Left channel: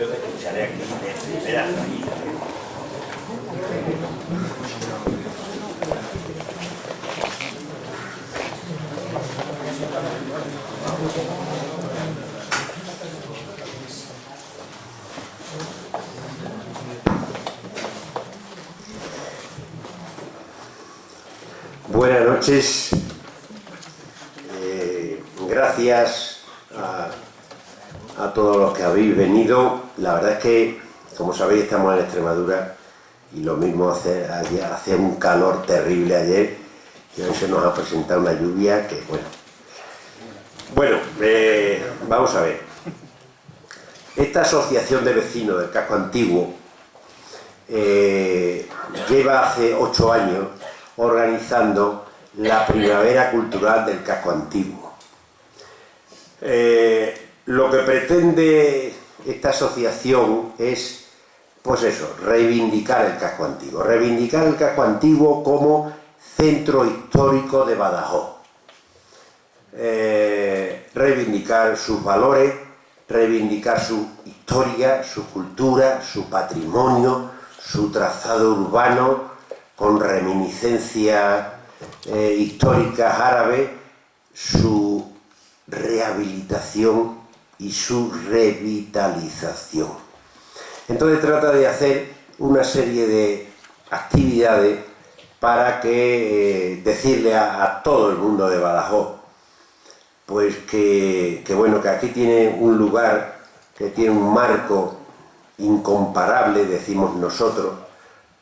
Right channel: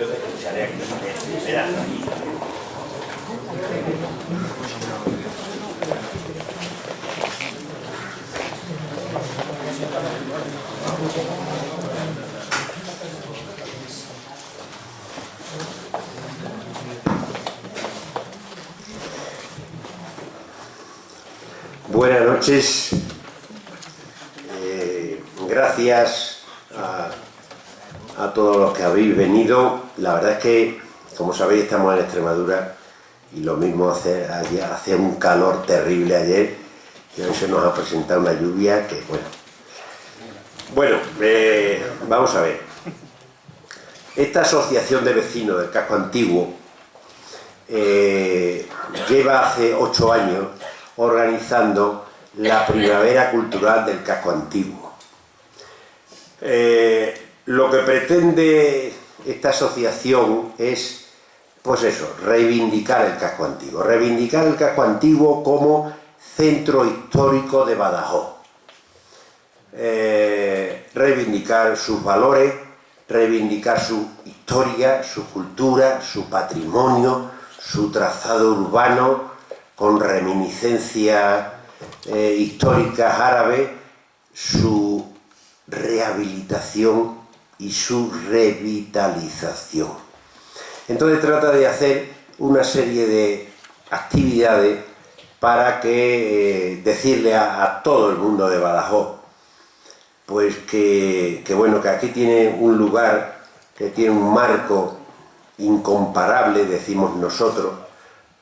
Yo te escucharé aquí de primera fila. Buenas noches. Gracias a todos los que habéis venido. La verdad es que, como sabéis, estamos en Extremadura y lo mismo hacía un calor terrible ayer y hoy se nos ha presentado una lluvia que, bueno, vamos a ver. Esta asociación de vecinos del casco antiguo lleva hace 8 años organizando la Primavera Cultural del Casco Antiguo. Lo que pretende esta asociación es, pues eso, reivindicar el casco antiguo. Reivindicar el casco antiguo como centro histórico de Badajoz. Reivindicar sus valores, reivindicar su historia, su cultura, su patrimonio, su trazado urbano, con reminiscencias históricas árabes, su rehabilitación y su revitalización. Entonces trata de hacer una serie de actividades para que decirle a todo el mundo de Badajoz, pues que bueno, que aquí tiene un lugar, que tiene un marco incomparable, decimos nosotros,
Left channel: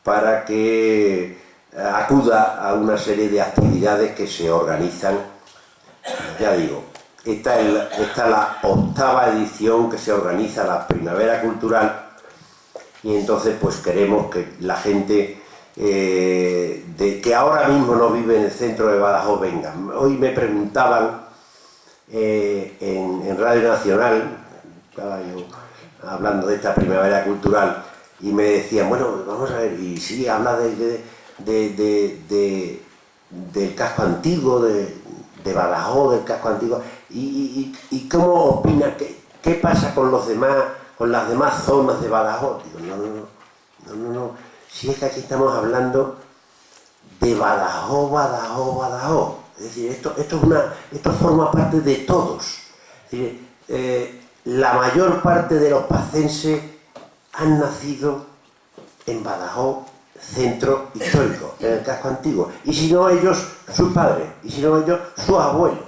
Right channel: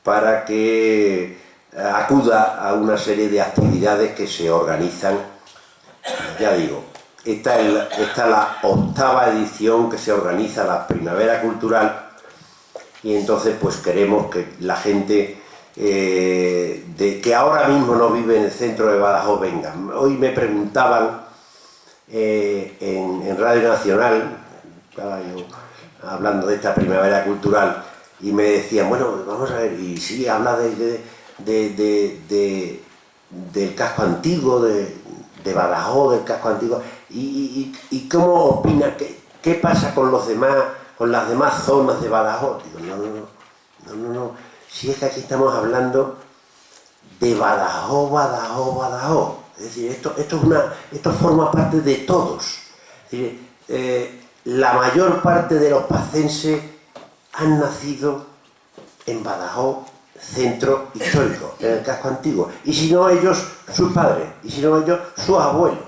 para que acuda a una serie de actividades que se organizan. Ya digo, esta es la 8ª edición que se organiza la Primavera Cultural y entonces pues queremos que la gente que ahora mismo no vive en el centro de Badajoz venga. Hoy me preguntaban en Radio Nacional, estaba yo hablando de esta Primavera Cultural, y me decían, bueno, vamos a ver, y sí, habla del casco antiguo, de Badajoz, del casco antiguo, y ¿cómo opina? ¿Qué pasa con los demás, con las demás zonas de Badajoz? Digo, no, si es que aquí estamos hablando de Badajoz. Es decir, esto forma parte de todos. Es decir, la mayor parte de los pacenses han nacido en Badajoz, centro histórico, en el casco antiguo. Y si no ellos, sus padres. Y si no ellos, sus abuelos.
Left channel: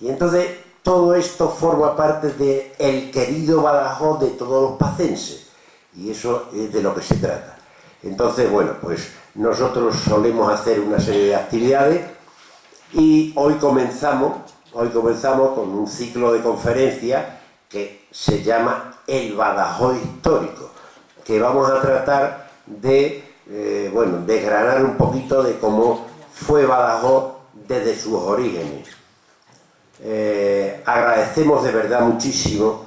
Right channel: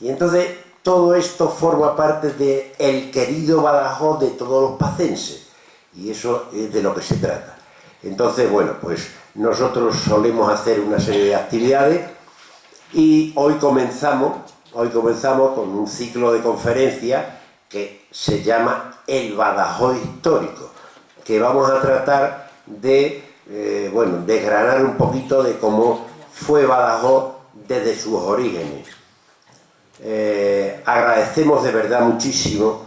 Y entonces todo esto forma parte del querido Badajoz de todos los pacenses. Y eso es de lo que se trata. Entonces, bueno, pues nosotros solemos hacer una serie de actividades y hoy comenzamos con un ciclo de conferencias que se llama El Badajoz Histórico, que vamos a tratar de desgranar un poquito de cómo fue Badajoz desde sus orígenes. Agradecemos de verdad muchísimo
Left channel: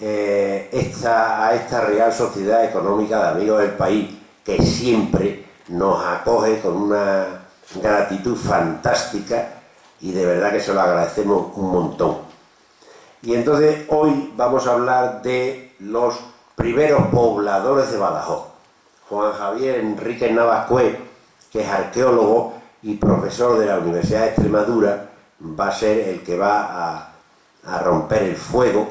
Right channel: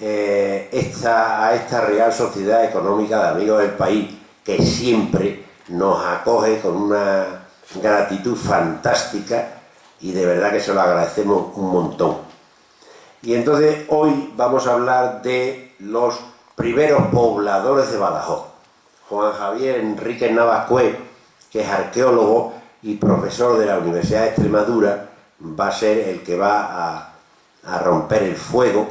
a esta Real Sociedad Económica de Amigos del País, que siempre nos acoge con una gratitud fantástica y de verdad que se lo agradecemos un montón. Y entonces hoy vamos a hablar de los primeros pobladores de Badajoz. Juan Javier Enríquez Navascué, que es arqueólogo y profesor de la Universidad de Extremadura, va a ser el que va a romper el fuego.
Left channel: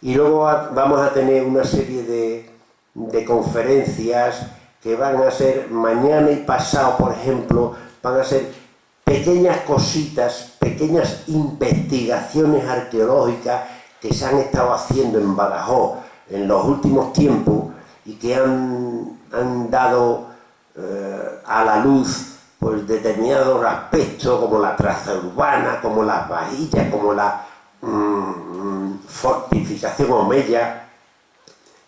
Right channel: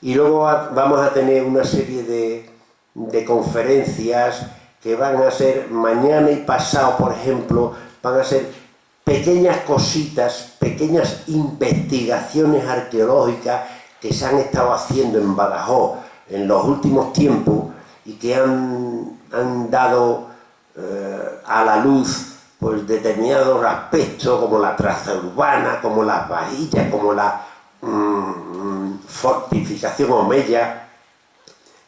Y luego vamos a tener una serie de conferencias que van a ser mañana y pasado, por ejemplo, van a ser pequeñas cositas, pequeñas investigaciones arqueológicas que se han estado haciendo en Badajoz en los últimos tiempos y que han dado a la luz pues determinados aspectos como la traza urbana, como las vajillas, como la fortificación omeya,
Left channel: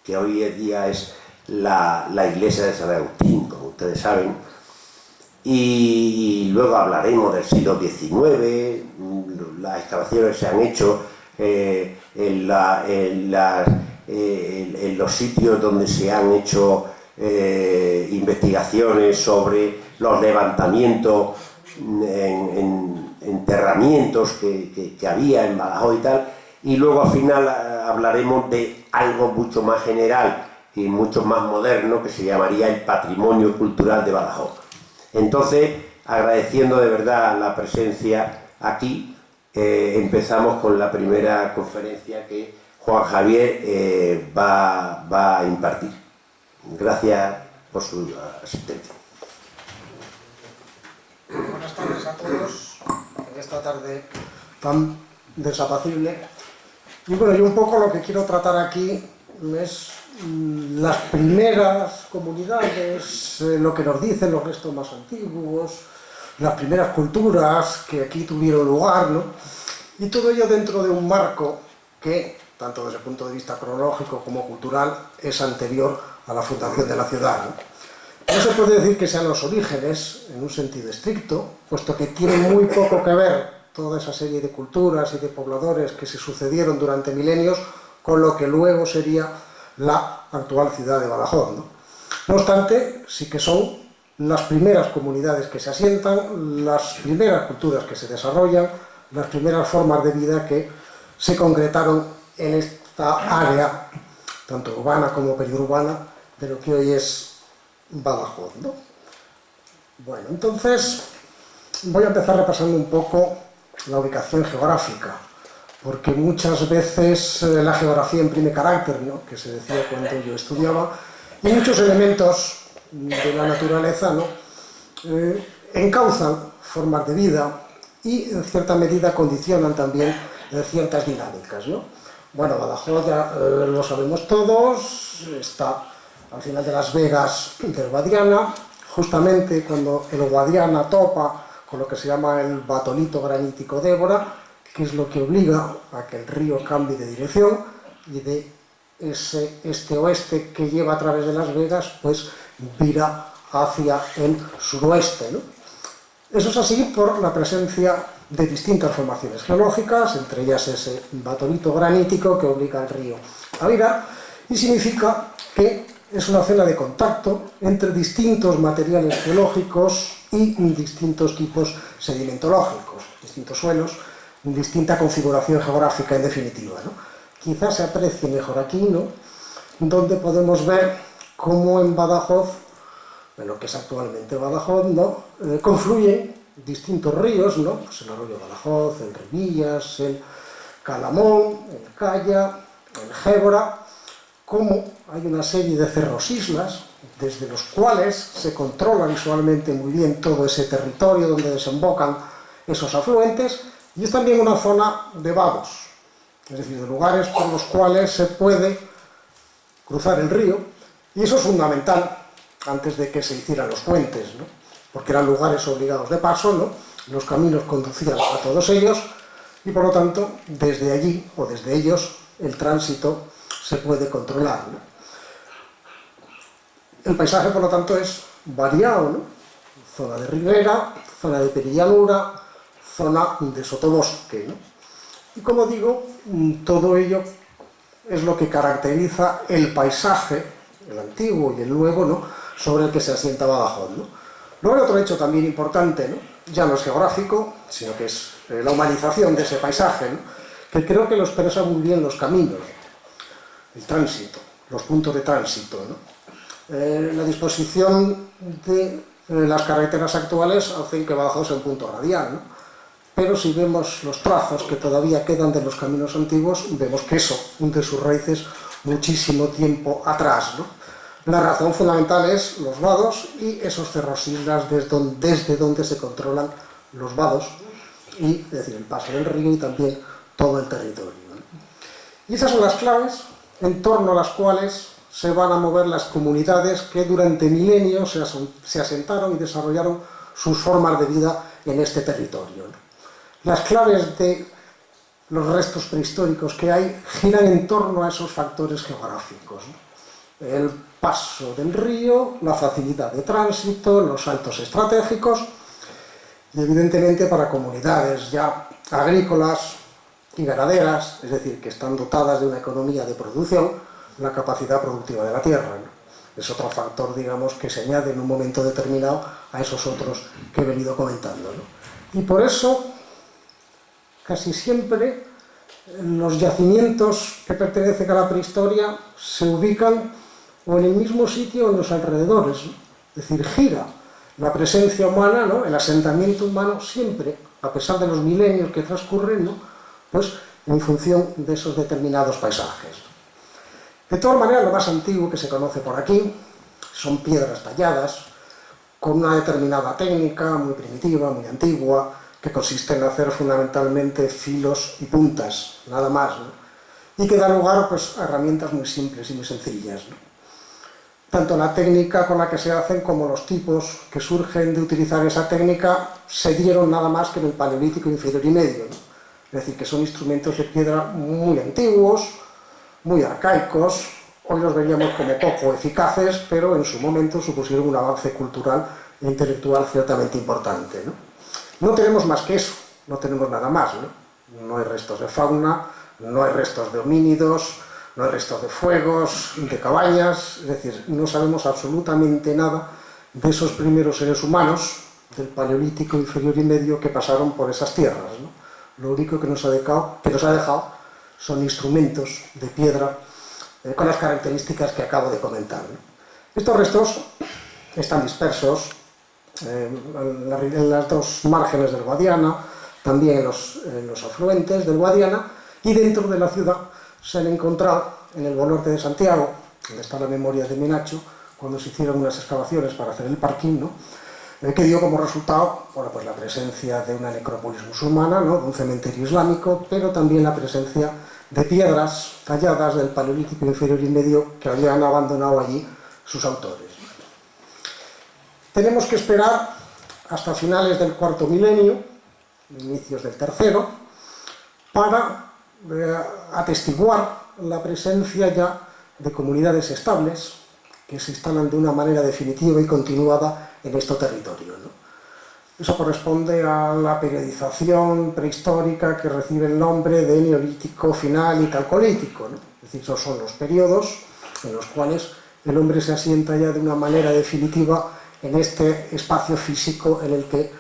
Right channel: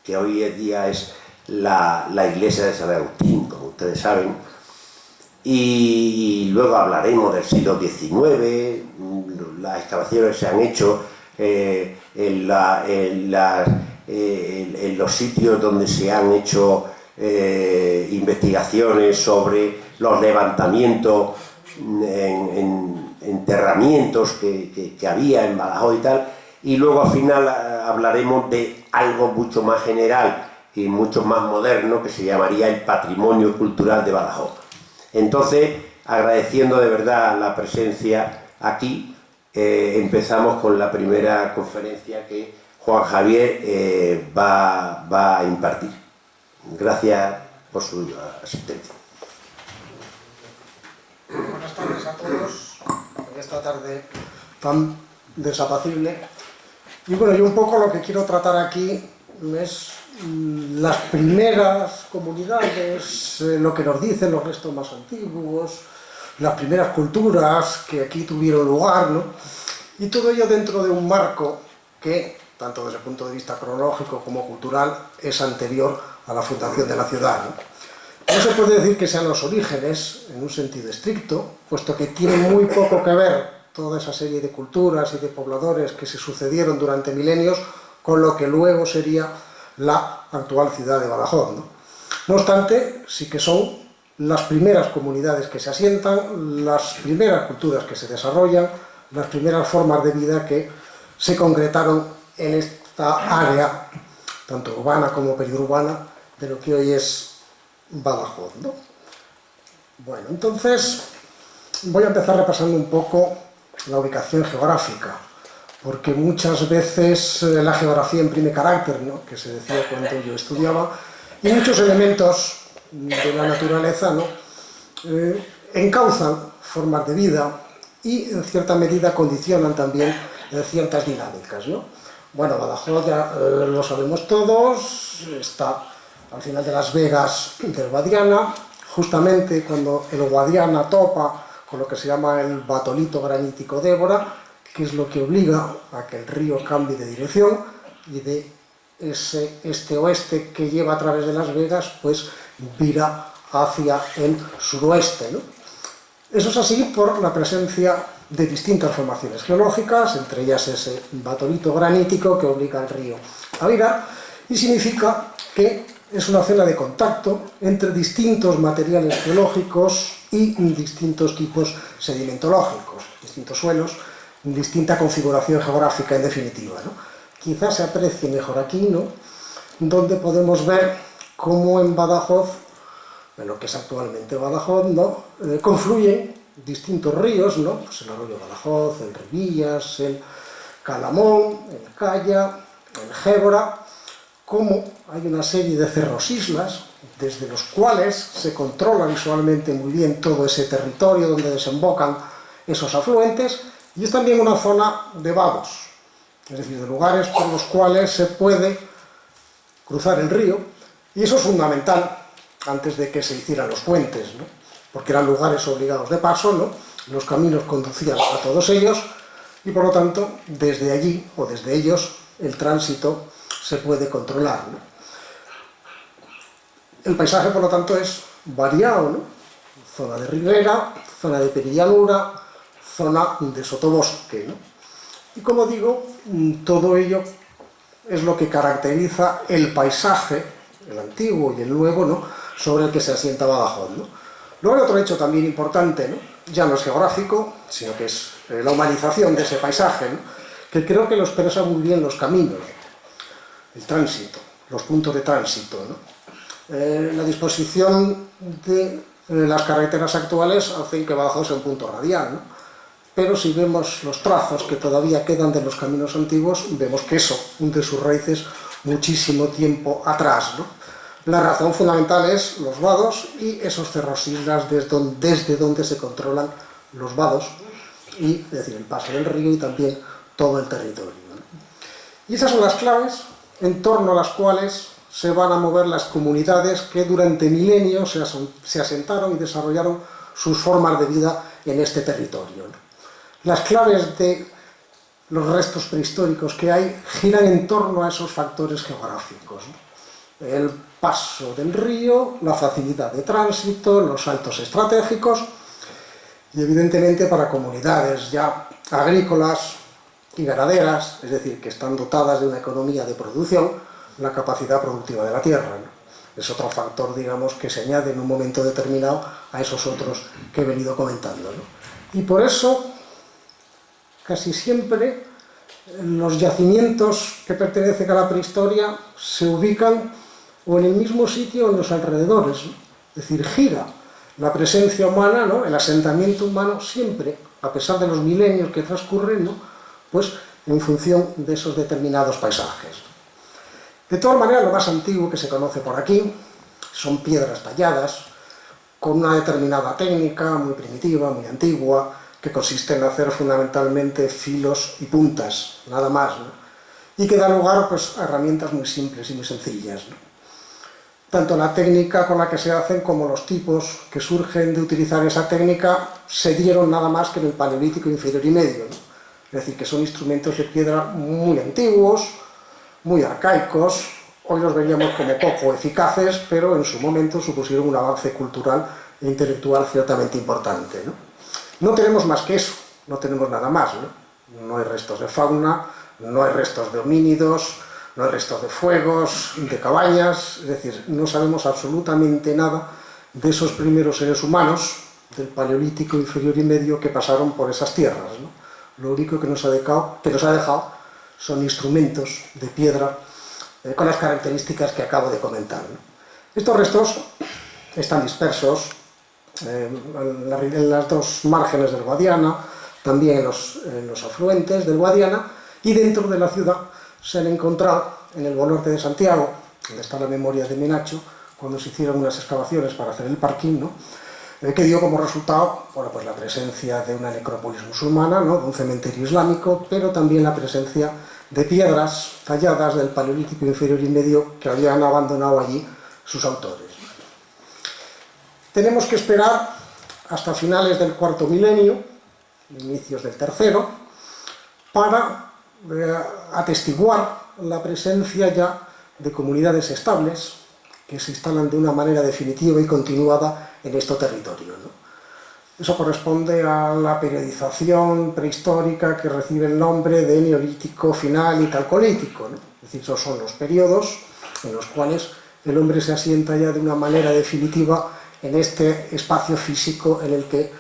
que hoy en día es la iglesia de San Agustín, como ustedes saben. Y luego hablaremos del siglo XIX, las excavaciones se han hecho en los sitios donde se han hecho investigaciones sobre los levantamientos, enterramientos que había en Badajoz y tal, y luego al final hablaremos de algo mucho más general y mucho más moderno que se llamaría el patrimonio cultural de Badajoz. Entonces, agradeciendo de verdad la presencia aquí, empezamos con la primera conferencia que Juan Javier va a impartir. Gracias por su asistencia. Buenas tardes a todos, en esta tarde tan desapacible. Y bueno, yo un poco lo que quiero tratar aquí es las primeras comunidades, lo que nos dicen los restos más antiguos, las primeras culturas que aquí tuvieron lugar, ¿no? Y todo ello dentro de un marco que, tanto desde el punto de vista cronológico como cultural, es anterior a la fundación de la ciudad, ¿no? No se puede decir que sean los orígenes, en un sentido estricto, puesto que tienen muy poco que ver toda esa serie de culturas y de pobladores que se sucedieron durante milenios con lo que luego sería la actual ciudad de Badajoz, ¿no? No obstante, sí que son las primeras comunidades que se asientan, las primeras culturas que se desarrollan, las primeras formas de vida que se concretaron en esta área, tanto urbana como periurbana, de lo que hoy es Badajoz, ¿no? Bueno, entonces voy a empezar repasando un poco la ubicación geográfica, porque muchas veces la geografía imprime carácter, ¿no?, que se decía cuando yo estudiaba, y muchos elementos de la naturaleza, ¿no?, encauzan formas de vida y en cierta medida condicionan también ciertas dinámicas, ¿no? Bueno, Badajoz ya lo sabemos todos, está al final de Las Vegas del Guadiana, justamente cuando el Guadiana topa con lo que se llama el batolito granítico Débora, que es lo que obliga a que el río cambie de dirección y de ese este-oeste que lleva a través de Las Vegas, pues vira hacia el suroeste, ¿no? Eso es así por la presencia de distintas formaciones geológicas, entre ellas ese batolito granítico que obliga al río a virar, y significa que es una zona de contacto entre distintos materiales geológicos y distintos tipos sedimentológicos, distintos suelos, distinta configuración geográfica en definitiva, ¿no? Quizás se aprecie mejor aquí, ¿no?, donde podemos ver cómo en Badajoz, en lo que es actualmente Badajoz, ¿no?, confluyen distintos ríos, ¿no?, pues el arroyo Badajoz, el Ribillas, el Calamón, el Calla, el Gébora, como hay una serie de cerros-islas, desde los cuales se controla visualmente muy bien todo ese territorio donde desembocan esos afluentes, y es también una zona de vados, es decir, de lugares por los cuales se puede cruzar el río, y eso es fundamental antes de que se hicieran los puentes, ¿no?, porque eran lugares obligados de paso, ¿no?, los caminos conducían a todos ellos, y por lo tanto, desde allí, o desde ellos, el tránsito se puede controlar, ¿no? El paisaje, por lo tanto, es variado, ¿no?, zona de ribera, zona de perillanura, zona de sotobosque, ¿no? Y como digo, todo ello es lo que caracteriza el paisaje, el antiguo y el nuevo, ¿no?, sobre el que se asienta Badajoz, ¿no? Luego hay otro hecho también importante, ¿no?, ya no es geográfico, sino que es la humanización de ese paisaje, ¿no?, que creo que lo expresa muy bien los caminos, el tránsito, los puntos de tránsito, ¿no? La disposición de las carreteras actuales hacen que Badajoz sea un punto radial, ¿no?, pero si vemos los trazos que todavía quedan de los caminos antiguos, vemos que eso hunde sus raíces muchísimo tiempo atrás, ¿no? La razón fundamental es los vados y esos cerros-islas desde donde se controlan los vados, y, es decir, el paso del río y también todo el territorio, ¿no? Y esas son las claves en torno a las cuales se van a mover las comunidades que durante milenios se asentaron y desarrollaron sus formas de vida en este territorio, ¿no? Las claves de los restos prehistóricos que hay giran en torno a esos factores geográficos, ¿no? El paso del río, la facilidad de tránsito, los saltos estratégicos, y evidentemente para comunidades ya agrícolas y ganaderas, es decir, que están dotadas de una economía de producción, la capacidad productiva de la tierra, ¿no? Es otro factor, digamos, que se añade en un momento determinado a esos otros que he venido comentando, ¿no? Y por eso, casi siempre, los yacimientos que pertenecen a la prehistoria se ubican o en el mismo sitio o en los alrededores, ¿no? Es decir, gira la presencia humana, ¿no? El asentamiento humano siempre, a pesar de los milenios que transcurren, ¿no? Pues en función de esos determinados paisajes. De todas maneras, lo más antiguo que se conoce por aquí son piedras talladas con una determinada técnica muy primitiva, muy antigua, que consiste en hacer fundamentalmente filos y puntas, nada más, ¿no? Y que da lugar, pues, a herramientas muy simples y muy sencillas, ¿no? Tanto la técnica con la que se hacen como los tipos que surgen de utilizar esa técnica se dieron nada más que en el Paleolítico inferior y medio, ¿no? Es decir, que son instrumentos de piedra muy antiguos, muy arcaicos. Hoy los veríamos como poco eficaces, pero en su momento supusieron un avance cultural e intelectual ciertamente importante, ¿no? No tenemos más que eso, no tenemos nada más, ¿no? No hay restos de fauna, no hay restos de homínidos, no hay restos de fuegos, de cabañas, es decir, no sabemos absolutamente nada de esos primeros seres humanos del Paleolítico inferior y medio que pasaron por esas tierras, ¿no? Lo único que nos ha dejado son instrumentos de piedra con las características que acabo de comentar, ¿no? Estos restos están dispersos en las dos márgenes del Guadiana, también en los afluentes del Guadiana, y dentro de la ciudad se han encontrado en el Baluarte de Santiago, donde está la memoria de Menacho, cuando se hicieron unas excavaciones para hacer el parking, ¿no? Que dio como resultado, bueno, pues la presencia de una necrópolis musulmana, ¿no? De un cementerio islámico, pero también la presencia de piedras talladas del Paleolítico inferior y medio que habían abandonado allí sus autores. Tenemos que esperar hasta finales del cuarto milenio, inicios del tercero, para atestiguar la presencia ya de comunidades estables que se instalan de una manera definitiva y continuada en este territorio, ¿no? Eso corresponde a la periodización prehistórica que recibe el nombre de Neolítico final y Calcolítico, ¿no? Es decir, esos son los periodos en los cuales el hombre se asienta ya de una manera definitiva en este espacio físico en el que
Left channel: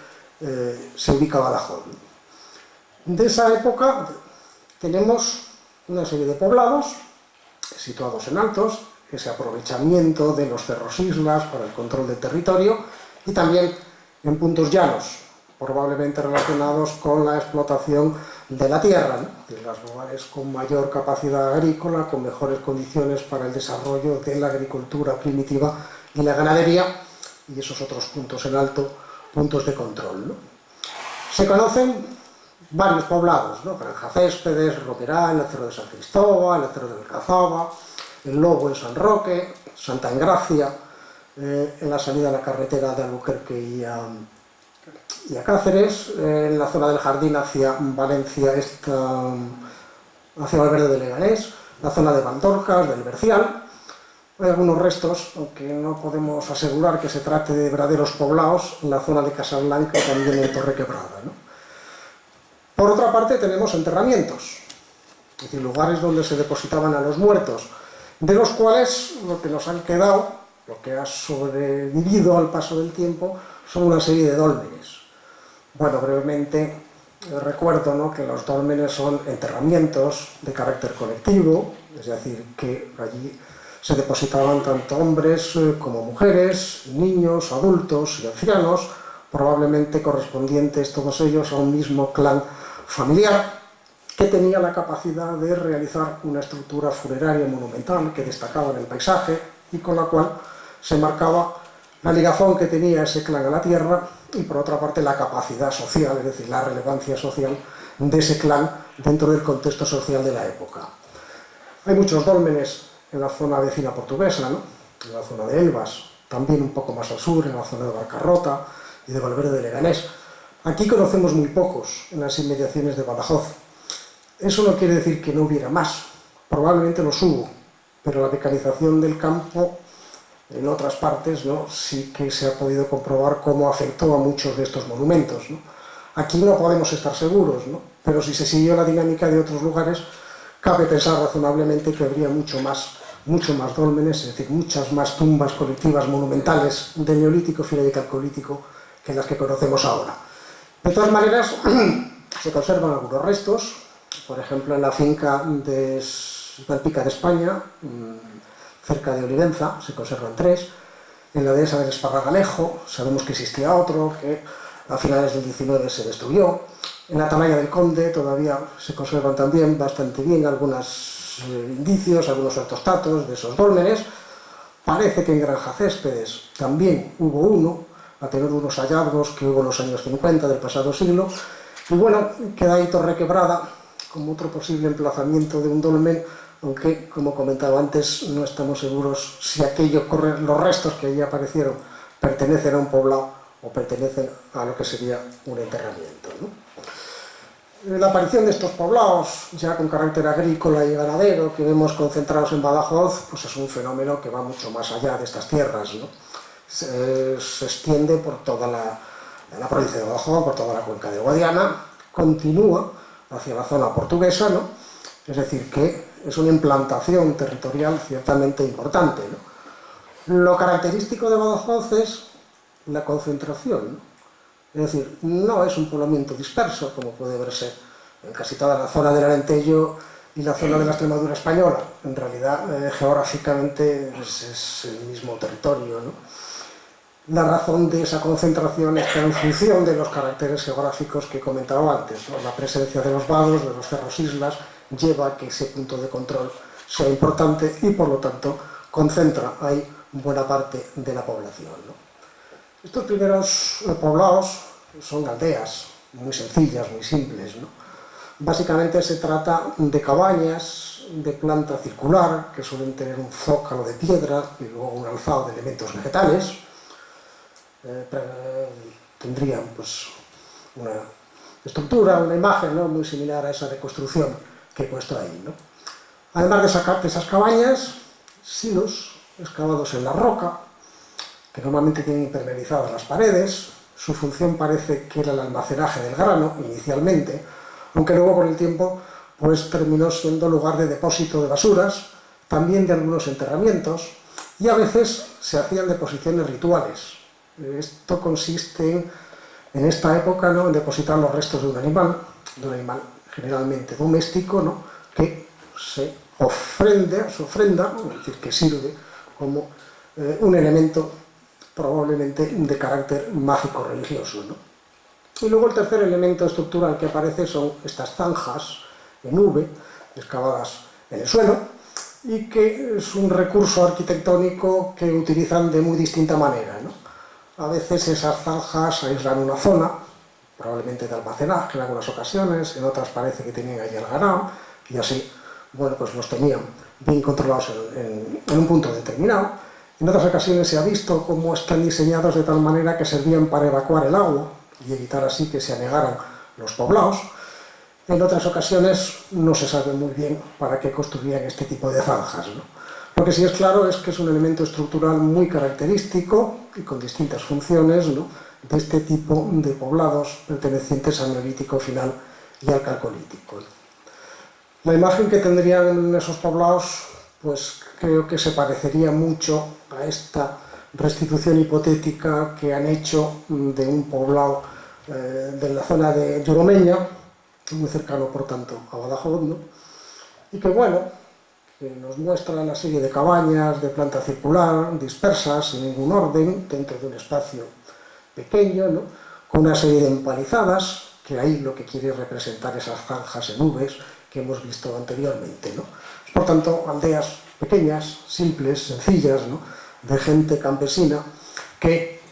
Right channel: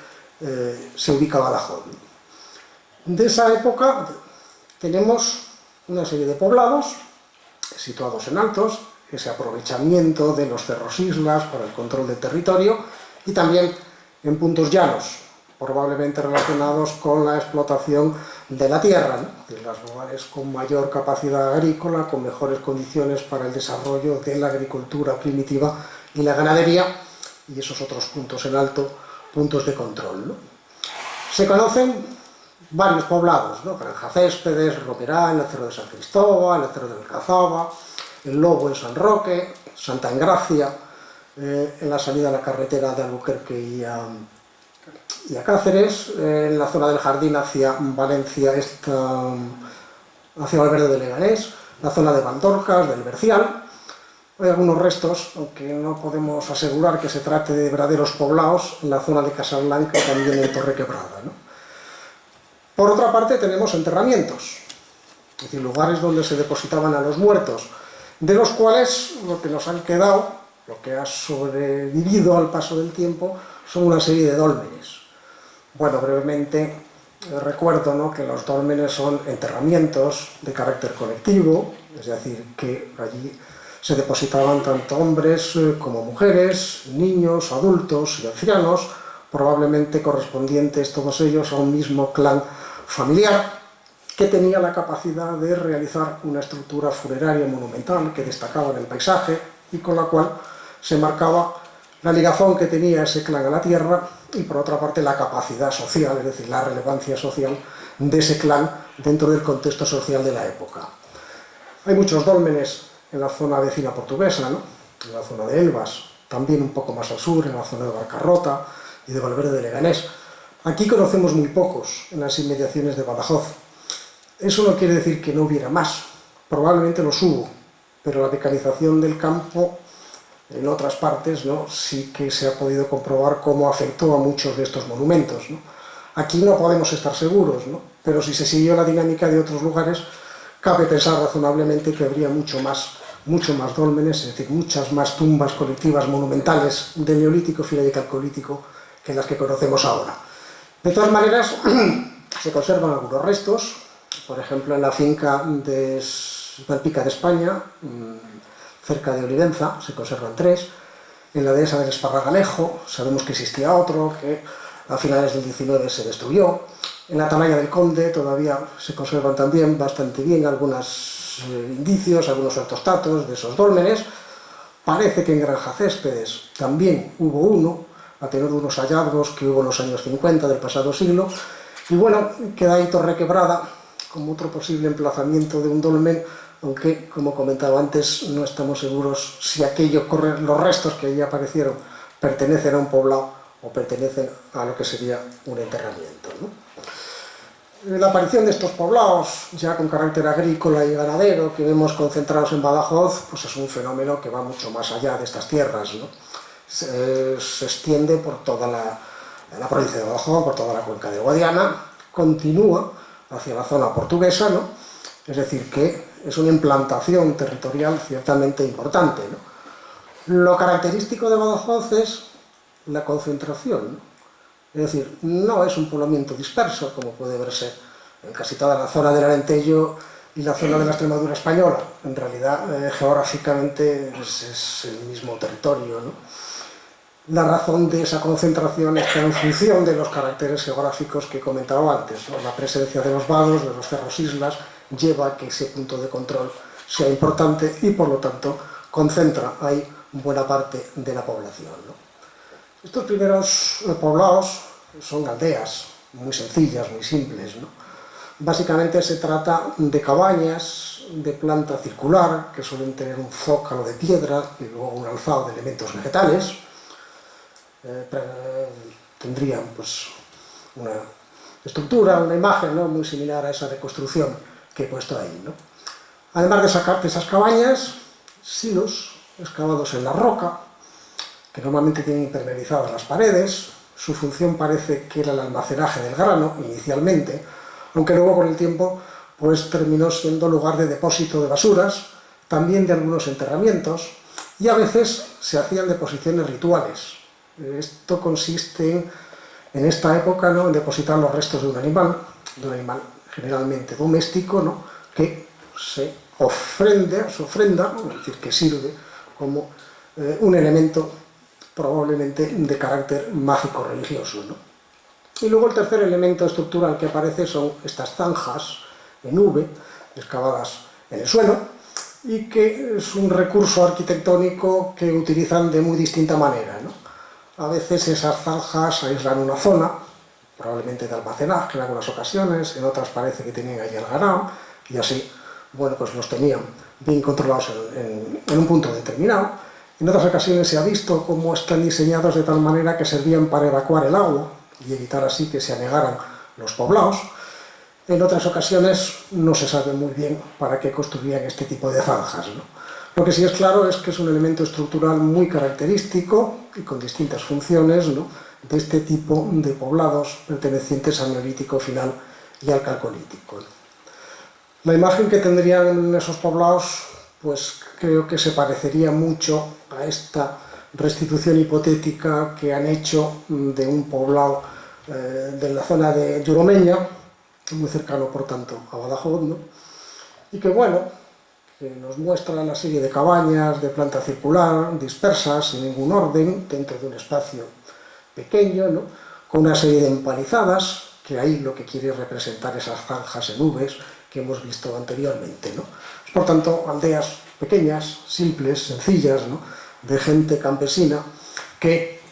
se ubica Badajoz. De esa época tenemos una serie de poblados situados en altos, ese aprovechamiento de los cerros islas para el control del territorio, y también en puntos llanos, probablemente relacionados con la explotación de la tierra, ¿no? De los lugares con mayor capacidad agrícola, con mejores condiciones para el desarrollo de la agricultura primitiva y la ganadería, y esos otros puntos en alto, puntos de control, ¿no? Se conocen varios poblados, ¿no? Granja Céspedes, Roquerán, el Cerro de San Cristóbal, el Cerro del Alcazaba, el Lobo en San Roque, Santa Engracia, en la salida de la carretera de Albuquerque y a Cáceres, en la zona del Jardín hacia Valencia, hacia Valverde de Leganés, la zona de Bandorcas, del Bercial. Hay algunos restos, aunque no podemos asegurar que se trate de verdaderos poblados, en la zona de Casablanca y también en Torrequebrada, ¿no? Por otra parte tenemos enterramientos, es decir, lugares donde se depositaban a los muertos, de los cuales lo que nos han quedado, lo que ha sobrevivido al paso del tiempo, son una serie de dólmenes. Bueno, brevemente recuerdo, ¿no?, que los dólmenes son enterramientos de carácter colectivo, es decir, que allí se depositaban tanto hombres como mujeres, niños, adultos y ancianos, probablemente correspondientes todos ellos a un mismo clan familiar, que tenía la capacidad de realizar una estructura funeraria monumental que destacaba en el paisaje y con la cual se marcaba la ligazón que tenía ese clan a la tierra y, por otra parte, la capacidad social, es decir, la relevancia social de ese clan dentro del contexto social de la época. Hay muchos dólmenes en la zona vecina portuguesa, ¿no?, en la zona de Elvas, también un poco más al sur, en la zona de Barcarrota y de Valverde de Leganés. Aquí conocemos muy pocos en las inmediaciones de Badajoz. Eso no quiere decir que no hubiera más, probablemente los hubo, pero la mecanización del campo en otras partes, ¿no?, sí que se ha podido comprobar cómo afectó a muchos de estos monumentos, ¿no? Aquí no podemos estar seguros, ¿no?, pero si se siguió la dinámica de otros lugares, cabe pensar razonablemente que habría mucho más dólmenes, es decir, muchas más tumbas colectivas monumentales del Neolítico, final y Calcolítico que las que conocemos ahora. De todas maneras, se conservan algunos restos, por ejemplo, en la finca de Malpica de España, cerca de Olivenza, se conservan 3. En la dehesa del Esparragalejo sabemos que existía otro, que a finales del 19 se destruyó. En la Atalaya del Conde todavía se conservan también bastante bien algunos indicios, algunos ortostatos de esos dólmenes. Parece que en Granja Céspedes también hubo uno, a tenor de unos hallazgos que hubo en los años 50 del pasado siglo. Y bueno, queda ahí Torrequebrada como otro posible emplazamiento de un dolmen, aunque, como comentaba antes, no estamos seguros si los restos que allí aparecieron pertenecen a un poblado o pertenecen a lo que sería un enterramiento, ¿no? La aparición de estos poblados, ya con carácter agrícola y ganadero, que vemos concentrados en Badajoz, pues es un fenómeno que va mucho más allá de estas tierras, ¿no? Se extiende por toda la provincia de Badajoz, por toda la cuenca de Guadiana, continúa hacia la zona portuguesa, ¿no? Es decir, que es una implantación territorial ciertamente importante, ¿no? Lo característico de Badajoz es la concentración, ¿no? Es decir, no es un poblamiento disperso, como puede verse en casi toda la zona del Alentejo y la zona de la Extremadura española. En realidad, geográficamente es el mismo territorio, ¿no? La razón de esa concentración está en función de los caracteres geográficos que he comentado antes, ¿no? La presencia de los vados, de los cerros islas, lleva a que ese punto de control sea importante y, por lo tanto, concentra ahí buena parte de la población, ¿no? Estos primeros poblados son aldeas muy sencillas, muy simples, ¿no? Básicamente se trata de cabañas de planta circular, que suelen tener un zócalo de piedra y luego un alzado de elementos vegetales. Tendrían pues una estructura, una imagen, ¿no?, muy similar a esa reconstrucción que he puesto ahí, ¿no? Además de esas cabañas, silos excavados en la roca, que normalmente tienen impermeabilizadas las paredes. Su función parece que era el almacenaje del grano inicialmente, aunque luego con el tiempo pues terminó siendo lugar de depósito de basuras, también de algunos enterramientos, y a veces se hacían deposiciones rituales. Esto consiste en esta época, ¿no?, en depositar los restos de un animal generalmente doméstico, ¿no?, que se ofrenda, es decir, que sirve como un elemento probablemente de carácter mágico-religioso, ¿no? Y luego el tercer elemento estructural que aparece son estas zanjas en V, excavadas en el suelo, y que es un recurso arquitectónico que utilizan de muy distinta manera, ¿no? A veces esas zanjas aíslan una zona, probablemente de almacenaje en algunas ocasiones, en otras parece que tenían allí el ganado, y así, bueno, pues los tenían bien controlados en un punto determinado. En otras ocasiones se ha visto cómo están diseñados de tal manera que servían para evacuar el agua y evitar así que se anegaran los poblados. En otras ocasiones no se sabe muy bien para qué construían este tipo de zanjas, ¿no? Lo que sí es claro es que es un elemento estructural muy característico y con distintas funciones, ¿no?, de este tipo de poblados pertenecientes al Neolítico final y al Calcolítico, ¿no? La imagen que tendrían esos poblados, pues creo que se parecería mucho a esta restitución hipotética que han hecho de un poblado de la zona de Yuromeña, muy cercano por tanto a Badajoz, ¿no?, y que bueno, que nos muestra una serie de cabañas de planta circular, dispersas, sin ningún orden, dentro de un espacio pequeño, ¿no?, con una serie de empalizadas, que ahí lo que quiere representar esas zanjas en Vs que hemos visto anteriormente, ¿no? Por tanto, aldeas pequeñas, simples, sencillas, ¿no?, de gente campesina que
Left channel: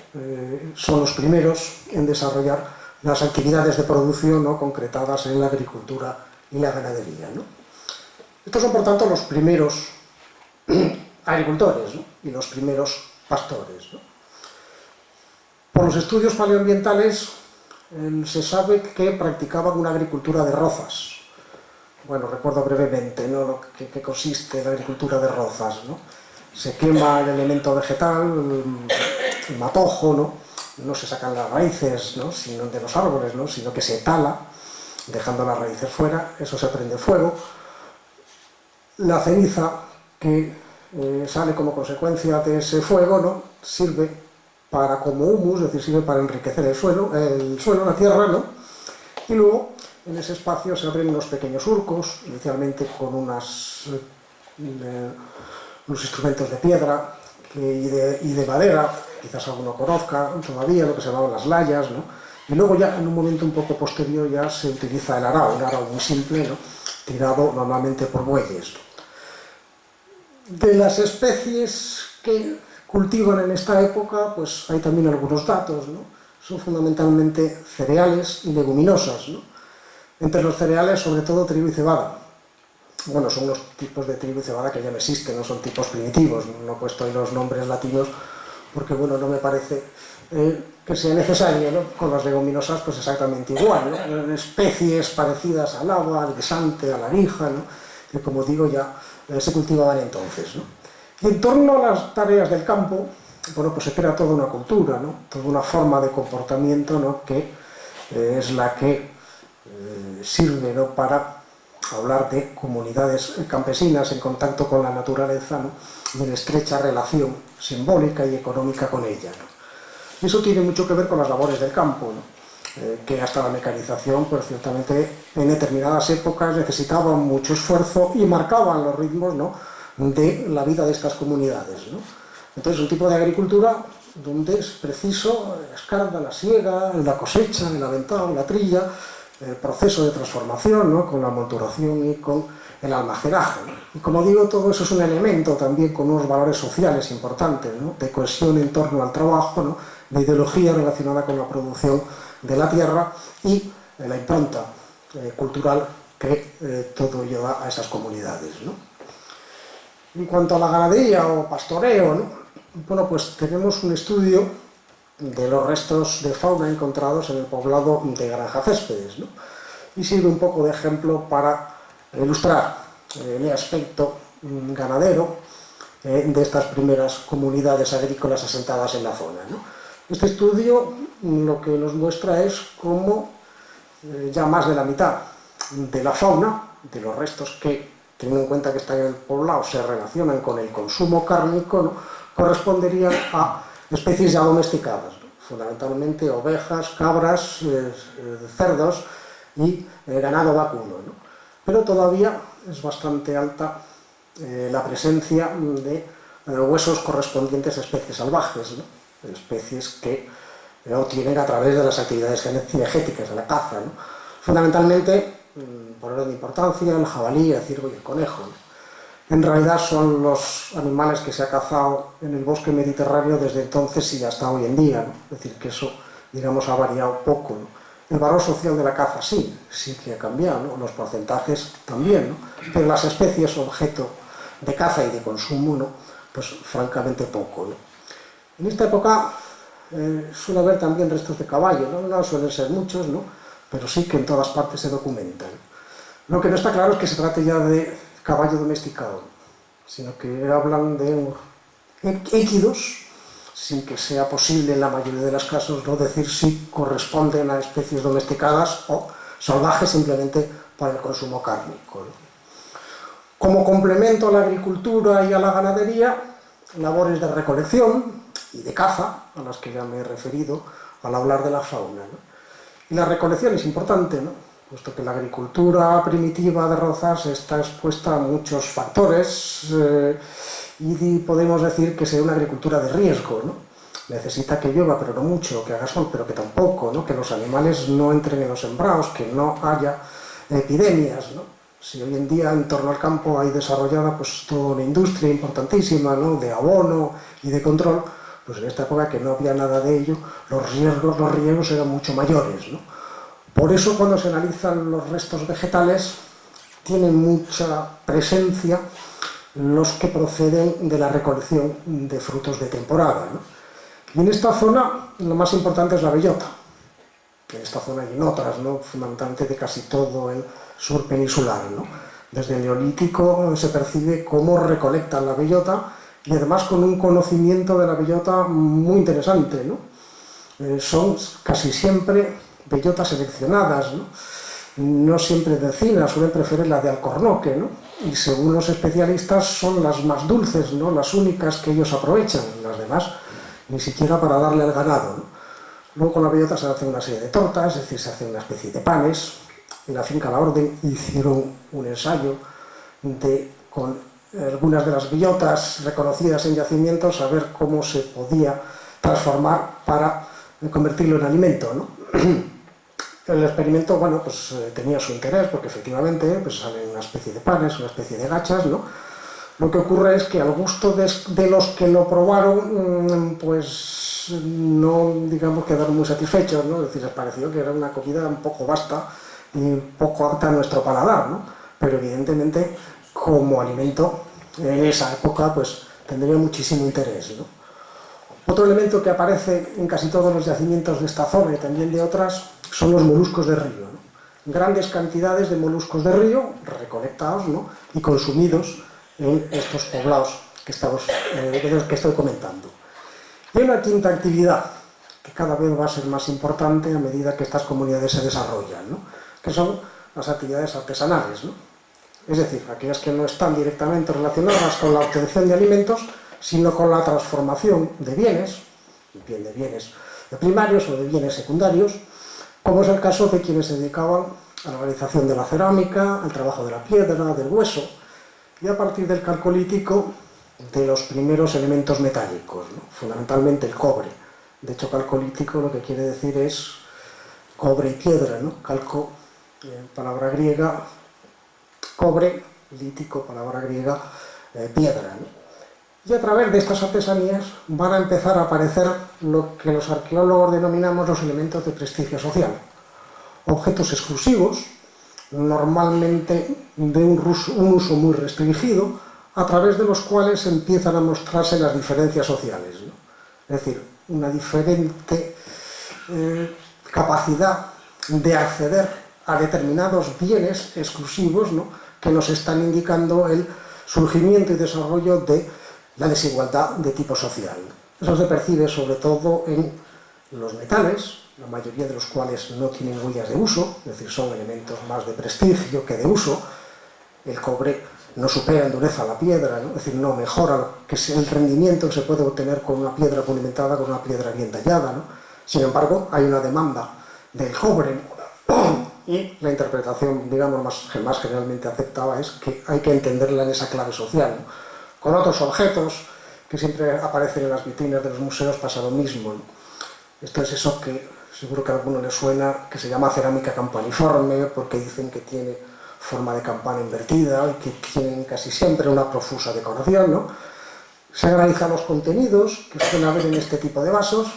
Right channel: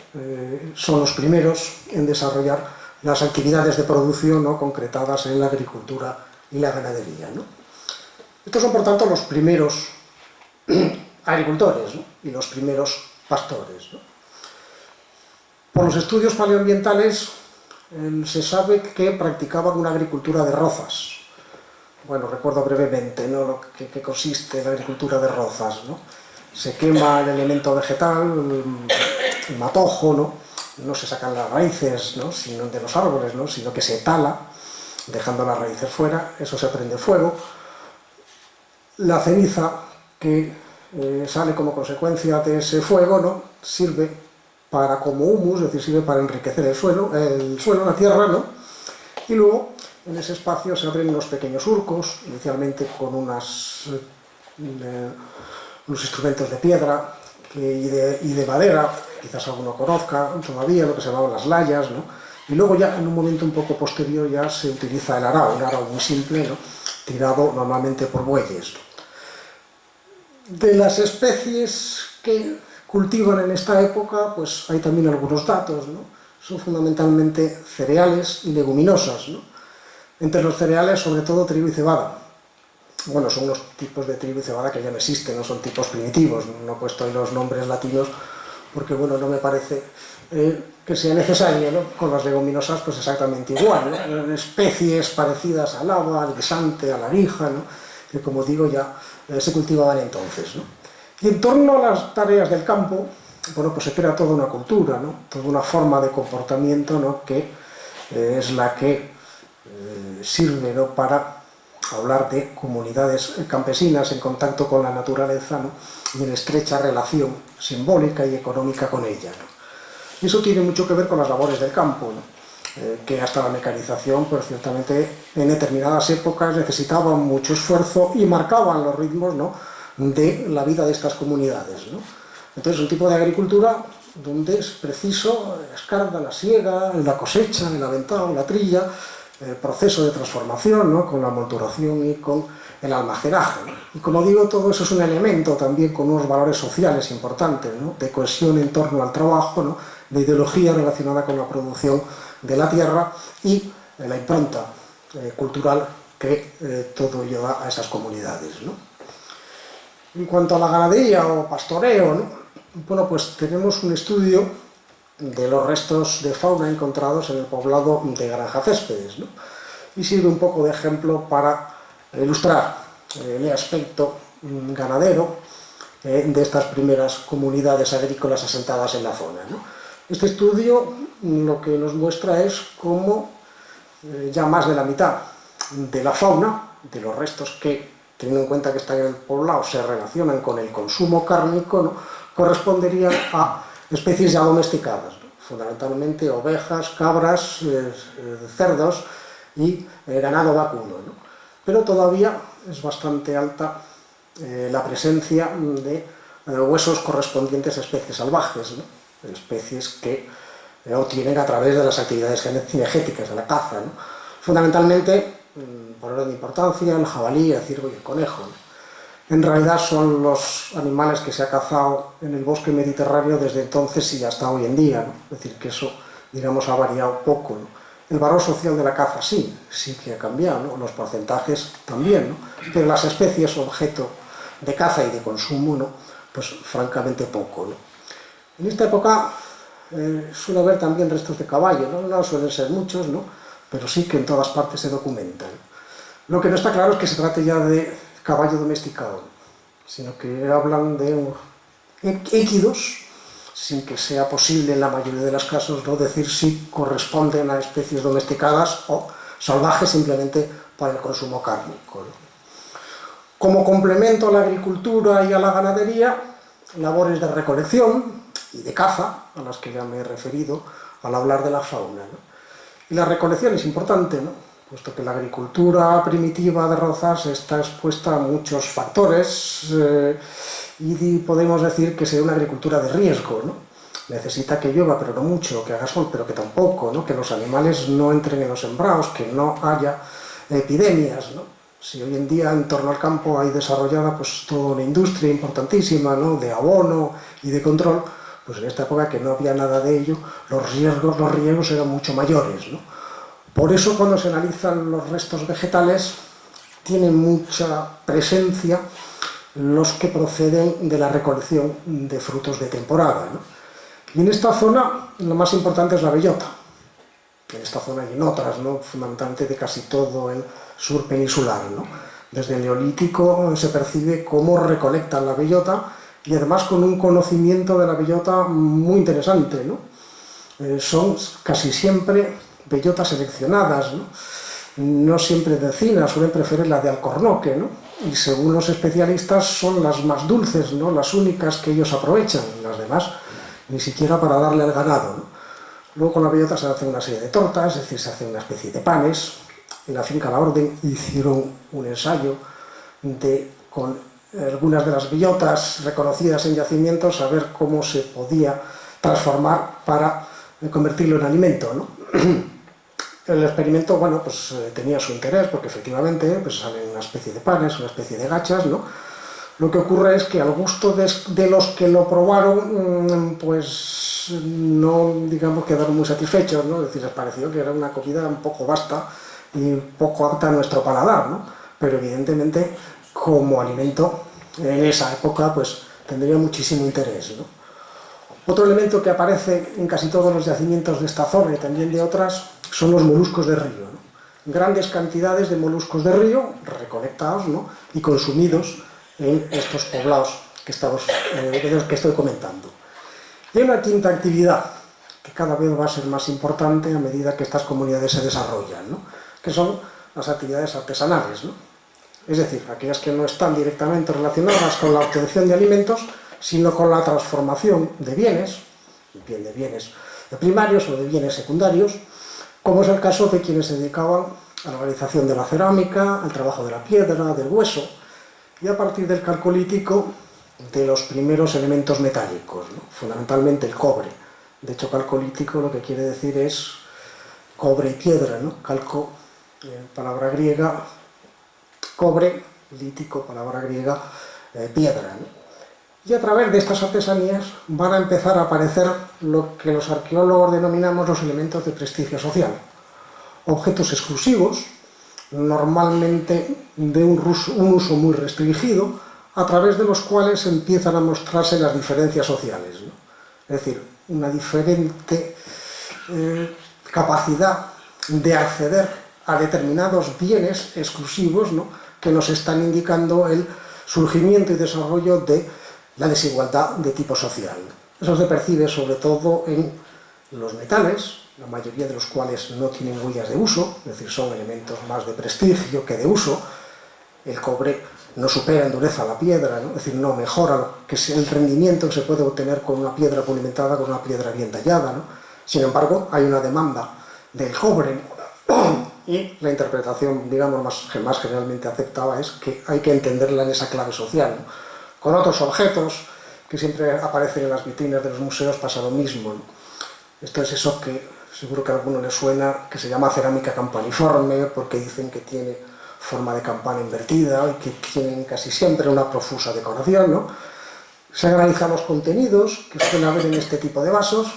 son los primeros en desarrollar las actividades de producción, ¿no?, concretadas en la agricultura y la ganadería, ¿no? Estos son, por tanto, los primeros agricultores, ¿no?, y los primeros pastores, ¿no? Por los estudios paleoambientales se sabe que practicaban una agricultura de rozas. Bueno, recuerdo brevemente, ¿no?, lo que consiste la agricultura de rozas, ¿no? Se quema el elemento vegetal, el matojo, ¿no? No se sacan las raíces, ¿no?, sino de los árboles, ¿no?, sino que se tala, dejando las raíces fuera, eso se prende fuego. La ceniza que sale como consecuencia de ese fuego, ¿no?, sirve para como humus, es decir, sirve para enriquecer el suelo, la tierra, ¿no?, y luego en ese espacio se abren unos pequeños surcos, inicialmente con unos instrumentos de piedra y de madera, quizás alguno conozca todavía, lo que se llamaban las layas, ¿no? Y luego ya en un momento un poco posterior ya se utiliza el arao, un arao muy simple, ¿no? Tirado normalmente por bueyes, ¿no? De las especies que cultivan en esta época, pues hay también algunos datos, ¿no? Son fundamentalmente cereales y leguminosas, ¿no? Entre los cereales, sobre todo trigo y cebada. Bueno, son unos tipos de trigo y cebada que ya no existen, no son tipos primitivos, no he puesto ahí los nombres latinos porque, bueno, no me parece que sea necesario, ¿no? Con las leguminosas, pues exactamente igual, ¿no? Especies parecidas al haba, al guisante, a la arija, ¿no? Que, como digo, ya se cultivaban entonces, ¿no? Y en torno a las tareas del campo, bueno, pues se crea toda una cultura, ¿no? Toda una forma de comportamiento, ¿no? Que es la que sirve, ¿no? Para hablar de comunidades campesinas en contacto con la naturaleza, ¿no? Y en estrecha relación simbólica y económica con ella, ¿no? Y eso tiene mucho que ver con las labores del campo, ¿no? Que hasta la mecanización, pues ciertamente en determinadas épocas necesitaban mucho esfuerzo y marcaban los ritmos, ¿no? De la vida de estas comunidades, ¿no? Entonces, un tipo de agricultura donde es preciso la escarda, la siega, la cosecha, el aventado, la trilla, el proceso de transformación, ¿no? Con la monturación y con el almacenaje, ¿no? Y como digo, todo eso es un elemento también con unos valores sociales importantes, ¿no? De cohesión en torno al trabajo, ¿no? De ideología relacionada con la producción de la tierra y la impronta cultural que todo lleva a esas comunidades, ¿no? En cuanto a la ganadería o pastoreo, ¿no? Bueno, pues tenemos un estudio de los restos de fauna encontrados en el poblado de Granja Céspedes, ¿no? Y sirve un poco de ejemplo para ilustrar el aspecto ganadero de estas primeras comunidades agrícolas asentadas en la zona, ¿no? Este estudio lo que nos muestra es cómo ya más de la mitad de la fauna, de los restos que, teniendo en cuenta que están en el poblado, se relacionan con el consumo cárnico, ¿no? Corresponderían a especies ya domesticadas, ¿no? Fundamentalmente ovejas, cabras, cerdos y ganado vacuno, ¿no? Pero todavía es bastante alta la presencia de huesos correspondientes a especies salvajes, ¿no? Especies que obtienen a través de las actividades cinegéticas de la caza, ¿no? Fundamentalmente, por orden de importancia, el jabalí, el ciervo y el conejo, ¿no? En realidad son los animales que se ha cazado en el bosque mediterráneo desde entonces y hasta hoy en día, ¿no? Es decir, que eso, digamos, ha variado poco, ¿no? El valor social de la caza sí que ha cambiado, ¿no? Los porcentajes también, ¿no? Pero las especies objeto de caza y de consumo, ¿no? Pues francamente poco, ¿no? En esta época suele haber también restos de caballo, ¿no? No suelen ser muchos, ¿no? Pero sí que en todas partes se documentan. Lo que no está claro es que se trate ya de caballo domesticado, sino que hablan de équidos, sin que sea posible en la mayoría de los casos no decir si corresponden a especies domesticadas o salvajes simplemente para el consumo cárnico, ¿no? Como complemento a la agricultura y a la ganadería, labores de recolección y de caza, a las que ya me he referido al hablar de la fauna, ¿no? Y la recolección es importante, ¿no? Puesto que la agricultura primitiva de Rozas está expuesta a muchos factores y podemos decir que sea una agricultura de riesgo, ¿no? Necesita que llueva, pero no mucho, que haga sol, pero que tampoco, ¿no? Que los animales no entren en los sembrados, que no haya epidemias, ¿no? Si hoy en día en torno al campo hay desarrollada pues toda una industria importantísima, ¿no? De abono y de control, pues en esta época que no había nada de ello, los riesgos eran mucho mayores, ¿no? Por eso cuando se analizan los restos vegetales tienen mucha presencia los que proceden de la recolección de frutos de temporada, ¿no? Y en esta zona lo más importante es la bellota. En esta zona y en otras, ¿no? Fundamentalmente de casi todo el sur peninsular, ¿no? Desde el Neolítico se percibe cómo recolectan la bellota y además con un conocimiento de la bellota muy interesante, ¿no? Son casi siempre bellotas seleccionadas, ¿no? No siempre de encina, suelen preferir la de alcornoque, ¿no? Y según los especialistas son las más dulces, ¿no? Las únicas que ellos aprovechan, las demás ni siquiera para darle al ganado, ¿no? Luego con la bellota se hace una serie de tortas, es decir, se hace una especie de panes, en la finca La Orden hicieron un ensayo con algunas de las bellotas reconocidas en yacimientos a ver cómo se podía transformar para convertirlo en alimento, ¿no? El experimento, bueno, pues tenía su interés porque efectivamente pues, salen una especie de panes, una especie de gachas, ¿no? Lo que ocurre es que al gusto de los que lo probaron, pues no, digamos, quedaron muy satisfechos, ¿no? Es decir, les pareció que era una comida un poco vasta y poco apta a nuestro paladar, ¿no? Pero evidentemente, como alimento, en esa época, pues tendría muchísimo interés, ¿no? Otro elemento que aparece en casi todos los yacimientos de esta zona y también de otras son los moluscos de río, ¿no? Grandes cantidades de moluscos de río recolectados, ¿no? Y consumidos en estos poblados de los que estoy comentando. Y hay una quinta actividad que cada vez va a ser más importante a medida que estas comunidades se desarrollan, ¿no? Que son las actividades artesanales, ¿no? Es decir, aquellas que no están directamente relacionadas con la obtención de alimentos, sino con la transformación de bienes, bien de bienes primarios o de bienes secundarios, como es el caso de quienes se dedicaban a la realización de la cerámica, al trabajo de la piedra, del hueso, y a partir del calcolítico de los primeros elementos metálicos, ¿no? Fundamentalmente el cobre. De hecho, calcolítico lo que quiere decir es cobre y piedra, ¿no? Calco, palabra griega, cobre, lítico, palabra griega, piedra, ¿no? Y a través de estas artesanías van a empezar a aparecer lo que los arqueólogos denominamos los elementos de prestigio social. Objetos exclusivos, normalmente de un uso muy restringido, a través de los cuales empiezan a mostrarse las diferencias sociales, ¿no? Es decir, una diferente capacidad de acceder a determinados bienes exclusivos, ¿no? Que nos están indicando el surgimiento y desarrollo de la desigualdad de tipo social. Eso se percibe sobre todo en los metales, la mayoría de los cuales no tienen huellas de uso, es decir, son elementos más de prestigio que de uso. El cobre no supera en dureza la piedra, ¿no? Es decir, no mejora que el rendimiento que se puede obtener con una piedra pulimentada, con una piedra bien tallada, ¿no? Sin embargo, hay una demanda del cobre y la interpretación, digamos, más generalmente aceptada es que hay que entenderla en esa clave social, ¿no? Con otros objetos que siempre aparecen en las vitrinas de los museos pasa lo mismo, ¿no? Esto es eso que seguro que a alguno le suena, que se llama cerámica campaniforme, porque dicen que tiene forma de campana invertida y que tienen casi siempre una profusa decoración, ¿no? Se analizan los contenidos que suelen haber en este tipo de vasos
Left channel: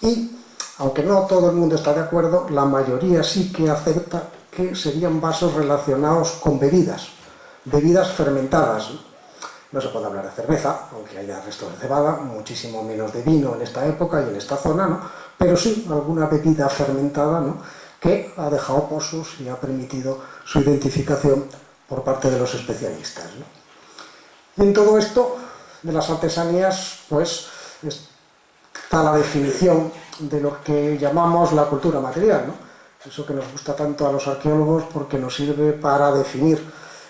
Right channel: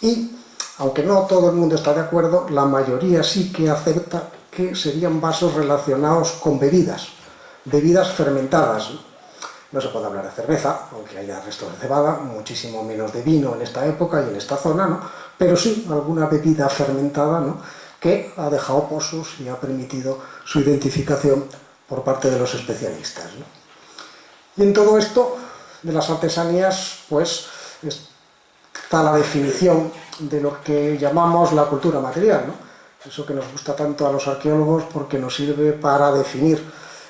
y, aunque no todo el mundo está de acuerdo, la mayoría sí que acepta que serían vasos relacionados con bebidas fermentadas, ¿no? No se puede hablar de cerveza, aunque haya restos de cebada, muchísimo menos de vino en esta época y en esta zona, ¿no? Pero sí alguna bebida fermentada, ¿no? Que ha dejado pozos y ha permitido su identificación por parte de los especialistas, ¿no? Y en todo esto de las artesanías, pues está la definición de lo que llamamos la cultura material, ¿no? Eso que nos gusta tanto a los arqueólogos porque nos sirve para definir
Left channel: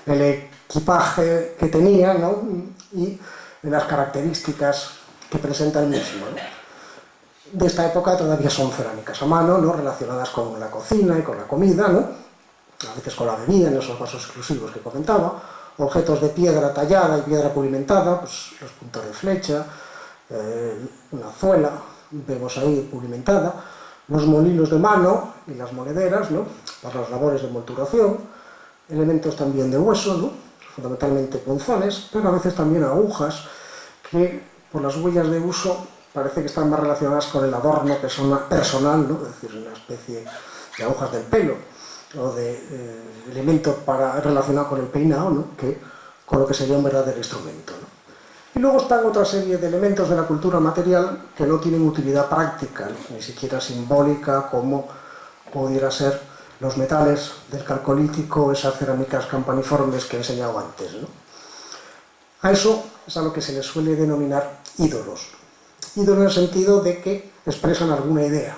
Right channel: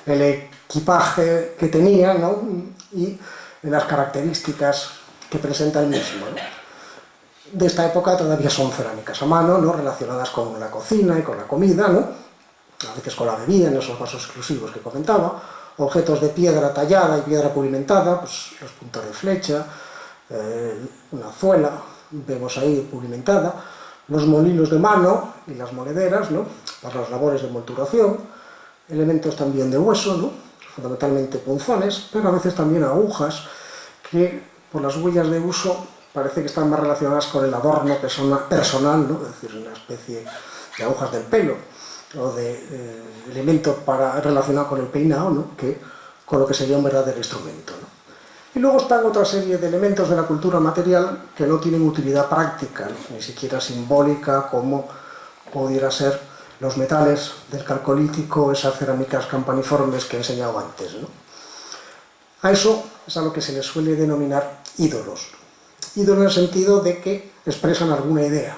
el equipaje que tenía, ¿no? Y las características que presenta el mismo, ¿no? De esta época todavía son cerámicas a mano, ¿no? Relacionadas con la cocina y con la comida, ¿no? A veces con la bebida en esos vasos exclusivos que comentaba, objetos de piedra tallada y piedra pulimentada, pues los puntos de flecha, una zuela, vemos ahí pulimentada, los molinos de mano y las monederas, ¿no? Para las labores de molturación, elementos también de hueso, ¿no? Fundamentalmente punzones, pero a veces también agujas que por las huellas de uso parece que están más relacionadas con el adorno personal, ¿no? Es decir, una especie de agujas del pelo o de elemento relacionado con el peinado, ¿no? Que con lo que sería un verdadero instrumento, ¿no? Y luego están otra serie de elementos de la cultura material que no tienen utilidad práctica, ¿no? Ni siquiera simbólica, como pudiera ser los metales del calcolítico, esas cerámicas campaniformes que he enseñado antes, ¿no? A eso es a lo que se le suele denominar ídolos. Ídolos en el sentido de que expresan alguna idea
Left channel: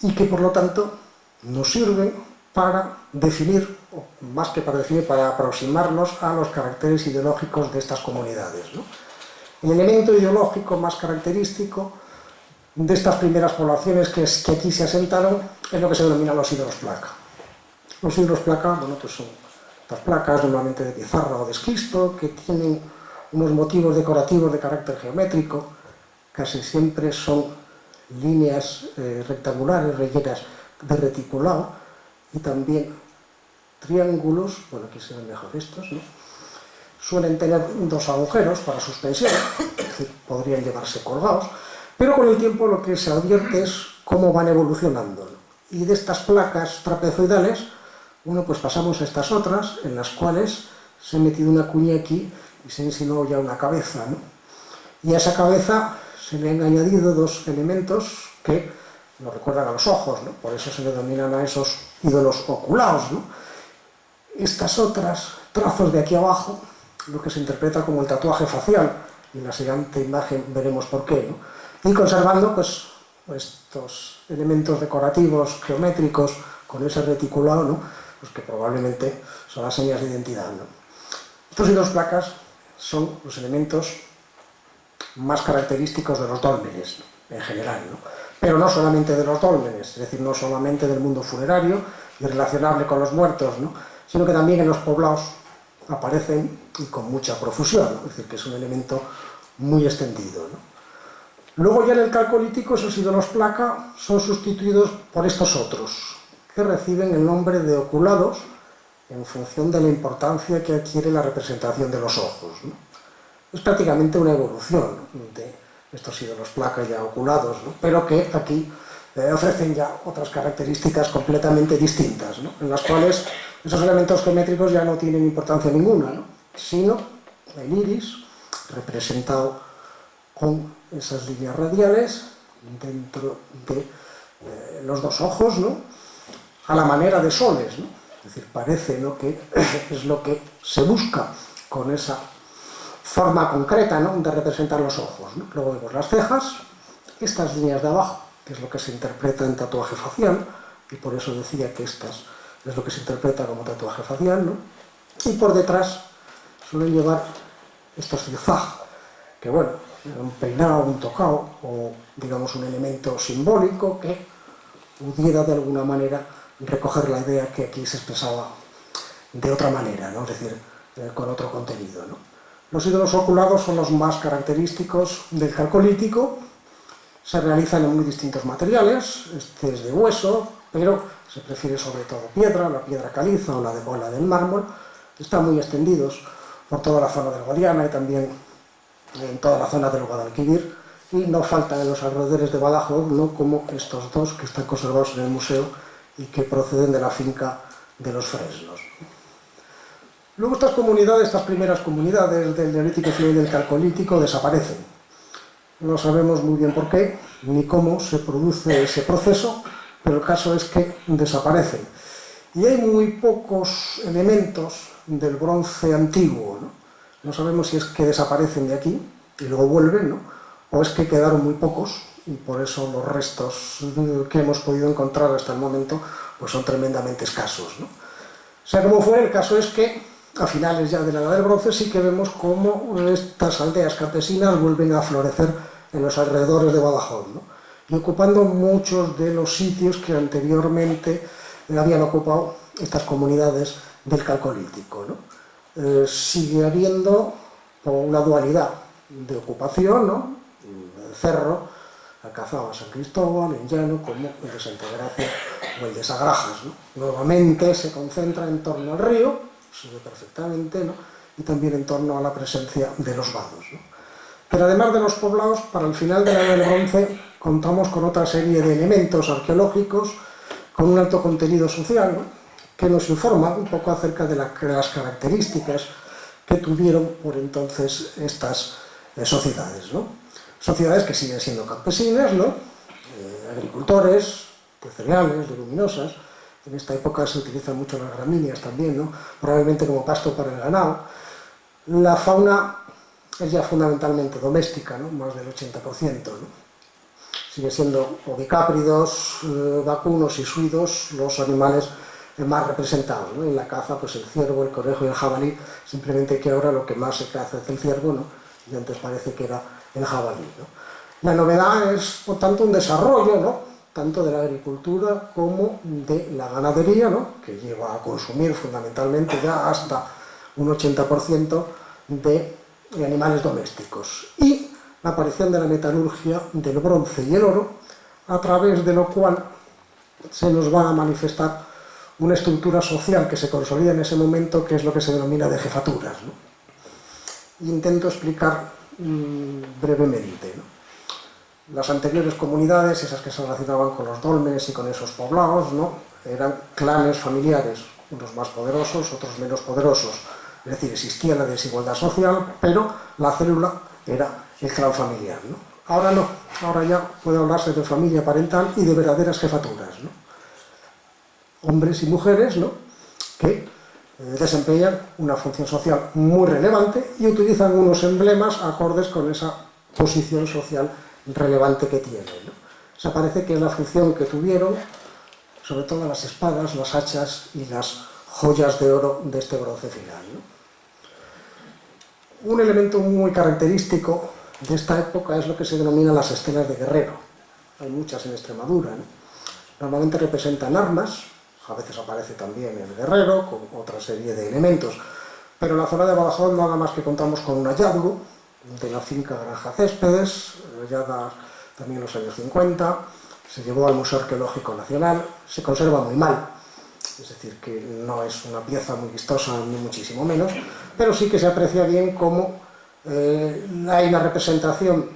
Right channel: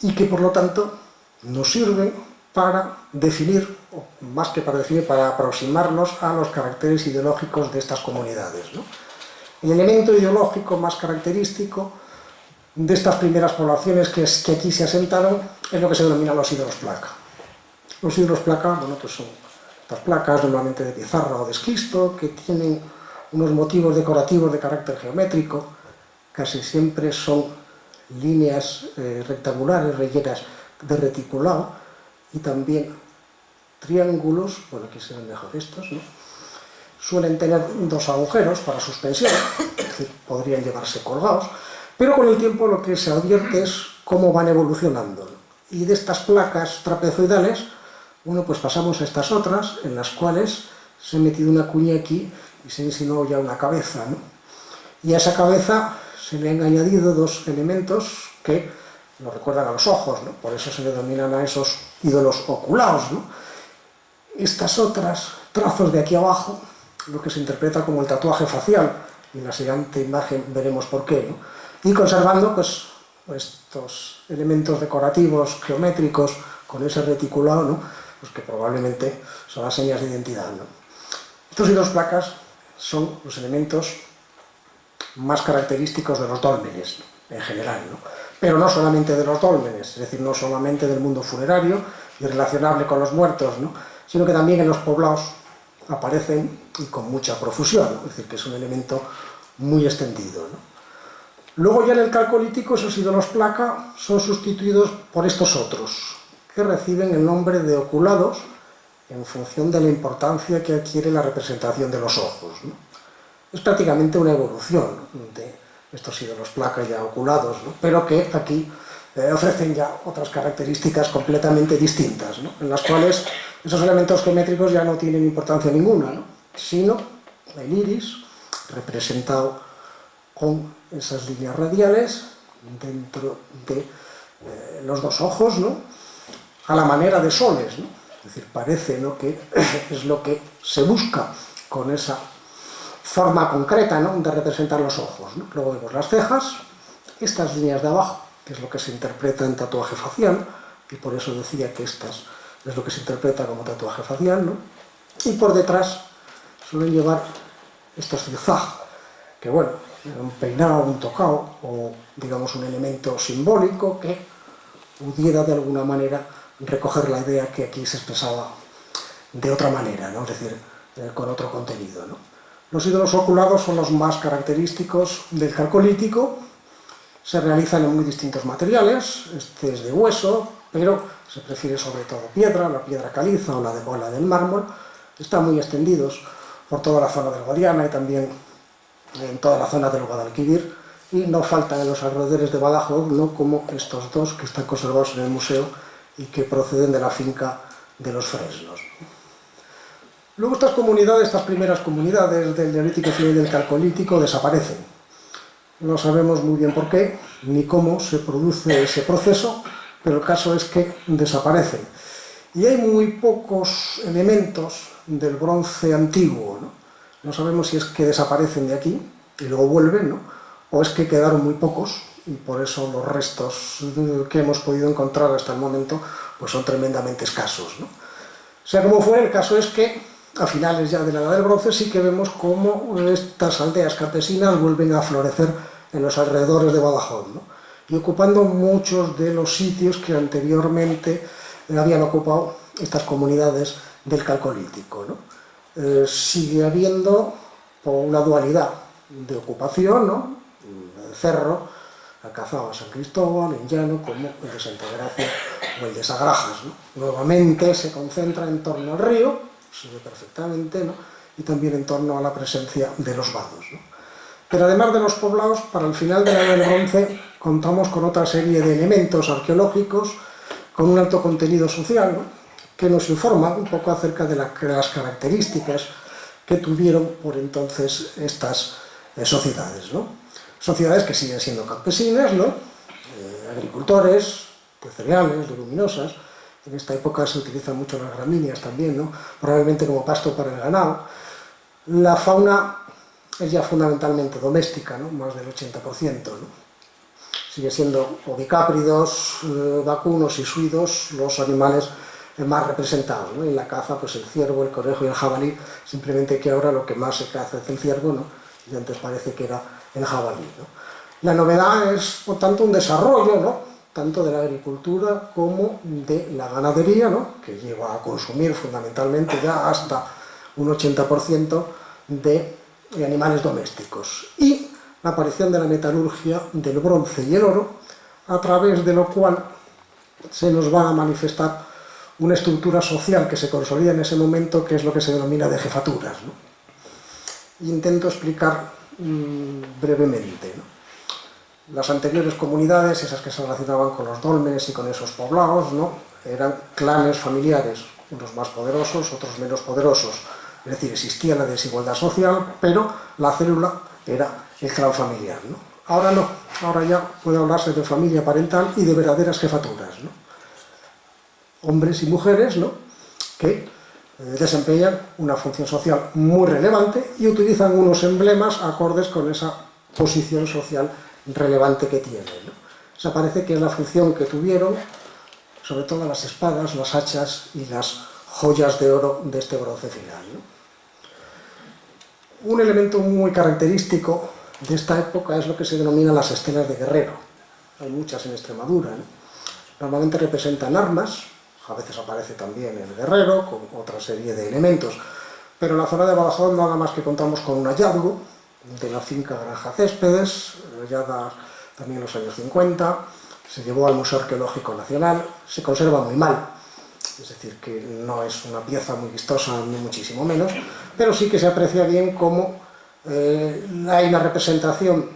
y que por lo tanto nos sirven para definir, o más que para definir, para aproximarnos a los caracteres ideológicos de estas comunidades, ¿no? El elemento ideológico más característico de estas primeras poblaciones que aquí se asentaron es lo que se denomina los ídolos placa. Los ídolos placa, bueno, pues son estas placas normalmente de pizarra o de esquisto que tienen unos motivos decorativos de carácter geométrico, casi siempre son líneas rectangulares rellenas de reticulado y también triángulos, bueno, aquí se ven mejor estos, ¿no? Suelen tener dos agujeros para suspensión, es decir, podrían llevarse colgados, pero con el tiempo lo que se advierte es cómo van evolucionando, ¿no? Y de estas placas trapezoidales, bueno, pues pasamos a estas otras, en las cuales se ha metido una cuña aquí y se ha insinuado ya una cabeza, ¿no? Y a esa cabeza se le han añadido dos elementos que nos recuerdan a los ojos, ¿no? Por eso se le denominan a esos ídolos oculados, ¿no? Estas otras trazos de aquí abajo, lo que se interpreta como el tatuaje facial, y en la siguiente imagen veremos por qué, ¿no? Y conservando pues estos elementos decorativos geométricos con ese reticulado, ¿no? Pues que probablemente son las señas de identidad, ¿no? Estos ídolos placas son los elementos más característicos de los dólmenes, ¿no? En general, ¿no? Pero no solamente de los dólmenes, es decir, no solamente del mundo funerario y relacionable con los muertos, ¿no? Sino que también en los poblados aparecen y con mucha profusión, ¿no? Es decir, que es un elemento muy extendido, ¿no? Luego ya en el calcolítico esos ídolos placa son sustituidos por estos otros, que reciben el nombre de oculados en función de la importancia que adquiere la representación de los ojos, ¿no? Es prácticamente una evolución de estos ídolos placa ya oculados, ¿no? Pero que aquí ofrecen ya otras características completamente distintas, ¿no? En las cuales esos elementos geométricos ya no tienen importancia ninguna, ¿no? Sino el iris representado con esas líneas radiales dentro de los dos ojos, ¿no? A la manera de soles, ¿no? Es decir, parece, ¿no?, que es lo que se busca con esa forma concreta, ¿no?, de representar los ojos, ¿no? Luego vemos las cejas, estas líneas de abajo, que es lo que se interpreta en tatuaje facial, y por eso decía que estas es lo que se interpreta como tatuaje facial, ¿no? Y por detrás suelen llevar estos zigzag, que bueno, un peinado, un tocado, o digamos un elemento simbólico que pudiera de alguna manera recoger la idea que aquí se expresaba de otra manera, ¿no? Es decir, con otro contenido, ¿no? Los ídolos oculados son los más característicos del calcolítico, se realizan en muy distintos materiales, este es de hueso, pero se prefiere sobre todo piedra, la piedra caliza o la de bola del mármol, están muy extendidos por toda la zona del Guadiana y también en toda la zona del Guadalquivir, y no faltan en los alrededores de Badajoz, ¿no?, como estos dos que están conservados en el museo y que proceden de la finca de los Fresnos. Luego estas comunidades, estas primeras comunidades del Neolítico y del Calcolítico desaparecen. No sabemos muy bien por qué, ni cómo se produce ese proceso, pero el caso es que desaparecen. Y hay muy pocos elementos del bronce antiguo, ¿no? No sabemos si es que desaparecen de aquí y luego vuelven, ¿no?, o es que quedaron muy pocos y por eso los restos que hemos podido encontrar hasta el momento pues son tremendamente escasos, ¿no? Sea como fuera, el caso es que a finales ya de la Edad del Bronce sí que vemos cómo estas aldeas campesinas vuelven a florecer en los alrededores de Badajoz, ¿no?, y ocupando muchos de los sitios que anteriormente habían ocupado estas comunidades del Calcolítico, ¿no? Sigue habiendo una dualidad de ocupación, ¿no? El cerro cazaba a San Cristóbal, en llano, como el de Santa Gracia o el de Sagrajas, ¿no? Nuevamente se concentra en torno al río, se ve perfectamente, ¿no?, y también en torno a la presencia de los vados, ¿no? Pero además de los poblados, para el final de la Edad del Bronce contamos con otra serie de elementos arqueológicos con un alto contenido social, ¿no?, que nos informan un poco acerca de las características que tuvieron por entonces estas sociedades, ¿no? Sociedades que siguen siendo campesinas, ¿no?, agricultores, de cereales, leguminosas. En esta época se utilizan mucho las gramíneas también, ¿no?, probablemente como pasto para el ganado. La fauna es ya fundamentalmente doméstica, ¿no?, más del 80%, ¿no? Sigue siendo ovicápridos, vacunos y suidos los animales más representados, ¿no? En la caza, pues el ciervo, el conejo y el jabalí, simplemente que ahora lo que más se caza es el ciervo, ¿no?, y antes parece que era el jabalí, ¿no? La novedad es, por tanto, un desarrollo, ¿no?, tanto de la agricultura como de la ganadería, ¿no?, que lleva a consumir fundamentalmente ya hasta un 80% de animales domésticos, y la aparición de la metalurgia del bronce y el oro, a través de lo cual se nos va a manifestar una estructura social que se consolida en ese momento, que es lo que se denomina de jefaturas, ¿no? Intento explicar brevemente, ¿no? Las anteriores comunidades, esas que se relacionaban con los dólmenes y con esos poblados, ¿no?, eran clanes familiares, unos más poderosos, otros menos poderosos. Es decir, existía la desigualdad social, pero la célula era el clan familiar, ¿no? Ahora no, ahora ya puede hablarse de familia parental y de verdaderas jefaturas, ¿no? Hombres y mujeres, ¿no?, que desempeñan una función social muy relevante y utilizan unos emblemas acordes con esa posición social relevante que tienen, ¿no? O sea, parece que es la función que tuvieron, sobre todo las espadas, las hachas y las joyas de oro de este bronce final, ¿no? Un elemento muy característico de esta época es lo que se denomina las estelas de guerrero. Hay muchas en Extremadura, ¿no? Normalmente representan armas, a veces aparece también el guerrero con otra serie de elementos, pero en la zona de Badajoz nada más que contamos con un hallazgo de la finca Granja Céspedes, hallada también en los años 50, se llevó al Museo Arqueológico Nacional, se conserva muy mal, es decir, que no es una pieza muy vistosa ni muchísimo menos, pero sí que se aprecia bien cómo hay una representación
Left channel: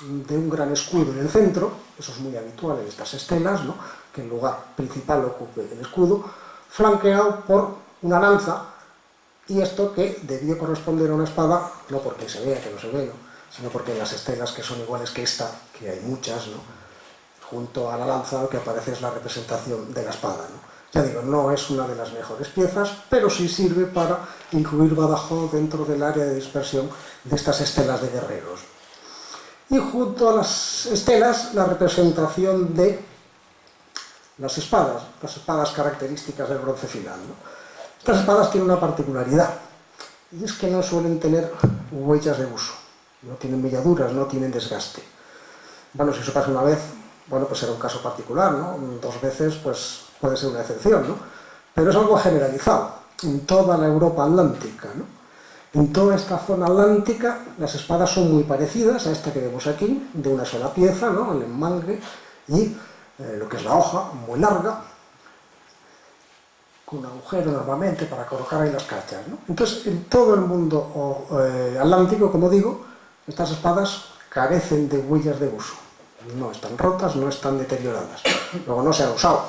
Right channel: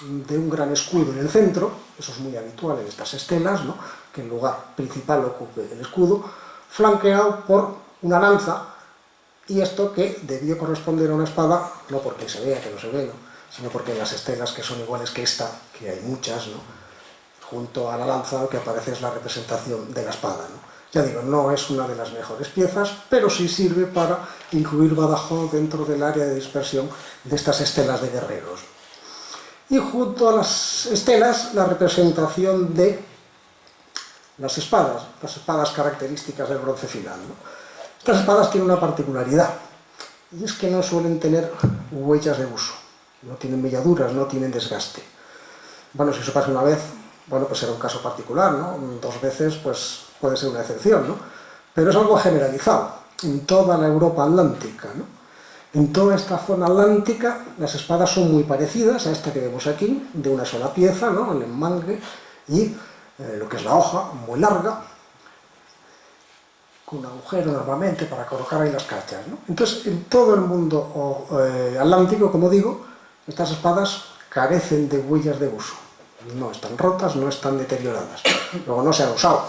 de un gran escudo en el centro, eso es muy habitual en estas estelas, ¿no?, que el lugar principal ocupe el escudo, flanqueado por una lanza, y esto que debió corresponder a una espada, no porque se vea que no se ve, ¿no?, sino porque en las estelas que son iguales que esta, que hay muchas, ¿no?, junto a la lanza lo que aparece es la representación de la espada, ¿no? Ya digo, no es una de las mejores piezas, pero sí sirve para incluir Badajoz dentro del área de dispersión de estas estelas de guerreros. Y junto a las estelas, la representación de las espadas características del bronce final, ¿no? Estas espadas tienen una particularidad, y es que no suelen tener huellas de uso, no tienen melladuras, no tienen desgaste. Bueno, si eso pasa una vez, bueno, pues será un caso particular, ¿no? 2 veces, pues puede ser una excepción, ¿no? Pero es algo generalizado en toda la Europa atlántica, ¿no? En toda esta zona atlántica las espadas son muy parecidas a esta que vemos aquí, de una sola pieza, ¿no?, el enmangue, y lo que es la hoja, muy larga, con un agujero normalmente para colocar ahí las cachas, ¿no? Entonces, en todo el mundo atlántico, como digo, estas espadas carecen de huellas de uso. No están rotas, no están deterioradas. Luego no se han usado.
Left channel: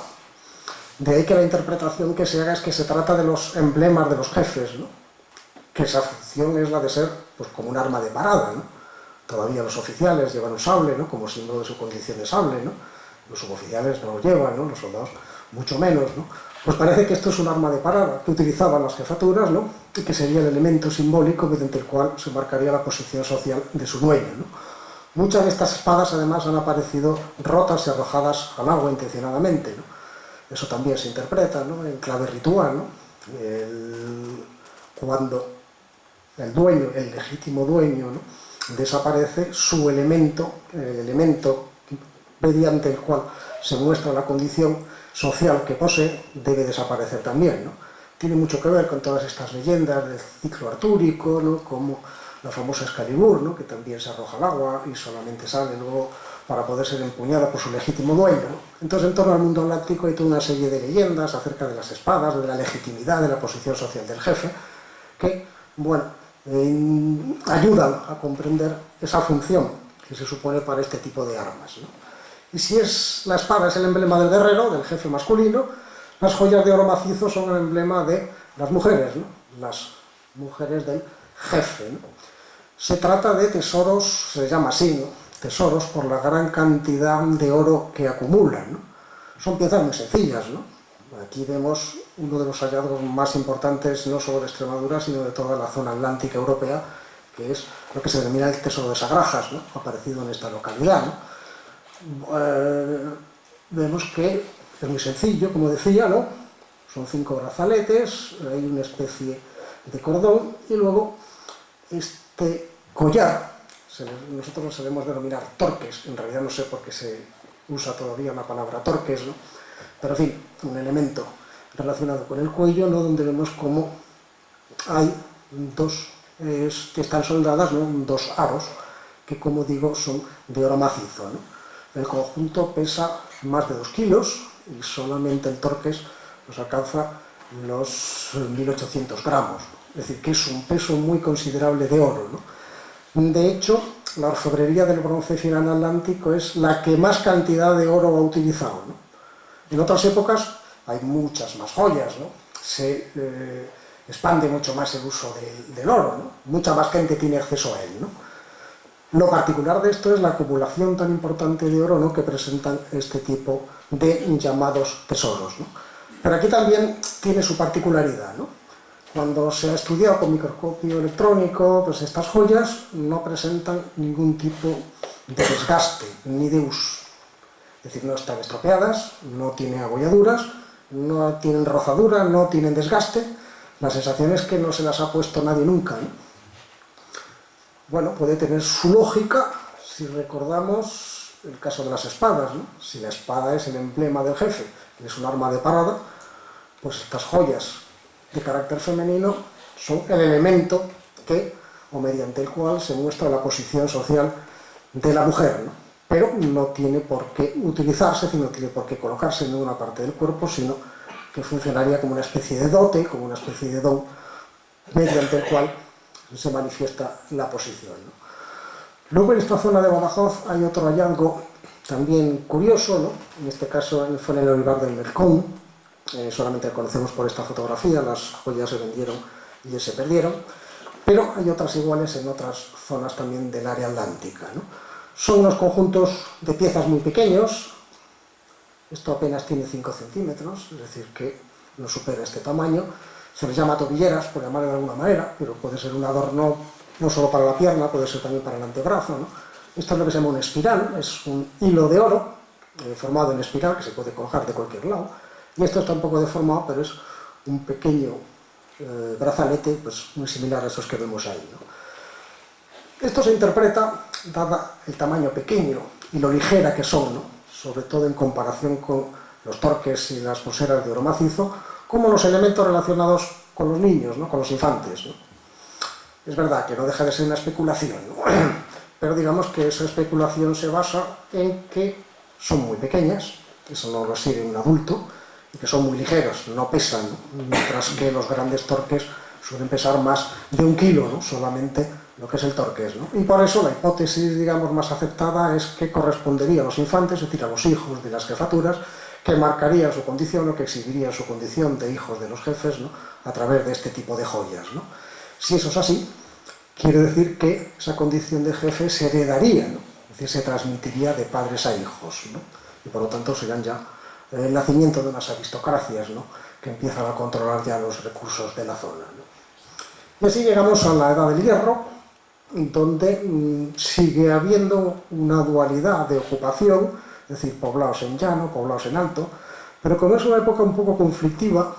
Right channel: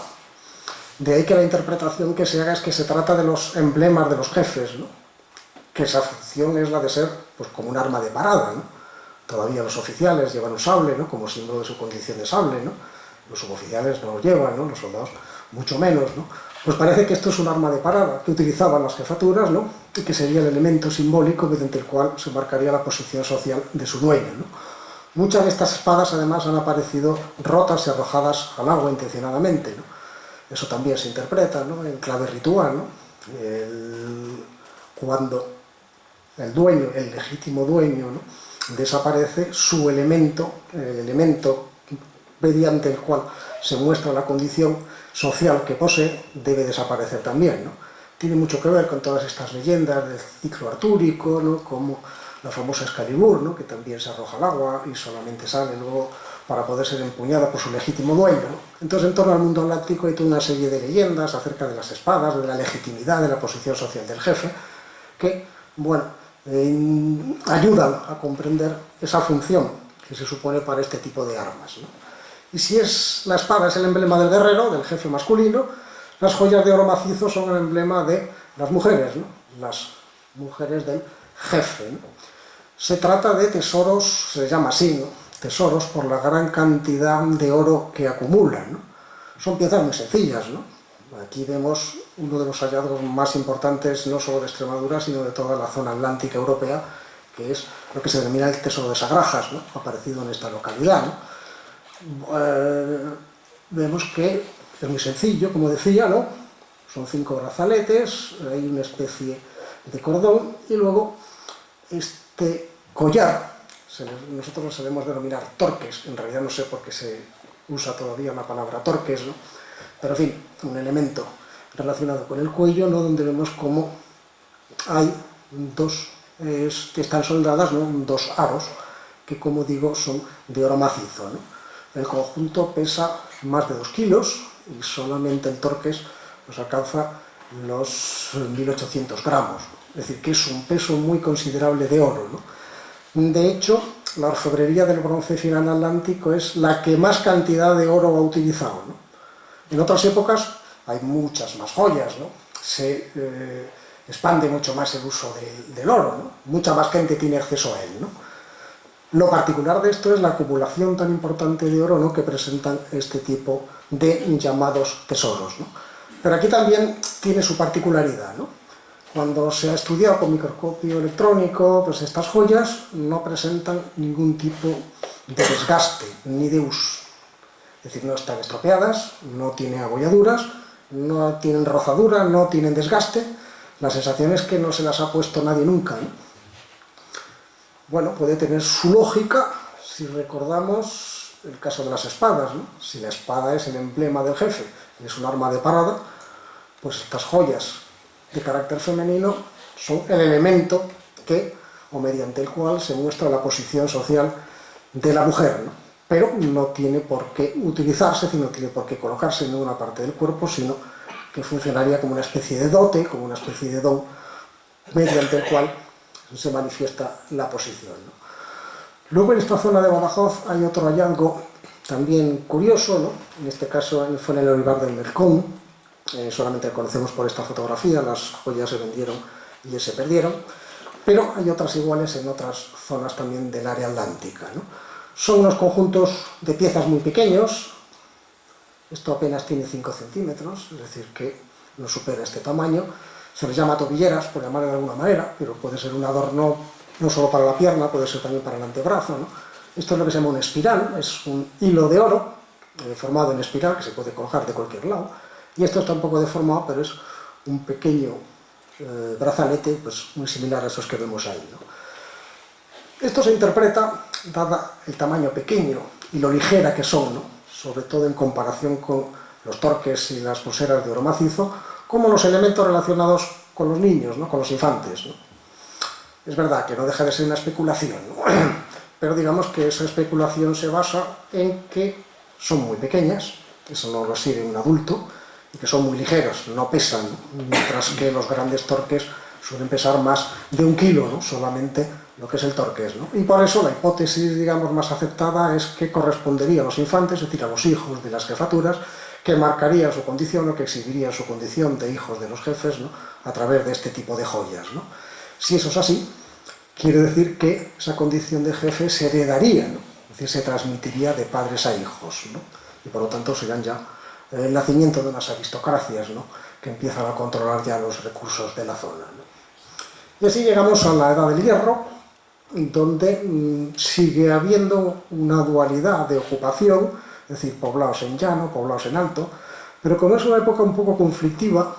De ahí que la interpretación que se haga es que se trata de los emblemas de los jefes, ¿no?, que esa función es la de ser, pues, como un arma de parada, ¿no? Todavía los oficiales llevan un sable, ¿no?, como símbolo de su condición de sable, ¿no? Los suboficiales no lo llevan, ¿no?, los soldados mucho menos, ¿no? Pues parece que esto es un arma de parada que utilizaban las jefaturas, ¿no?, y que sería el elemento simbólico mediante el cual se marcaría la posición social de su dueño, ¿no? Muchas de estas espadas además han aparecido rotas y arrojadas al agua intencionadamente, ¿no? Eso también se interpreta, ¿no?, en clave ritual, ¿no? Cuando el dueño, el legítimo dueño, ¿no?, desaparece, su elemento, el elemento mediante el cual se muestra la condición social que posee, debe desaparecer también, ¿no? Tiene mucho que ver con todas estas leyendas del ciclo artúrico, ¿no?, como la famosa Excalibur, ¿no?, que también se arroja al agua y solamente sale luego para poder ser empuñada por su legítimo dueño, ¿no? Entonces, en torno al mundo atlántico hay toda una serie de leyendas acerca de las espadas, de la legitimidad, de la posición social del jefe, que, bueno, ayudan a comprender esa función que se supone para este tipo de armas, ¿no? Y si la espada es el emblema del guerrero, del jefe masculino, las joyas de oro macizo son el emblema de las mujeres, ¿no?, las mujeres del jefe, ¿no? Se trata de tesoros, se llama así, ¿no?, tesoros por la gran cantidad de oro que acumulan, ¿no? Son piezas muy sencillas, ¿no? Aquí vemos uno de los hallazgos más importantes, no solo de Extremadura, sino de toda la zona atlántica europea, que es lo que se denomina el tesoro de Sagrajas, ¿no?, aparecido en esta localidad, ¿no? Vemos que es muy sencillo, como decía, ¿no? Son 5 brazaletes, hay una especie de cordón, y luego este collar, nosotros lo solemos denominar torques, en realidad no sé por qué se usa todavía la palabra torques, ¿no? Pero en fin, un elemento relacionado con el cuello, ¿no? Donde vemos cómo hay dos, que están soldadas, ¿no? Dos aros, que como digo son de oro macizo, ¿no? El conjunto pesa más de 2 kilos y solamente el torques pues alcanza los 1800 gramos, es decir, que es un peso muy considerable de oro, ¿no? De hecho, la orfebrería del bronce final atlántico es la que más cantidad de oro ha utilizado, ¿no? En otras épocas hay muchas más joyas, ¿no? Se expande mucho más el uso del oro, ¿no? Mucha más gente tiene acceso a él, ¿no? Lo particular de esto es la acumulación tan importante de oro, ¿no? Que presentan este tipo de llamados tesoros, ¿no? Pero aquí también tiene su particularidad, ¿no? Cuando se ha estudiado con microscopio electrónico, pues estas joyas no presentan ningún tipo de desgaste ni de uso. Es decir, no están estropeadas, no tienen abolladuras, no tienen rozadura, no tienen desgaste. La sensación es que no se las ha puesto nadie nunca, ¿no? Bueno, puede tener su lógica si recordamos el caso de las espadas, ¿no? Si la espada es el emblema del jefe y es un arma de parada, pues estas joyas de carácter femenino son el elemento que, o mediante el cual se muestra la posición social de la mujer, ¿no? Pero no tiene por qué utilizarse, no tiene por qué colocarse en ninguna parte del cuerpo, sino que funcionaría como una especie de dote, como una especie de don, mediante el cual se manifiesta la posición, ¿no? Luego en esta zona de Badajoz hay otro hallazgo también curioso, ¿no? En este caso fue en el olivar del Mercón, solamente lo conocemos por esta fotografía, las joyas se vendieron y se perdieron, pero hay otras iguales en otras zonas también del área atlántica, ¿no? Son unos conjuntos de piezas muy pequeños, esto apenas tiene 5 centímetros, es decir, que no supera este tamaño. Se les llama tobilleras, por llamarlo de alguna manera, pero puede ser un adorno no solo para la pierna, puede ser también para el antebrazo, ¿no? Esto es lo que se llama un espiral, es un hilo de oro formado en espiral que se puede colocar de cualquier lado, y esto está un poco deformado, pero es un pequeño brazalete pues, muy similar a esos que vemos ahí, ¿no? Esto se interpreta, dada el tamaño pequeño y lo ligera que son, ¿no? Sobre todo en comparación con los torques y las pulseras de oro macizo, como los elementos relacionados con los niños, ¿no? Con los infantes, ¿no? Es verdad que no deja de ser una especulación, ¿no? Pero digamos que esa especulación se basa en que son muy pequeñas, eso no lo sirve un adulto, y que son muy ligeros, no pesan, mientras que los grandes torques suelen pesar más de 1 kilo, ¿no? Solamente lo que es el torques, ¿no? Y por eso la hipótesis, digamos, más aceptada es que correspondería a los infantes, es decir, a los hijos de las jefaturas, que marcarían su condición o que exhibirían su condición de hijos de los jefes, ¿no? A través de este tipo de joyas, ¿no? Si eso es así, quiere decir que esa condición de jefe se heredaría, ¿no? Es decir, se transmitiría de padres a hijos, ¿no? Y por lo tanto serían ya el nacimiento de unas aristocracias, ¿no? Que empiezan a controlar ya los recursos de la zona, ¿no? Y así llegamos a la Edad del Hierro, donde sigue habiendo una dualidad de ocupación, es decir, poblados en llano, poblados en alto, pero como es una época un poco conflictiva,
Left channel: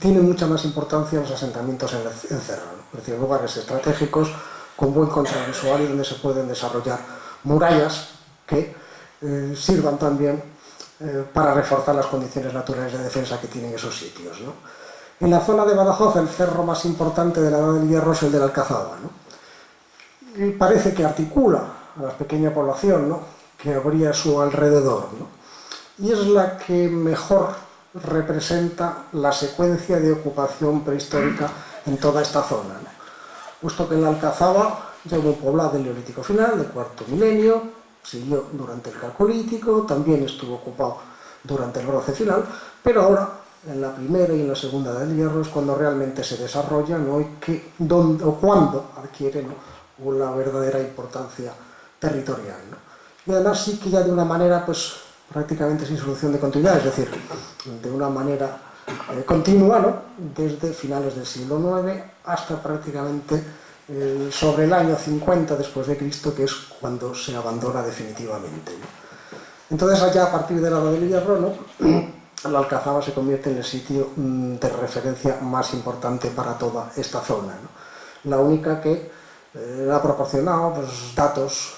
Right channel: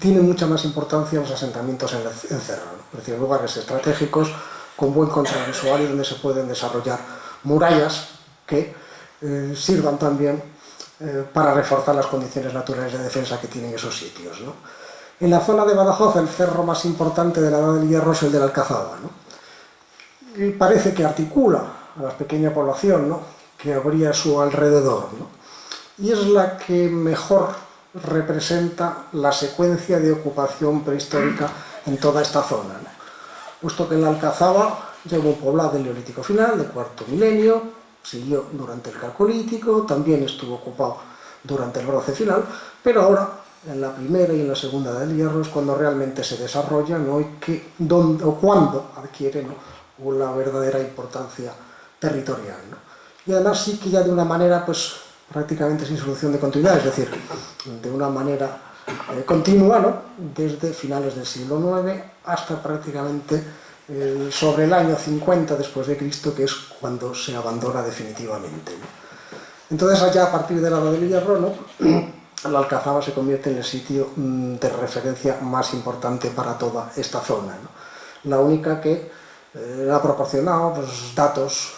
tiene mucha más importancia los asentamientos en cerro, ¿no? Es decir, lugares estratégicos con buen contravisual y donde se pueden desarrollar murallas que sirvan también para reforzar las condiciones naturales de defensa que tienen esos sitios, ¿no? En la zona de Badajoz, el cerro más importante de la Edad del Hierro es el de la Alcazaba, ¿no? Y parece que articula a la pequeña población, ¿no? Que habría a su alrededor, ¿no? Y es la que mejor representa la secuencia de ocupación prehistórica en toda esta zona, ¿no? Puesto que en la Alcazaba ya hubo un poblado del Neolítico final, del cuarto milenio, siguió durante el Calcolítico, también estuvo ocupado durante el Bronce final, pero ahora, en la primera y en la segunda Edad del Hierro, es cuando realmente se desarrolla, ¿no? Y o cuando adquiere, ¿no? Una verdadera importancia territorial, ¿no? Y además sí que ya de una manera, pues, prácticamente sin solución de continuidad, es decir, de una manera continua, ¿no? Desde finales del siglo IX hasta prácticamente sobre el año 50 después de Cristo, que es cuando se abandona definitivamente, ¿no? Entonces allá a partir de la Edad del Hierro, ¿no? La Alcazaba se convierte en el sitio de referencia más importante para toda esta zona, ¿no? La única que ha proporcionado pues, datos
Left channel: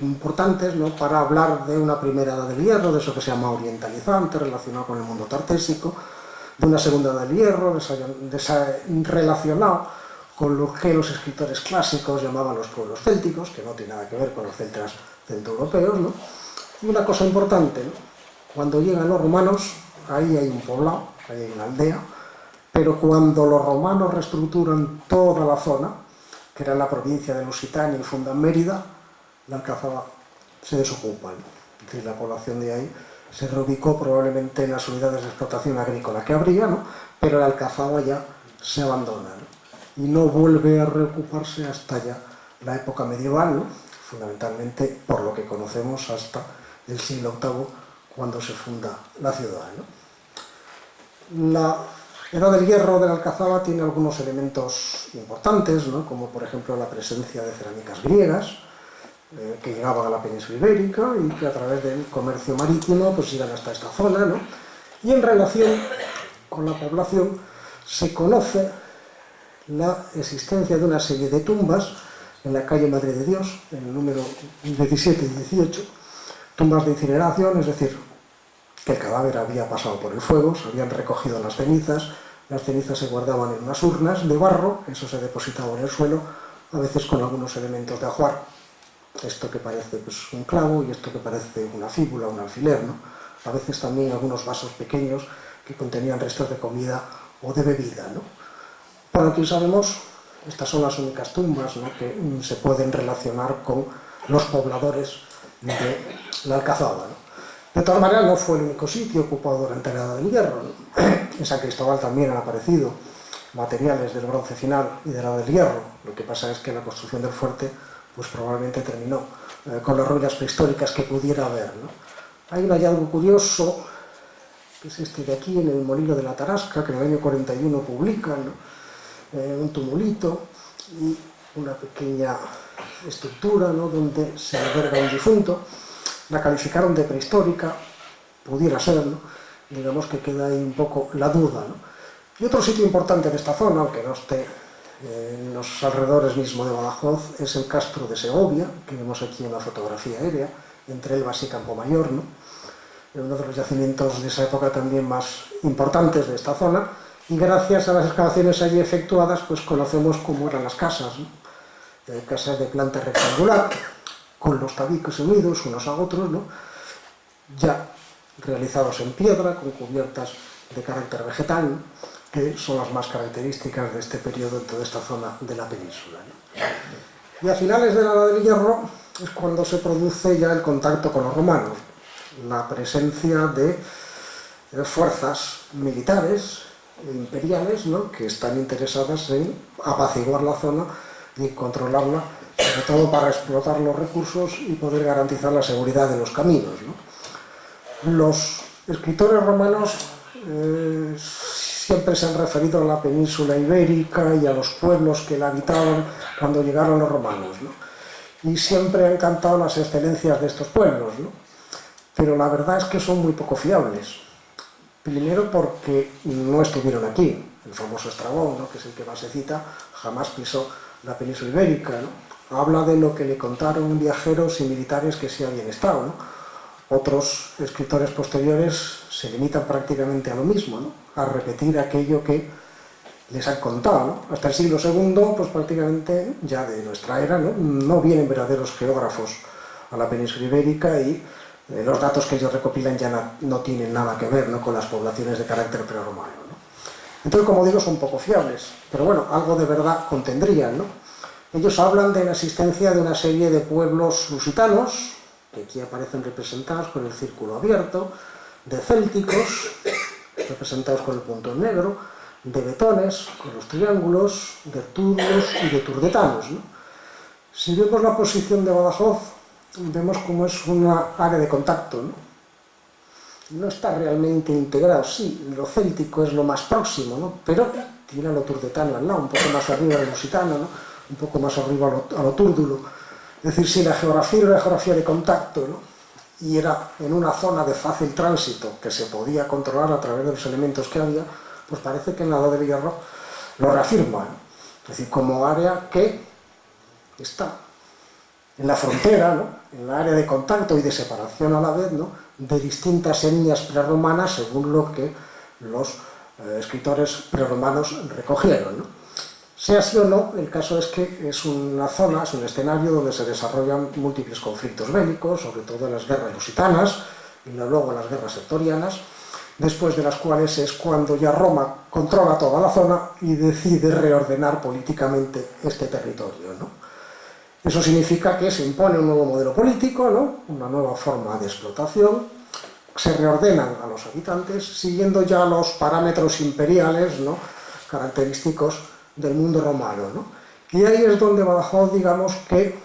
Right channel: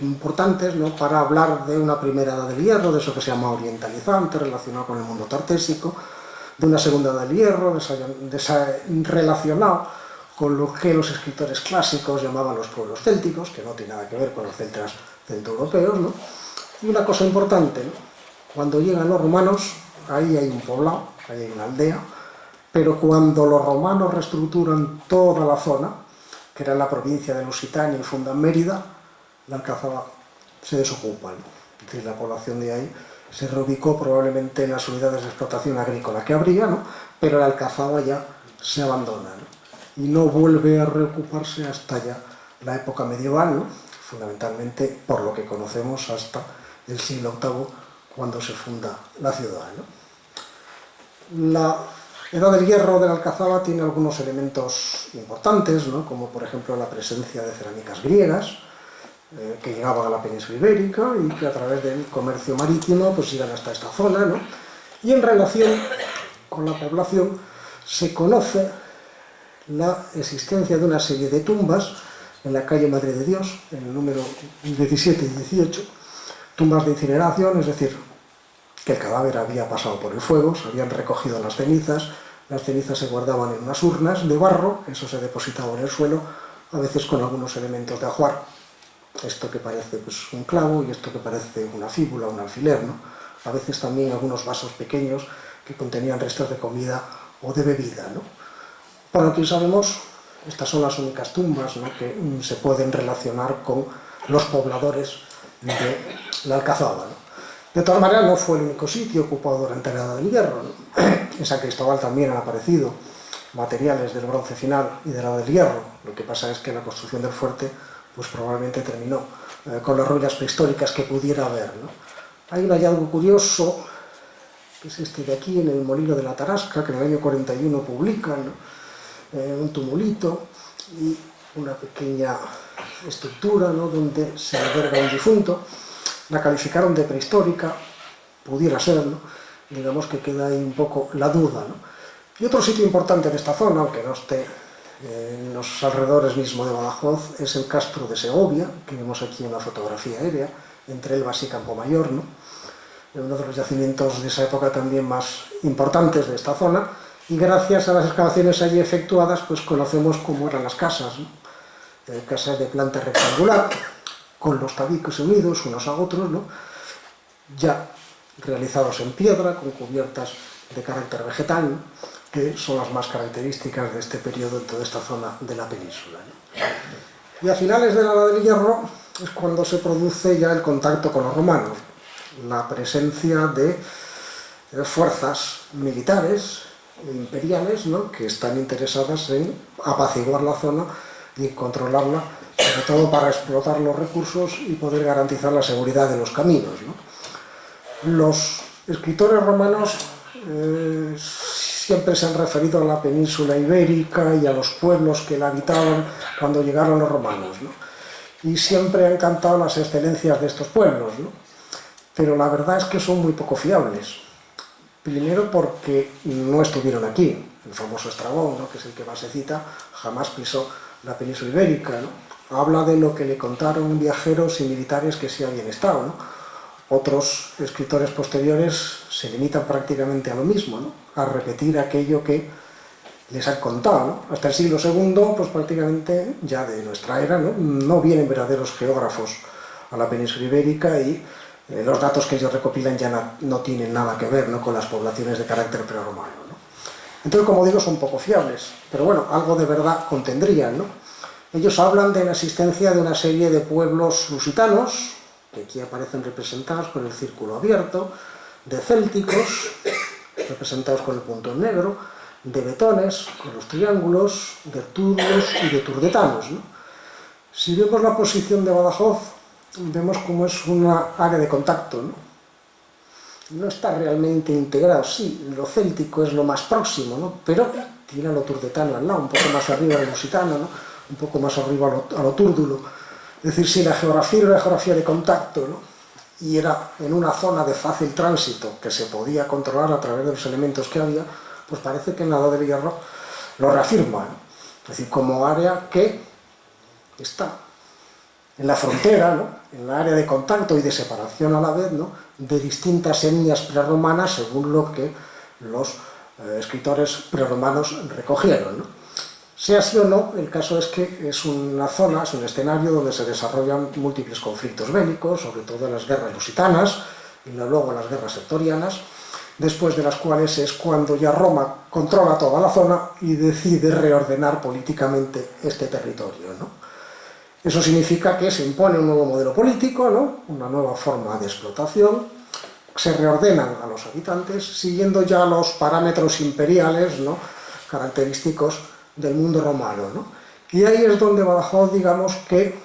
importantes, ¿no?, para hablar de una primera edad del hierro, de eso que se llama orientalizante, relacionado con el mundo tartésico, de una segunda edad del hierro, relacionado con lo que los escritores clásicos llamaban los pueblos célticos, que no tiene nada que ver con los celtas centroeuropeos, ¿no? Y una cosa importante, ¿no?, cuando llegan los romanos, ahí hay un poblado, ahí hay una aldea, pero cuando los romanos reestructuran toda la zona, que era la provincia de Lusitania y fundan Mérida, la Alcazaba se desocupa, ¿no? Es decir, la población de ahí se reubicó probablemente en las unidades de explotación agrícola que habría, ¿no?, pero la Alcazaba ya se abandona, ¿no?, y no vuelve a reocuparse hasta ya la época medieval, ¿no?, fundamentalmente por lo que conocemos hasta el siglo VIII, cuando se funda la ciudad, ¿no? La Edad del Hierro de la Alcazaba tiene algunos elementos importantes, ¿no?, como por ejemplo la presencia de cerámicas griegas, que llegaban a la península ibérica y que a través del comercio marítimo pues llegan hasta esta zona, ¿no? Y en relación con la población se conoce la existencia de una serie de tumbas en la calle Madre de Dios, en el número 17 y 18, tumbas de incineración, es decir, que el cadáver había pasado por el fuego, se habían recogido las cenizas se guardaban en unas urnas de barro, eso se depositaba en el suelo, a veces con algunos elementos de ajuar, esto que parece pues, un clavo y esto que parece una fíbula, un alfiler, ¿no? A veces también algunos vasos pequeños que contenían restos de comida o de bebida, ¿no? Por lo que sabemos, estas son las únicas tumbas, ¿no?, que se pueden relacionar con los pobladores de la Alcazaba, ¿no? De todas maneras, no fue el único sitio ocupado durante la Edad del Hierro, ¿no? En San Cristóbal también han aparecido materiales del bronce final y de la Edad del Hierro. Lo que pasa es que la construcción del fuerte pues probablemente terminó con las ruinas prehistóricas que pudiera haber, ¿no? Hay un hallazgo curioso, que es este de aquí, en el Molino de la Tarasca, que en el año 41 publican, ¿no?, un tumulito y una pequeña estructura, ¿no?, donde se alberga un difunto. La calificaron de prehistórica, pudiera ser, ¿no? Digamos que queda ahí un poco la duda, ¿no? Y otro sitio importante de esta zona, aunque no esté en los alrededores mismo de Badajoz, es el Castro de Segovia, que vemos aquí una fotografía aérea, entre Elvas y Campomayor, ¿no?, uno de los yacimientos de esa época también más importantes de esta zona, y gracias a las excavaciones allí efectuadas, pues conocemos cómo eran las casas, ¿no? Casas de planta rectangular, con los tabiques unidos unos a otros, ¿no?, ya realizados en piedra, con cubiertas de carácter vegetal, ¿no?, que son las más características de este periodo en toda esta zona de la península, ¿no? Y a finales de la Edad del Hierro es cuando se produce ya el contacto con los romanos, la presencia de fuerzas militares imperiales, ¿no?, que están interesadas en apaciguar la zona y controlarla, sobre todo para explotar los recursos y poder garantizar la seguridad de los caminos, ¿no? Los escritores romanos siempre se han referido a la península ibérica y a los pueblos que la habitaban cuando llegaron los romanos, ¿no?, y siempre han cantado las excelencias de estos pueblos, ¿no?, pero la verdad es que son muy poco fiables. Primero porque no estuvieron aquí. El famoso Estrabón, ¿no?, que es el que más se cita, jamás pisó la península ibérica, ¿no? Habla de lo que le contaron viajeros y militares que sí habían estado, ¿no? Otros escritores posteriores se limitan prácticamente a lo mismo, ¿no?, a repetir aquello que les han contado, ¿no? Hasta el siglo II, pues prácticamente ya de nuestra era, no vienen verdaderos geógrafos a la península ibérica y los datos que ellos recopilan ya no tienen nada que ver, ¿no?, con las poblaciones de carácter prerromano, ¿no? Entonces, como digo, son poco fiables, pero bueno, algo de verdad contendrían, ¿no? Ellos hablan de la existencia de una serie de pueblos lusitanos, que aquí aparecen representados con el círculo abierto, de célticos, representados con el punto en negro, de betones, con los triángulos, de turdos y de turdetanos, ¿no? Si vemos la posición de Badajoz, vemos cómo es una área de contacto, ¿no? No está realmente integrado, sí, lo céltico es lo más próximo, ¿no?, pero tiene a lo turdetano al lado, un poco más arriba a lo lusitano, ¿no?, un poco más arriba a lo túrdulo. Es decir, si la geografía era una geografía de contacto, ¿no?, y era en una zona de fácil tránsito que se podía controlar a través de los elementos que había, pues parece que en la Edad del Hierro lo reafirma, ¿no? Es decir, como área que está en la frontera, ¿no?, en la área de contacto y de separación a la vez, ¿no?, de distintas etnias prerromanas según lo que los escritores prerromanos recogieron, ¿no? Sea así o no, el caso es que es una zona, es un escenario donde se desarrollan múltiples conflictos bélicos, sobre todo en las guerras lusitanas y luego las guerras sertorianas, después de las cuales es cuando ya Roma controla toda la zona y decide reordenar políticamente este territorio, ¿no? Eso significa que se impone un nuevo modelo político, ¿no?, una nueva forma de explotación, se reordenan a los habitantes siguiendo ya los parámetros imperiales, ¿no?, característicos del mundo romano, ¿no? Y ahí es donde Badajoz, digamos, que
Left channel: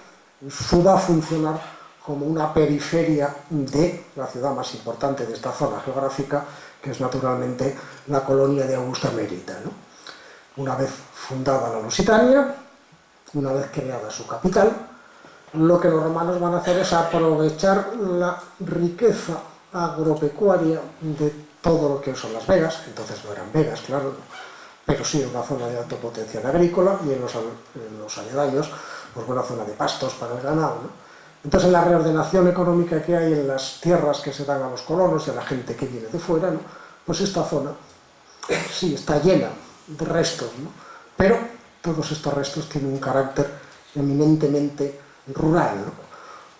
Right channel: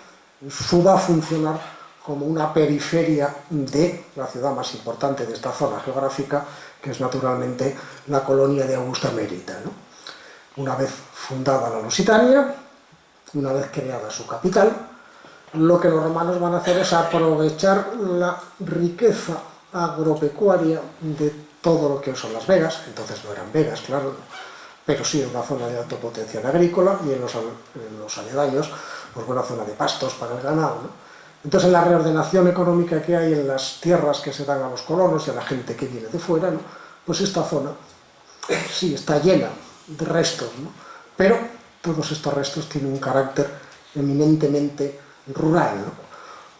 va a funcionar como una periferia de la ciudad más importante de esta zona geográfica, que es naturalmente la colonia de Augusta Mérita, ¿no? Una vez fundada la Lusitania, una vez creada su capital, lo que los romanos van a hacer es aprovechar la riqueza agropecuaria de todo lo que son las vegas. Entonces no eran vegas, claro, pero sí una zona de alto potencial agrícola, y en los aledaños, pues buena zona de pastos para el ganado, ¿no? Entonces, en la reordenación económica que hay en las tierras que se dan a los colonos y a la gente que viene de fuera, ¿no?, pues esta zona sí está llena de restos, ¿no?, pero todos estos restos tienen un carácter eminentemente rural, ¿no?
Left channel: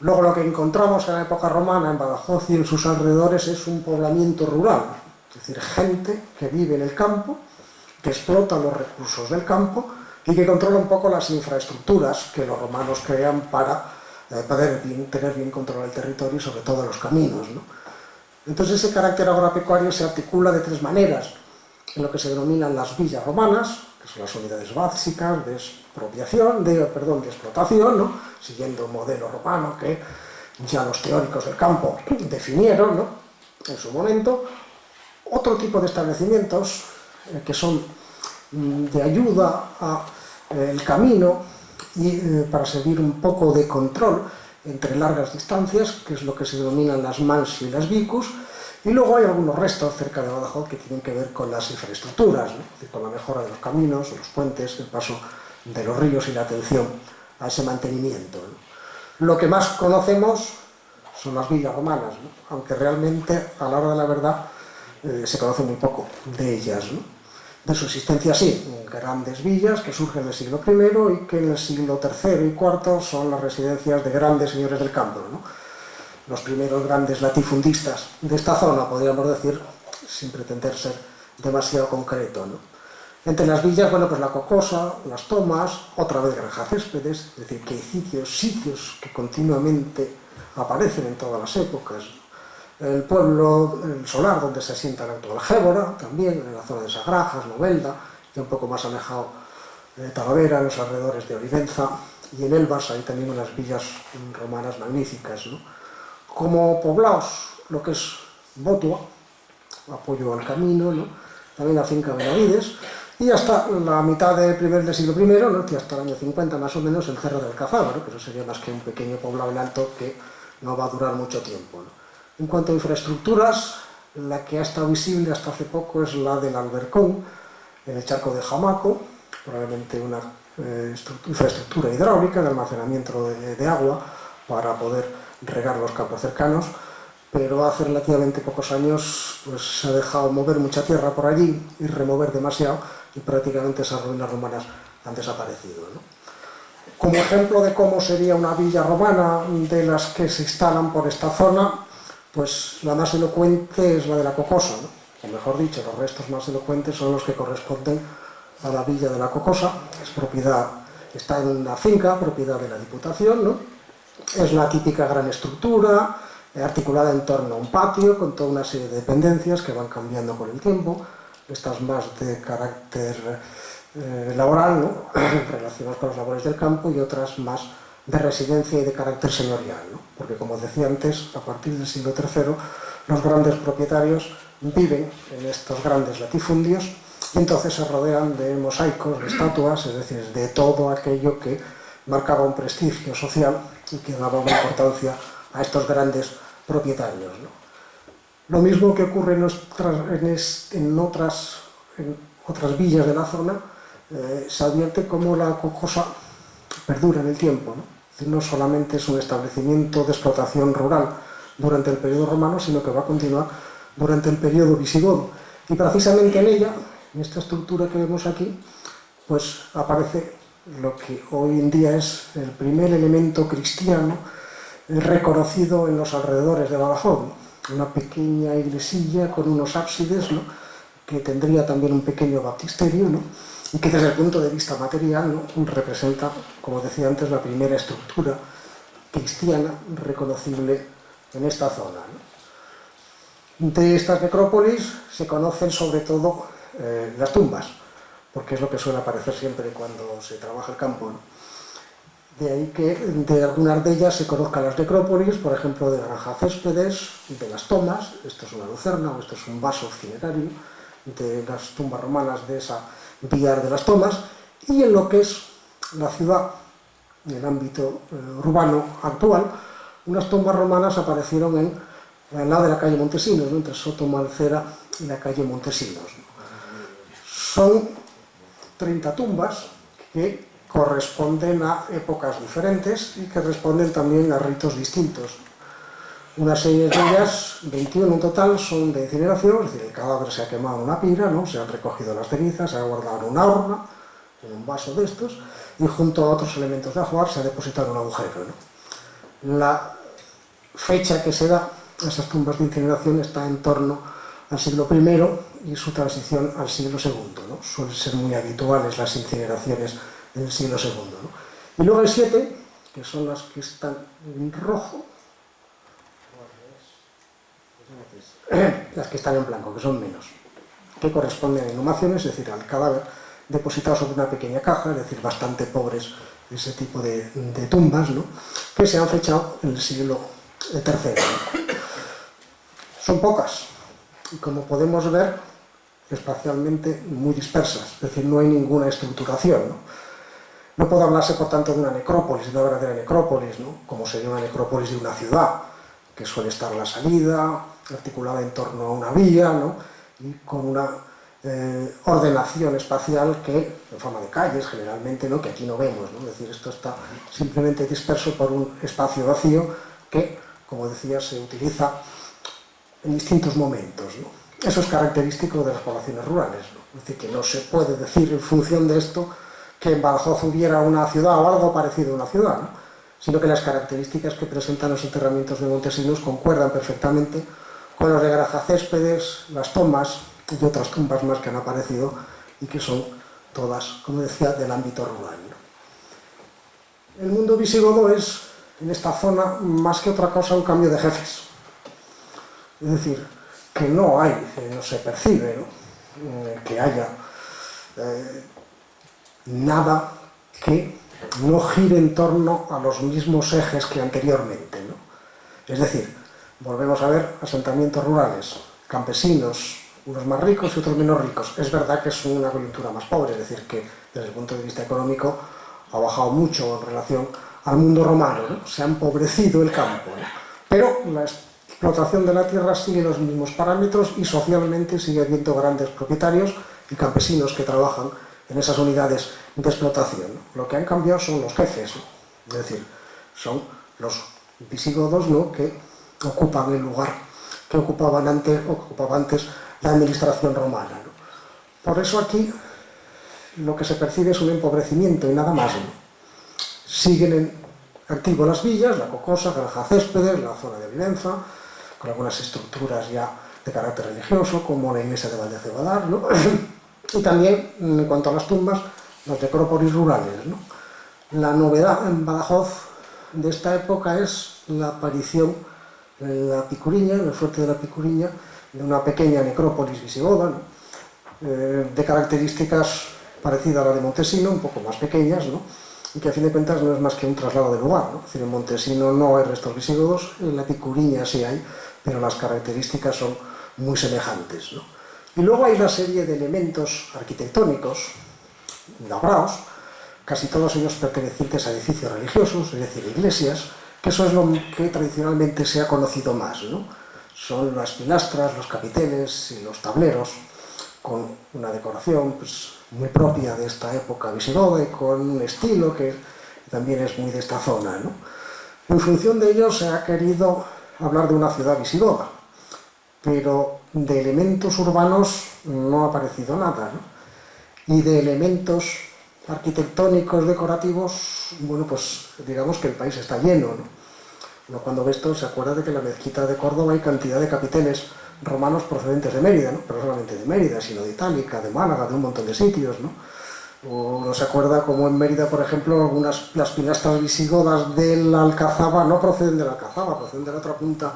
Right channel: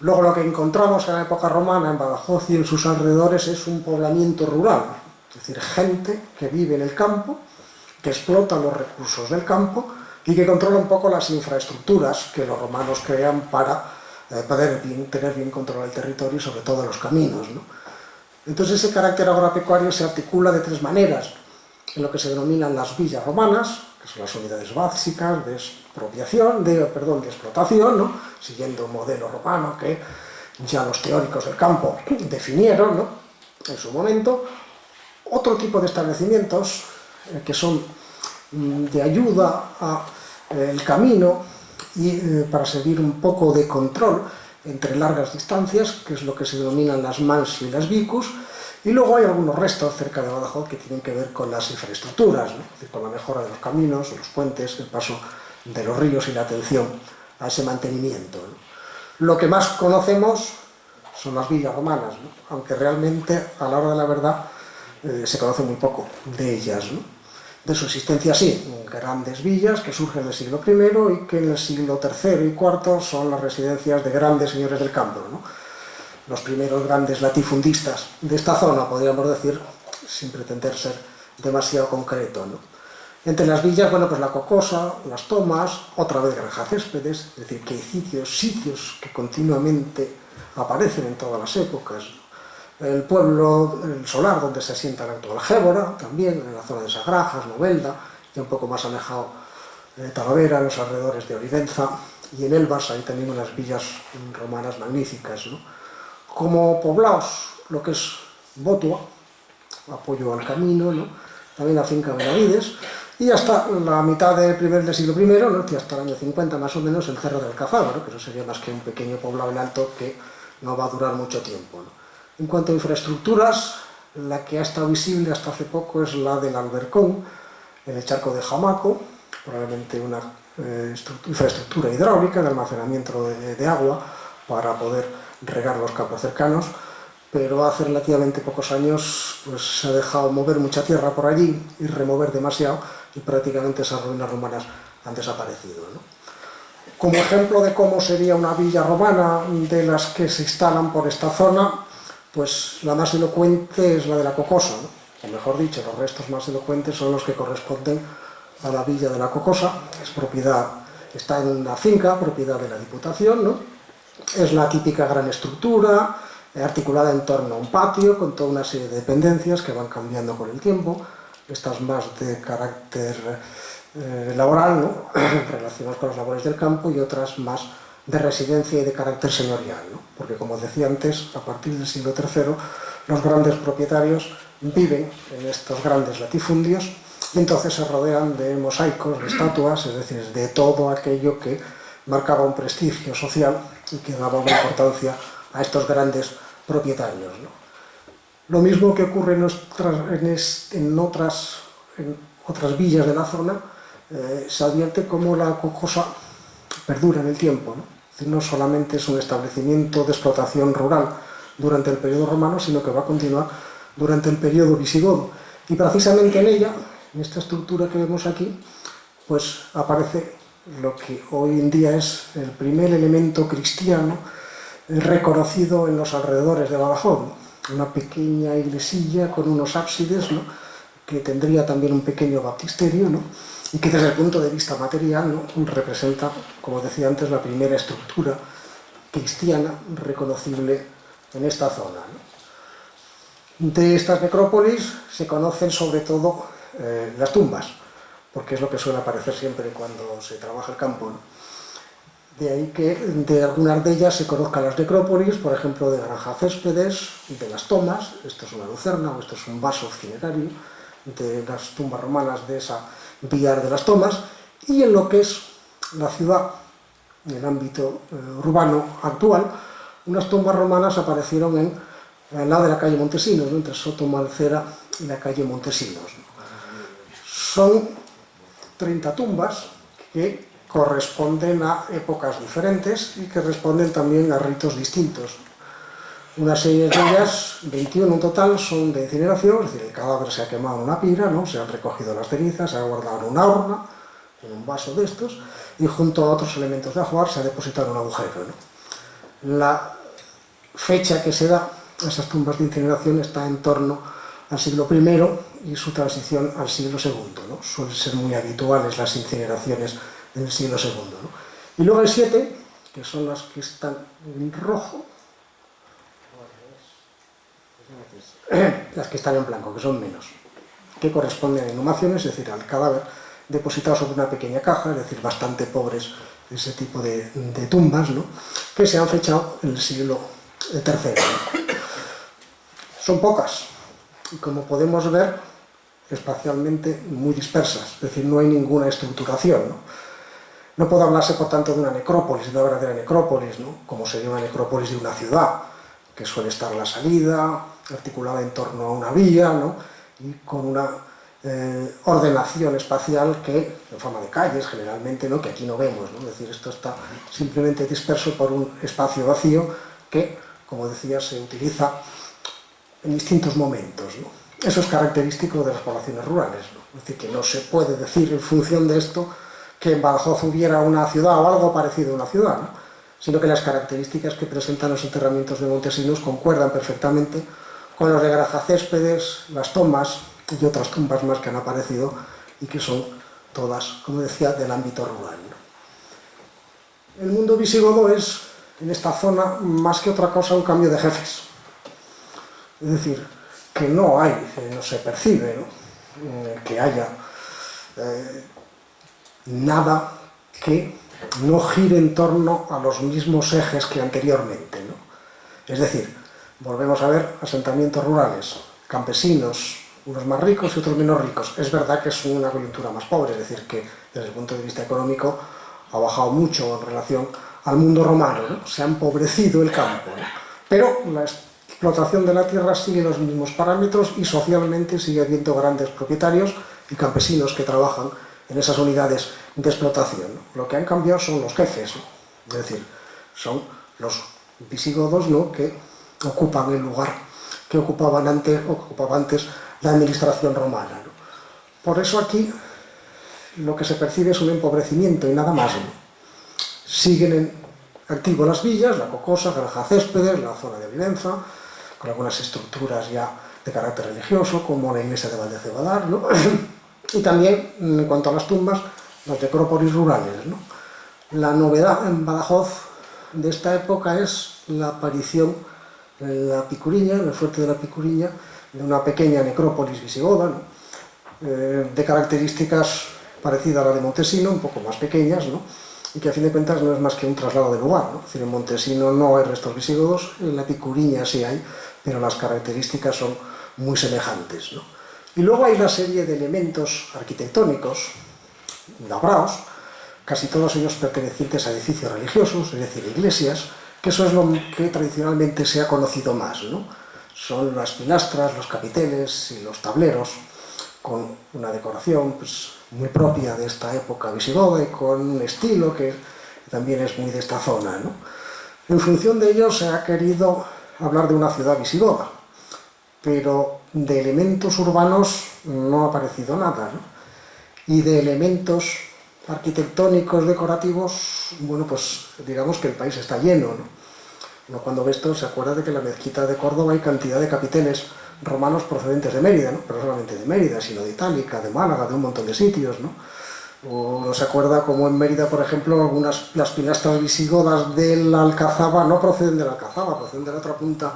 Luego lo que encontramos en la época romana en Badajoz y en sus alrededores es un poblamiento rural, es decir, gente que vive en el campo, que explota los recursos del campo y que controla un poco las infraestructuras que los romanos crean para poder tener bien controlado el territorio y sobre todo los caminos, ¿no? Entonces ese carácter agropecuario se articula de tres maneras: en lo que se denominan las villas romanas, que son las unidades básicas de expropiación, de explotación, ¿no?, siguiendo un modelo romano que ya los teóricos del campo definieron, ¿no?, en su momento. Otro tipo de establecimientos que son de ayuda al camino y para servir un poco de control entre largas distancias, que es lo que se denominan las mans y las vicus. Y luego hay algunos restos cerca de Badajoz que tienen que ver con las infraestructuras, ¿no?, es decir, con la mejora de los caminos, los puentes, el paso de los ríos y la atención a ese mantenimiento, ¿no? Lo que más conocemos son las villas romanas, ¿no?, aunque realmente a la hora de la verdad se conoce muy poco de ellas, ¿no? De su existencia sí, grandes villas que surgen en el siglo I y que en el siglo III y IV son las residencias de grandes señores del campo, ¿no?, los primeros grandes latifundistas de esta zona, podríamos decir, sin pretender ser demasiado concreto, ¿no? Entre las villas, bueno, pues la Cocosa, las Tomas, otra vez Granja Céspedes, es decir, que hay sitios que continuamente aparecen en todas las épocas, ¿no? El pueblo, el Solar, donde se asienta la actual Gébora, también en la zona de Sagrajas, Novelda, y un poco más alejado Talavera, en los alrededores de Olivenza, y en Elvas hay también unas villas romanas magníficas, ¿no? Como poblados, lo que es Botua, apoyo al camino, ¿no?, también la finca Benavides, y hasta la mitad del siglo I, ¿no?, y hasta el año 50 más o menos, el Cerro del Cazaba, ¿no?, que eso sería más que un pequeño poblado en alto que no va a durar mucho tiempo, ¿no? En cuanto a infraestructuras, la que ha estado visible hasta hace poco es la del Albercón, en el charco de Jamaco, probablemente una infraestructura hidráulica de almacenamiento de agua para poder regar los campos cercanos, pero hace relativamente pocos años pues, se ha dejado mover mucha tierra por allí y remover demasiado, y prácticamente esas ruinas romanas han desaparecido, ¿no? Como ejemplo de cómo sería una villa romana de las que se instalan por esta zona, pues la más elocuente es la de la Cocosa, ¿no? O mejor dicho, los restos más elocuentes son los que corresponden a la villa de la Cocosa, que es está en una finca, propiedad de la Diputación, ¿no? Es la típica gran estructura, articulada en torno a un patio, con toda una serie de dependencias que van cambiando con el tiempo, estas más de carácter laboral, ¿no?, relacionadas con las labores del campo, y otras más de residencia y de carácter señorial, ¿no?, porque, como decía antes, a partir del siglo III, los grandes propietarios viven en estos grandes latifundios y entonces se rodean de mosaicos, de estatuas, es decir, de todo aquello que marcaba un prestigio social y que daba una importancia a estos grandes propietarios, ¿no? Lo mismo que ocurre en otras villas de la zona, se advierte cómo la Cocosa perdura en el tiempo, ¿no? Es No solamente es un establecimiento de explotación rural durante el periodo romano, sino que va a continuar durante el periodo visigodo. Y precisamente en ella, en esta estructura que vemos aquí, pues aparece lo que hoy en día es el primer elemento cristiano reconocido en los alrededores de Badajoz, ¿no? Una pequeña iglesilla con unos ábsides, ¿no? Que tendría también un pequeño baptisterio, ¿no? Y que desde el punto de vista material, ¿no? Representa, como decía antes, la primera estructura cristiana reconocible en esta zona, ¿no? De estas necrópolis se conocen sobre todo las tumbas, porque es lo que suele aparecer siempre cuando se trabaja el campo, ¿no? De ahí que de algunas de ellas se conozcan las necrópolis, por ejemplo, de Granja Céspedes, de las Tomas, esto es una lucerna o esto es un vaso cinerario, de las tumbas romanas de esa Villar de las Tomas, y en lo que es la ciudad, en el ámbito urbano actual, unas tumbas romanas aparecieron al lado de la calle Montesinos, ¿no? Entre Soto Malcera y la calle Montesinos, ¿no? Son 30 tumbas que corresponden a épocas diferentes y que responden también a ritos distintos. Una serie de ellas, 21 en total, son de incineración, es decir, el cadáver se ha quemado en una pira, ¿no? Se han recogido las cenizas, se ha guardado en una urna, en un vaso de estos, y junto a otros elementos de ajuar se ha depositado en un agujero, ¿no? La fecha que se da a esas tumbas de incineración está en torno al siglo I y su transición al siglo II, ¿no? Suelen ser muy habituales las incineraciones en el siglo II, ¿no? Y luego hay 7, que son las que están en rojo, las que están en blanco, que son menos, que corresponden a inhumaciones, es decir, al cadáver depositado sobre una pequeña caja, es decir, bastante pobres ese tipo de tumbas, ¿no? Que se han fechado en el siglo III, ¿no? Son pocas, y como podemos ver, espacialmente muy dispersas, es decir, no hay ninguna estructuración, ¿no? No puede hablarse, por tanto, de una necrópolis, de una verdadera necrópolis, ¿no? Como sería una necrópolis de una ciudad, que suele estar a la salida, articulada en torno a una vía, ¿no? Y con una ordenación espacial que, en forma de calles generalmente, ¿no? Que aquí no vemos, ¿no? Es decir, esto está simplemente disperso por un espacio vacío que, como decía, se utiliza en distintos momentos, ¿no? Eso es característico de las poblaciones rurales, ¿no? Es decir, que no se puede decir en función de esto que en Badajoz hubiera una ciudad o algo parecido a una ciudad, ¿no? Sino que las características que presentan los enterramientos de Montesinos concuerdan perfectamente con los de Granja Céspedes, las Tomas y otras tumbas más que han aparecido y que son todas, como decía, del ámbito rural, ¿no? El mundo visigodo es, en esta zona, más que otra cosa, un cambio de jefes. Es decir, que no hay, no se percibe, ¿no? Que haya nada que no gire en torno a los mismos ejes que anteriormente, ¿no? Es decir, volvemos a ver asentamientos rurales, campesinos, unos más ricos y otros menos ricos. Es verdad que es una coyuntura más pobre, es decir, que desde el punto de vista económico ha bajado mucho en relación al mundo romano, ¿no? Se ha empobrecido el campo, ¿no? Pero la explotación de la tierra sigue los mismos parámetros y socialmente sigue habiendo grandes propietarios y campesinos que trabajan en esas unidades de explotación, ¿no? Lo que han cambiado son los jefes, ¿no? Es decir, son los visigodos, ¿no? Que ocupan el lugar que ocupaba antes la administración romana, ¿no? Por eso aquí lo que se percibe es un empobrecimiento y nada más, ¿no? Siguen en activo las villas, la Cocosa, Granja Céspedes, la zona de Olivenza, con algunas estructuras ya de carácter religioso, como la iglesia de Valdecebadar, ¿no? Y también, en cuanto a las tumbas, las necrópolis rurales, ¿no? La novedad en Badajoz de esta época es la aparición en la Picuriña, en el fuerte de la Picuriña, de una pequeña necrópolis visigoda, ¿no? De características parecidas a la de Montesino, un poco más pequeñas, ¿no? Y que a fin de cuentas no es más que un traslado de lugar, ¿no? Es decir, en Montesino no hay restos visigodos, en la Picuriña sí hay, pero las características son muy semejantes, ¿no? Y luego hay una serie de elementos arquitectónicos labrados, casi todos ellos pertenecientes a edificios religiosos, es decir, iglesias, que eso es lo que tradicionalmente se ha conocido más, ¿no? Son las pilastras, los capiteles y los tableros, con una decoración pues, muy propia de esta época visigoda y con un estilo que que también es muy de esta zona, ¿no? En función de ello se ha querido hablar de una ciudad visigoda, pero de elementos urbanos no ha aparecido nada, ¿no? Y de elementos arquitectónicos, decorativos, bueno, pues digamos que el país está lleno, ¿no? Uno cuando ve esto se acuerda de que en la mezquita de Córdoba hay cantidad de capiteles romanos procedentes de Mérida, ¿no? Pero no solamente de Mérida, sino de Itálica, de Málaga, de un montón de sitios, ¿no? Uno se acuerda como en Mérida, por ejemplo, las pilastras visigodas de la Alcazaba no proceden de la Alcazaba, proceden de la otra punta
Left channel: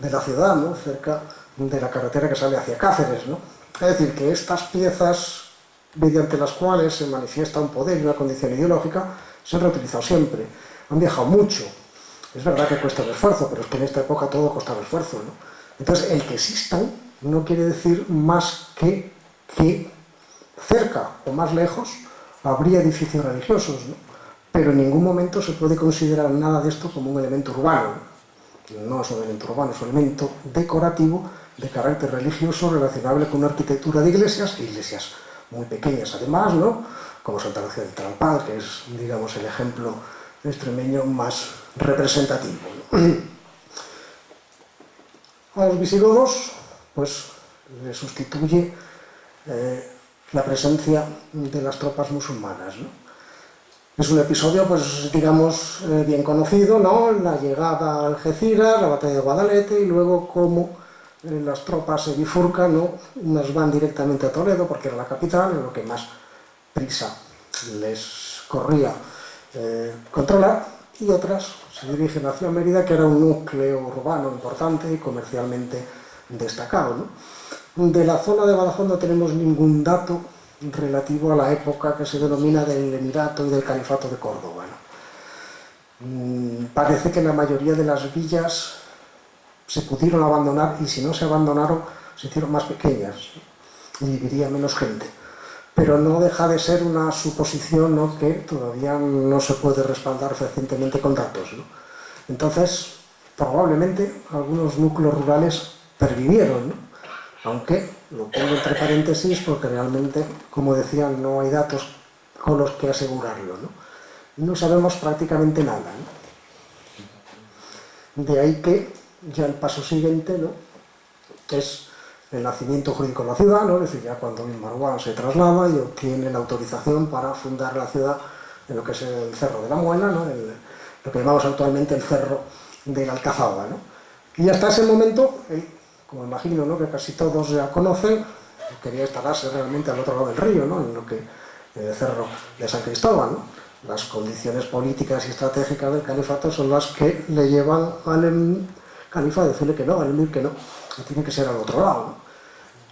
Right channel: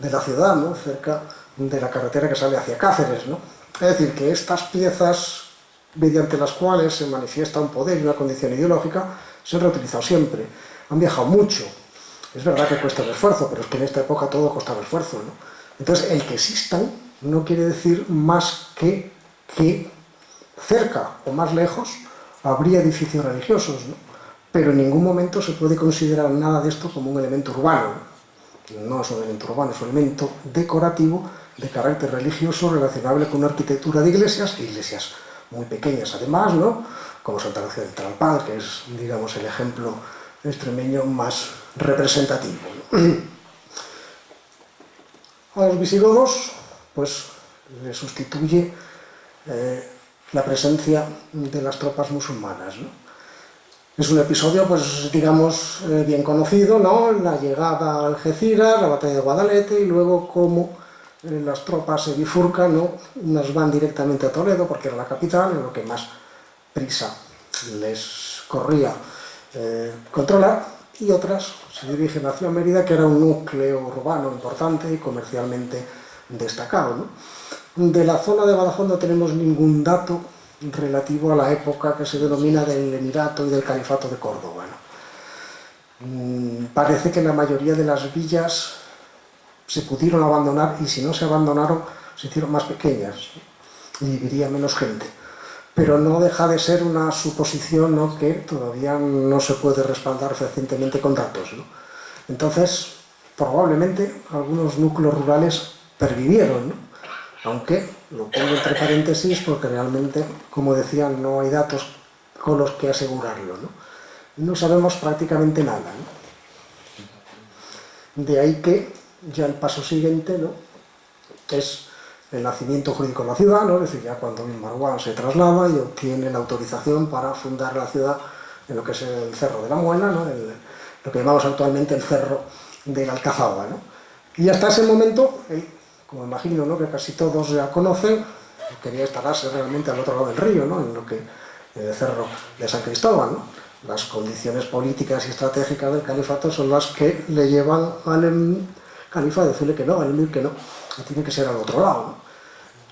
de la ciudad, ¿no? Cerca de la carretera que sale hacia Cáceres, ¿no? Es decir, que estas piezas mediante las cuales se manifiesta un poder y una condición ideológica se han reutilizado siempre, han viajado mucho. Es verdad que cuesta un esfuerzo, pero es que en esta época todo costaba esfuerzo, ¿no? Entonces, el que existan no quiere decir más que cerca o más lejos habría edificios religiosos, ¿no? Pero en ningún momento se puede considerar nada de esto como un elemento urbano. No es un elemento urbano, es un elemento decorativo de carácter religioso relacionable con una arquitectura de iglesias, iglesias muy pequeñas además, ¿no? Como Santa Lucía del Trampal, que es, digamos, el ejemplo extremeño más representativo, ¿no? A los visigodos, pues, les sustituye la presencia de las tropas musulmanas, ¿no? Es un episodio, pues, digamos, bien conocido, ¿no? La llegada a Algeciras, la batalla de Guadalete, y luego cómo las tropas se bifurcan, ¿no? Unas van directamente a Toledo, porque era la capital, en lo que más prisa les corría controlar, y otras se dirigen hacia Mérida, que era un núcleo urbano importante y comercialmente destacado, ¿no? De la zona de Badajoz no tenemos ningún dato relativo a la época que se denomina del Emirato y del Califato de Córdoba, ¿no? Parece que la mayoría de las villas se pudieron abandonar, y si no se abandonaron, se hicieron más pequeñas y viviría menos gente. Pero no deja de ser una suposición, ¿no?, que todavía no se puede respaldar fehacientemente con datos, ¿no? Entonces, probablemente algunos núcleos rurales pervivieron, ¿no? Aunque lo pongo entre paréntesis porque realmente, como decía, no hay datos con los que asegurarlo, ¿no? No sabemos prácticamente nada, ¿no? De ahí que ya el paso siguiente, ¿no?, es el nacimiento jurídico de la ciudad, ¿no? Es decir, ya cuando Marwan se traslada y obtiene la autorización para fundar la ciudad en lo que es el Cerro de la Muela, ¿no? Lo que llamamos actualmente el Cerro de la Alcazaba, ¿no? Y hasta ese momento, como imagino, ¿no?, que casi todos ya conocen, quería instalarse realmente al otro lado del río, ¿no?, en el Cerro de San Cristóbal, ¿no? Las condiciones políticas y estratégicas del califato son las que le llevan al califa a decirle que no, al emir que no, que tiene que ser al otro lado, ¿no?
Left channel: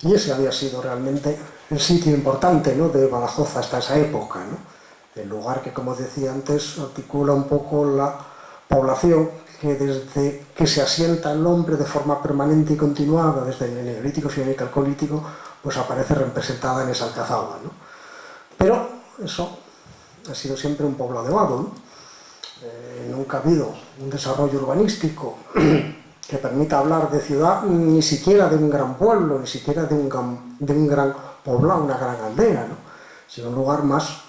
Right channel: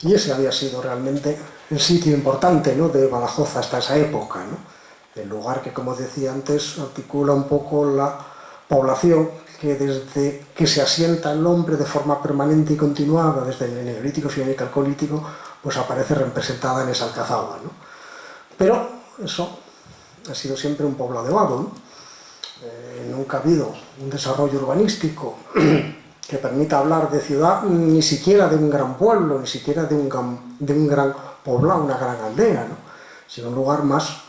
Y ese había sido realmente el sitio importante, ¿no?, de Badajoz hasta esa época, ¿no? El lugar que, como decía antes, articula un poco la población que desde que se asienta el hombre de forma permanente y continuada, desde el Neolítico, Fiónico, Calcolítico, pues aparece representada en esa Alcazaba, ¿no? Pero eso ha sido siempre un poblado de vado, ¿no? Nunca ha habido un desarrollo urbanístico que permita hablar de ciudad, ni siquiera de un gran pueblo, ni siquiera de un gran poblado, una gran aldea, ¿no?, sino un lugar más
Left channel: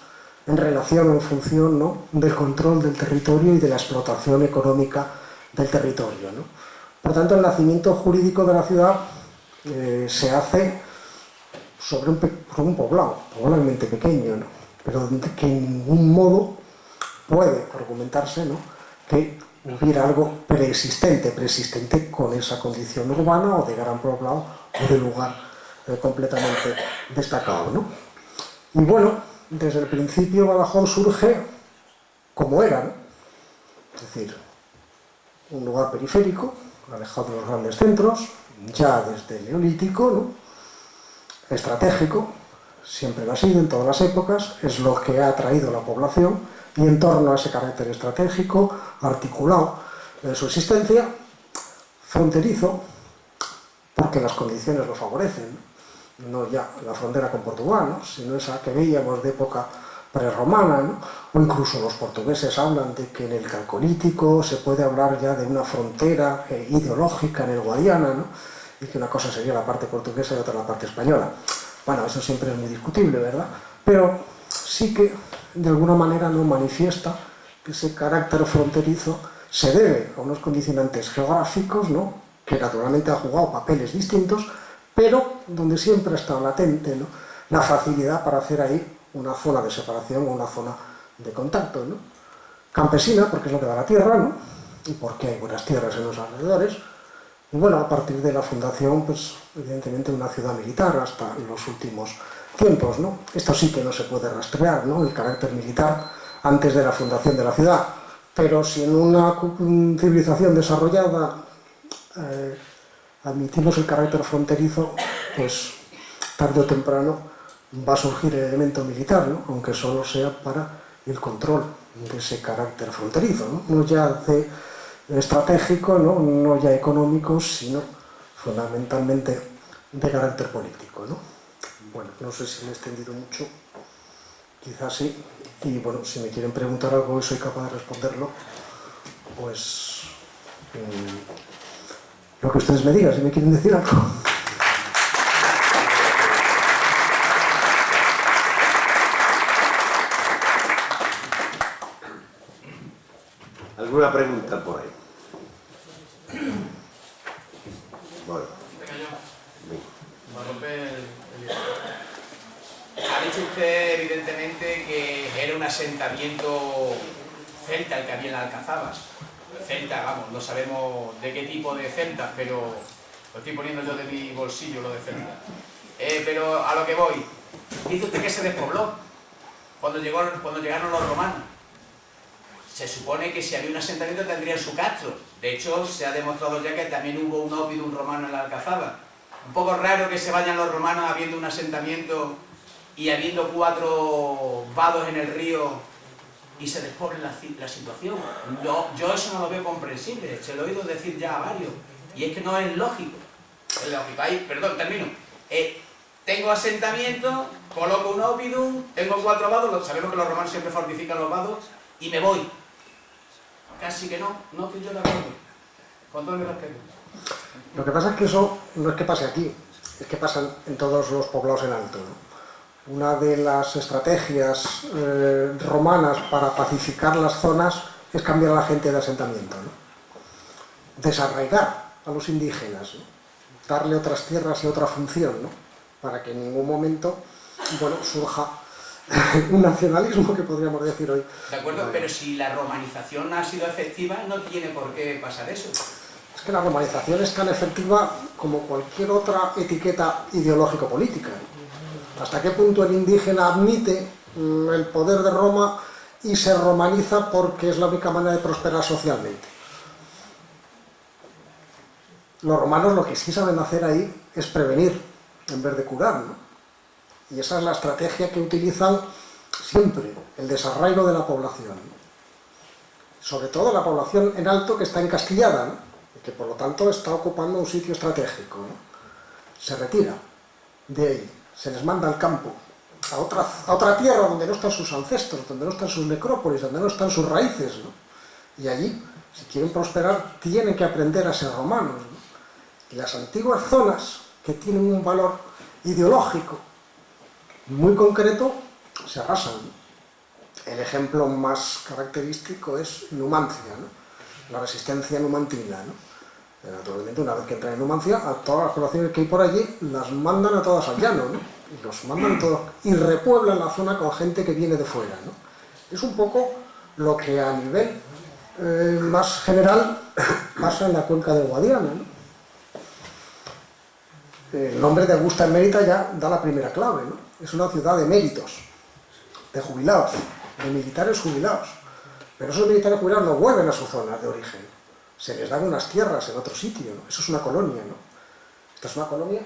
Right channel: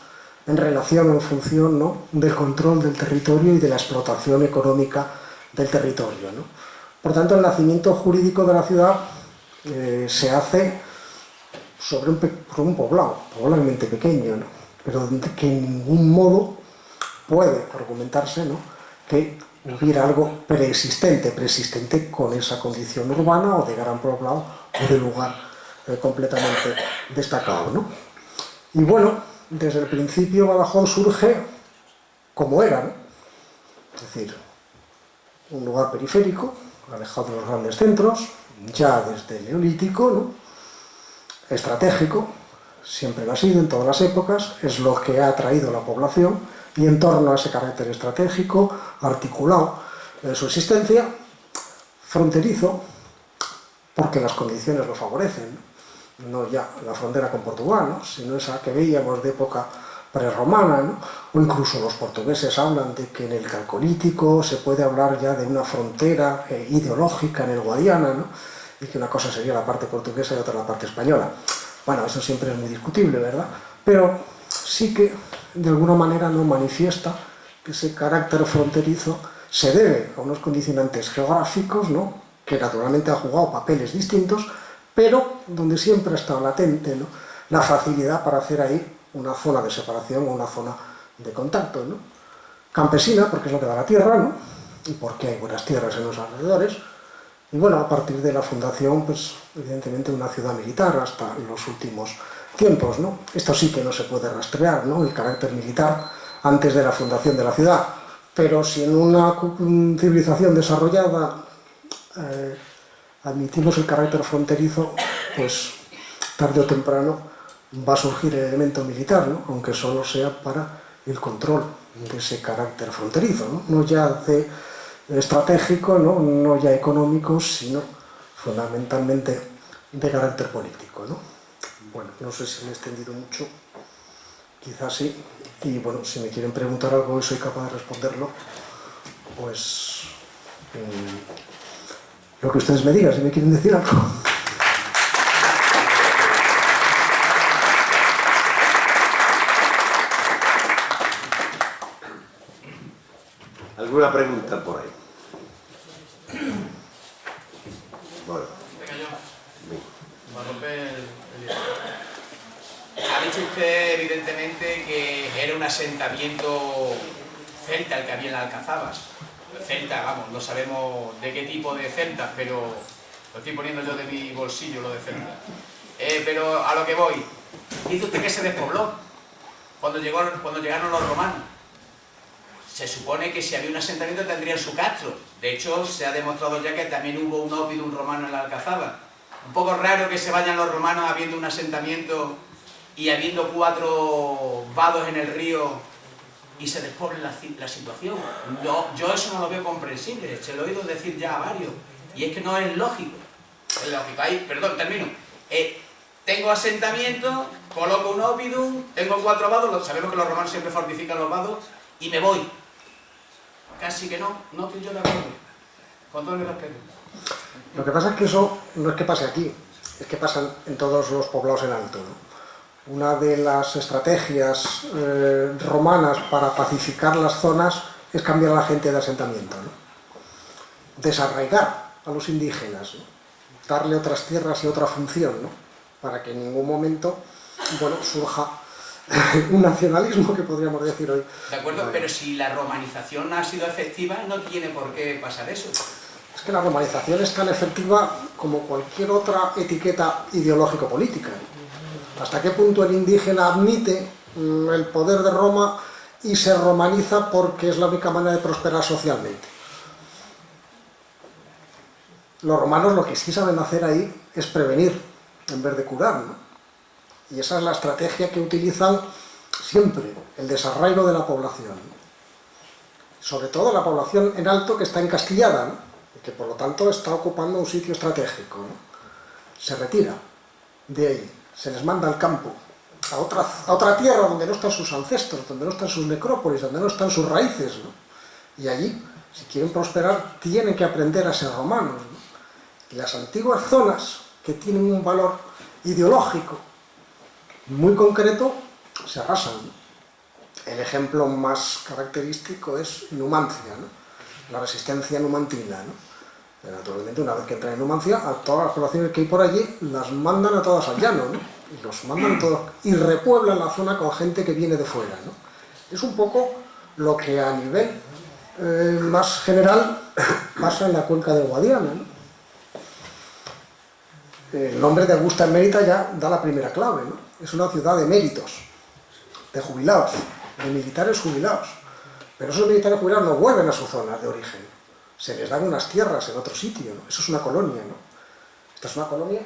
en relación o en función, ¿no?, del control del territorio y de la explotación económica del territorio, ¿no? Por tanto, el nacimiento jurídico de la ciudad se hace sobre un poblado, probablemente pequeño, ¿no?, pero que en ningún modo puede argumentarse, ¿no?, que hubiera algo preexistente con esa condición urbana o de gran poblado o de lugar completamente destacado, ¿no? Y bueno, desde el principio Badajoz surge como era, ¿no? Es decir, un lugar periférico, alejado de los grandes centros, ya desde el Neolítico, ¿no?, estratégico, siempre lo ha sido en todas las épocas, es lo que ha atraído a la población, y en torno a ese carácter estratégico, articulado su existencia, fronterizo, porque las condiciones lo favorecen, no ya la frontera con Portugal, ¿no?, sino esa que veíamos de época prerromana, ¿no?, o incluso los portugueses hablan de que en el Calcolítico se puede hablar ya de una frontera ideológica en el Guadiana, ¿no?, y que una cosa sería la parte portuguesa y otra la parte española. Bueno, eso siempre es muy discutible, ¿verdad? Pero sí que de alguna manera no manifiesta ese carácter fronterizo se debe a unos condicionantes geográficos, ¿no?, que naturalmente han jugado papeles distintos, pero donde siempre ha estado latente, ¿no?, la facilidad para hacer ahí una zona de separación o una zona de contacto, ¿no?, campesina, porque es lo que da la tierra, ¿no?, y porque hay buenas tierras en los alrededores. Y bueno, a partir de la fundación, pues evidentemente una ciudad militar hasta los últimos tiempos, ¿no? Esto sí que no se puede rastrear, ¿no?, el carácter militar antes de la fundación de la ciudad. Pero si en una civilización desarrollada admitimos el carácter fronterizo, pues tarde o temprano va a surgir el elemento militar, ¿no?, aunque solo sea para el control de ese carácter fronterizo, ¿no?, no ya de estratégico, no ya económico, sino fundamentalmente de carácter político, ¿no? Bueno, no sé si me he extendido mucho, quizás sí, y bueno, si me quieren preguntar algo y soy capaz de responderlo, pues lo que ustedes me digan, si me quieren decir algo. ¿Alguna pregunta por ahí? Bueno. Venga yo. Bien. Para romper Ha dicho usted evidentemente que era un asentamiento celta el que había en las Alcazabas. Celta, vamos, no sabemos de qué tipo de celtas, pero lo estoy poniendo yo de mi bolsillo, lo de celta. Pero a lo que voy, dice usted que se despobló cuando llegaron los romanos. Se supone que si había un asentamiento tendrían su castro. De hecho, se ha demostrado ya que también hubo un oppidum romano en la Alcazaba. Un poco raro que se vayan los romanos habiendo un asentamiento y habiendo 4 vados en el río y se despoble la situación. No, yo eso no lo veo comprensible, se lo he oído decir ya a varios. Y es que no es lógico. Es lógico. Ahí, perdón, termino. Tengo asentamiento, coloco un oppidum, tengo 4 vados, sabemos que los romanos siempre fortifican los vados, y me voy. Casi que no estoy yo de acuerdo. Con todo mi respeto. Lo que pasa es que eso no es que pase aquí, es que pasa en todos los poblados en alto, ¿no? Una de las estrategias romanas para pacificar las zonas es cambiar a la gente de asentamiento, ¿no? Desarraigar a los indígenas, ¿no? Darle otras tierras y otra función, ¿no?, para que en ningún momento, bueno, surja un nacionalismo que podríamos decir hoy. De acuerdo, pero si la romanización ha sido efectiva, no tiene por qué pasar eso. Es que la romanización es tan efectiva como cualquier otra etiqueta ideológico-política. ¿Hasta qué punto el indígena admite el poder de Roma y se romaniza porque es la única manera de prosperar socialmente? Los romanos lo que sí saben hacer ahí es prevenir en vez de curar, ¿no? Y esa es la estrategia que utilizan siempre, el desarraigo de la población. Sobre todo la población en alto que está encastillada, ¿no?, y que por lo tanto está ocupando un sitio estratégico, ¿no? Se retira de ahí, se les manda al campo, a otra tierra donde no están sus ancestros, donde no están sus necrópolis, donde no están sus raíces, ¿no? Y allí, si quieren prosperar, tienen que aprender a ser romanos, ¿no? Y las antiguas zonas que tienen un valor ideológico muy concreto se arrasan. El ejemplo más característico es Numancia, ¿no?, la resistencia numantina, ¿no? Naturalmente, una vez que entran en Numancia, a todas las poblaciones que hay por allí las mandan a todas al llano, ¿no?, y los mandan todos y repueblan la zona con gente que viene de fuera, ¿no? Es un poco lo que a nivel más general pasa en la cuenca del Guadiana, ¿no? El nombre de Augusta Emérita ya da la primera clave, ¿no? Es una ciudad de méritos, de jubilados, de militares jubilados. Pero esos militares jubilados no vuelven a su zona de origen. Se les dan unas tierras en otro sitio, ¿no? Eso es una colonia, ¿no? Esta es una colonia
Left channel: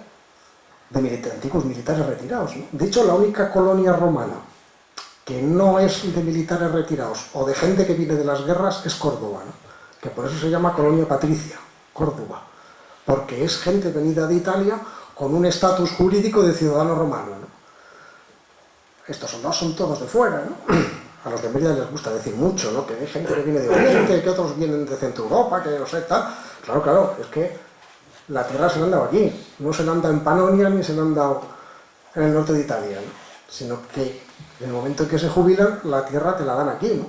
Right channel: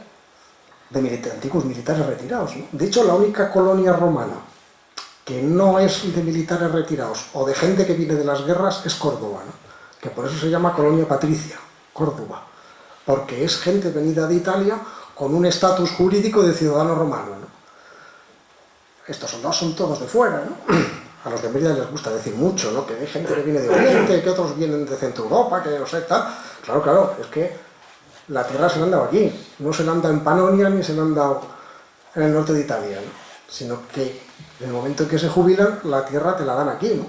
de antiguos militares retirados, ¿no? De hecho, la única colonia romana que no es de militares retirados o de gente que viene de las guerras es Córdoba, ¿no?, que por eso se llama colonia patricia, Córdoba, porque es gente venida de Italia con un estatus jurídico de ciudadano romano, ¿no? Estos soldados son todos de fuera, ¿no? A los de Mérida les gusta decir mucho, ¿no?, que hay gente que viene de Oriente, que otros vienen de Centro Europa, que no sé, tal. Claro, es que la tierra se la han dado aquí, no se la han dado en Panonia ni se la han dado en el norte de Italia, ¿no?, sino que en el momento en que se jubilan, la tierra te la dan aquí, ¿no?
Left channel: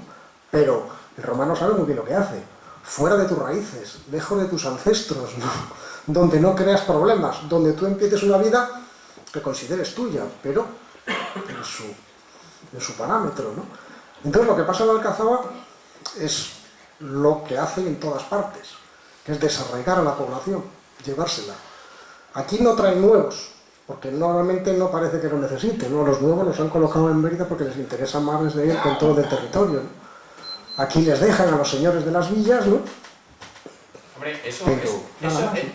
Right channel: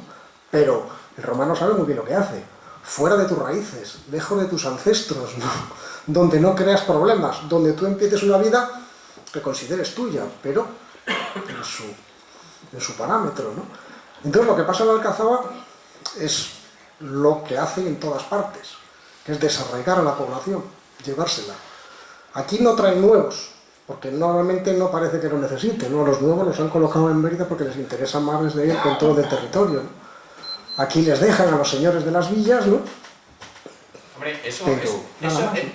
Pero El romano sabe muy bien lo que hace. Fuera de tus raíces, lejos de tus ancestros, ¿no? Donde no creas problemas, donde tú empieces una vida que consideres tuya, pero en su parámetro, ¿no? Entonces lo que pasa en la Alcazaba es lo que hace en todas partes, que es desarraigar a la población, llevársela. Aquí no traen nuevos, porque normalmente no parece que lo necesiten, ¿no? Los nuevos los han colocado en Mérida porque les interesa más desde el control del territorio, ¿no? Aquí les dejan a los señores de las villas, ¿no? Hombre, eso Pero,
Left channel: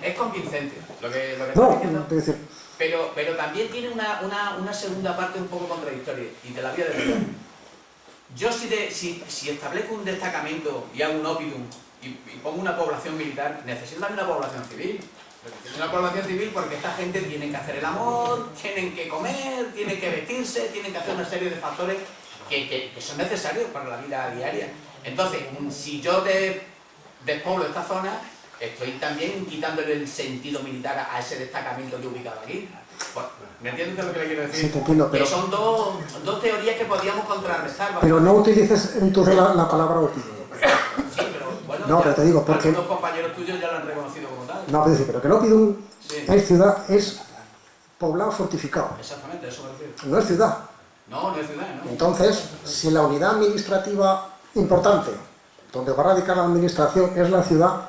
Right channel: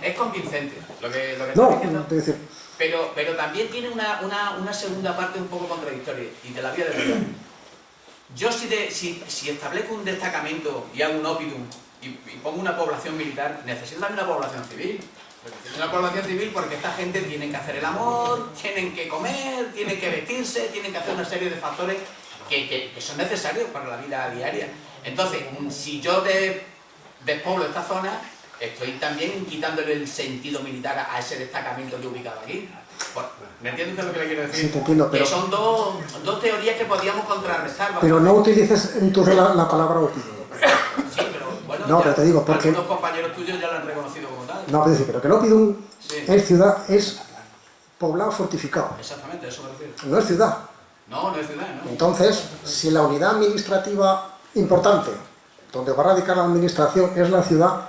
es convincente, lo que estás no, diciendo. es decir, Pero también tiene una segunda parte un poco contradictoria, y te la voy a decir. Yo si establezco un destacamento y hago un ópidum y pongo una población militar, necesito también una población civil. Necesito una población civil porque esta gente tiene que hacer el amor, tienen que comer, tienen que vestirse, tienen que hacer una serie de factores que son necesarios para la vida diaria. Entonces, si yo despoblo esta zona, estoy también quitándole el sentido militar a ese destacamento que he ubicado aquí. Bueno, ¿me entiendes lo que le quiero decir? Sí, te entiendo, pero... Que son dos teorías que podríamos contrarrestar. Pero no utilices entonces la palabra ópidum. Sí, pero bueno, no, pero te digo, porque... algunos compañeros tuyos ya lo han reconocido como tal. No, pero que el ópidum Sí. es ciudad, es poblado fortificado. Exactamente, eso me refiero. No es ciudad. No es ciudad, ¿no? Entonces, si la unidad administrativa importante, donde va a radicar la administración, es la ciudad,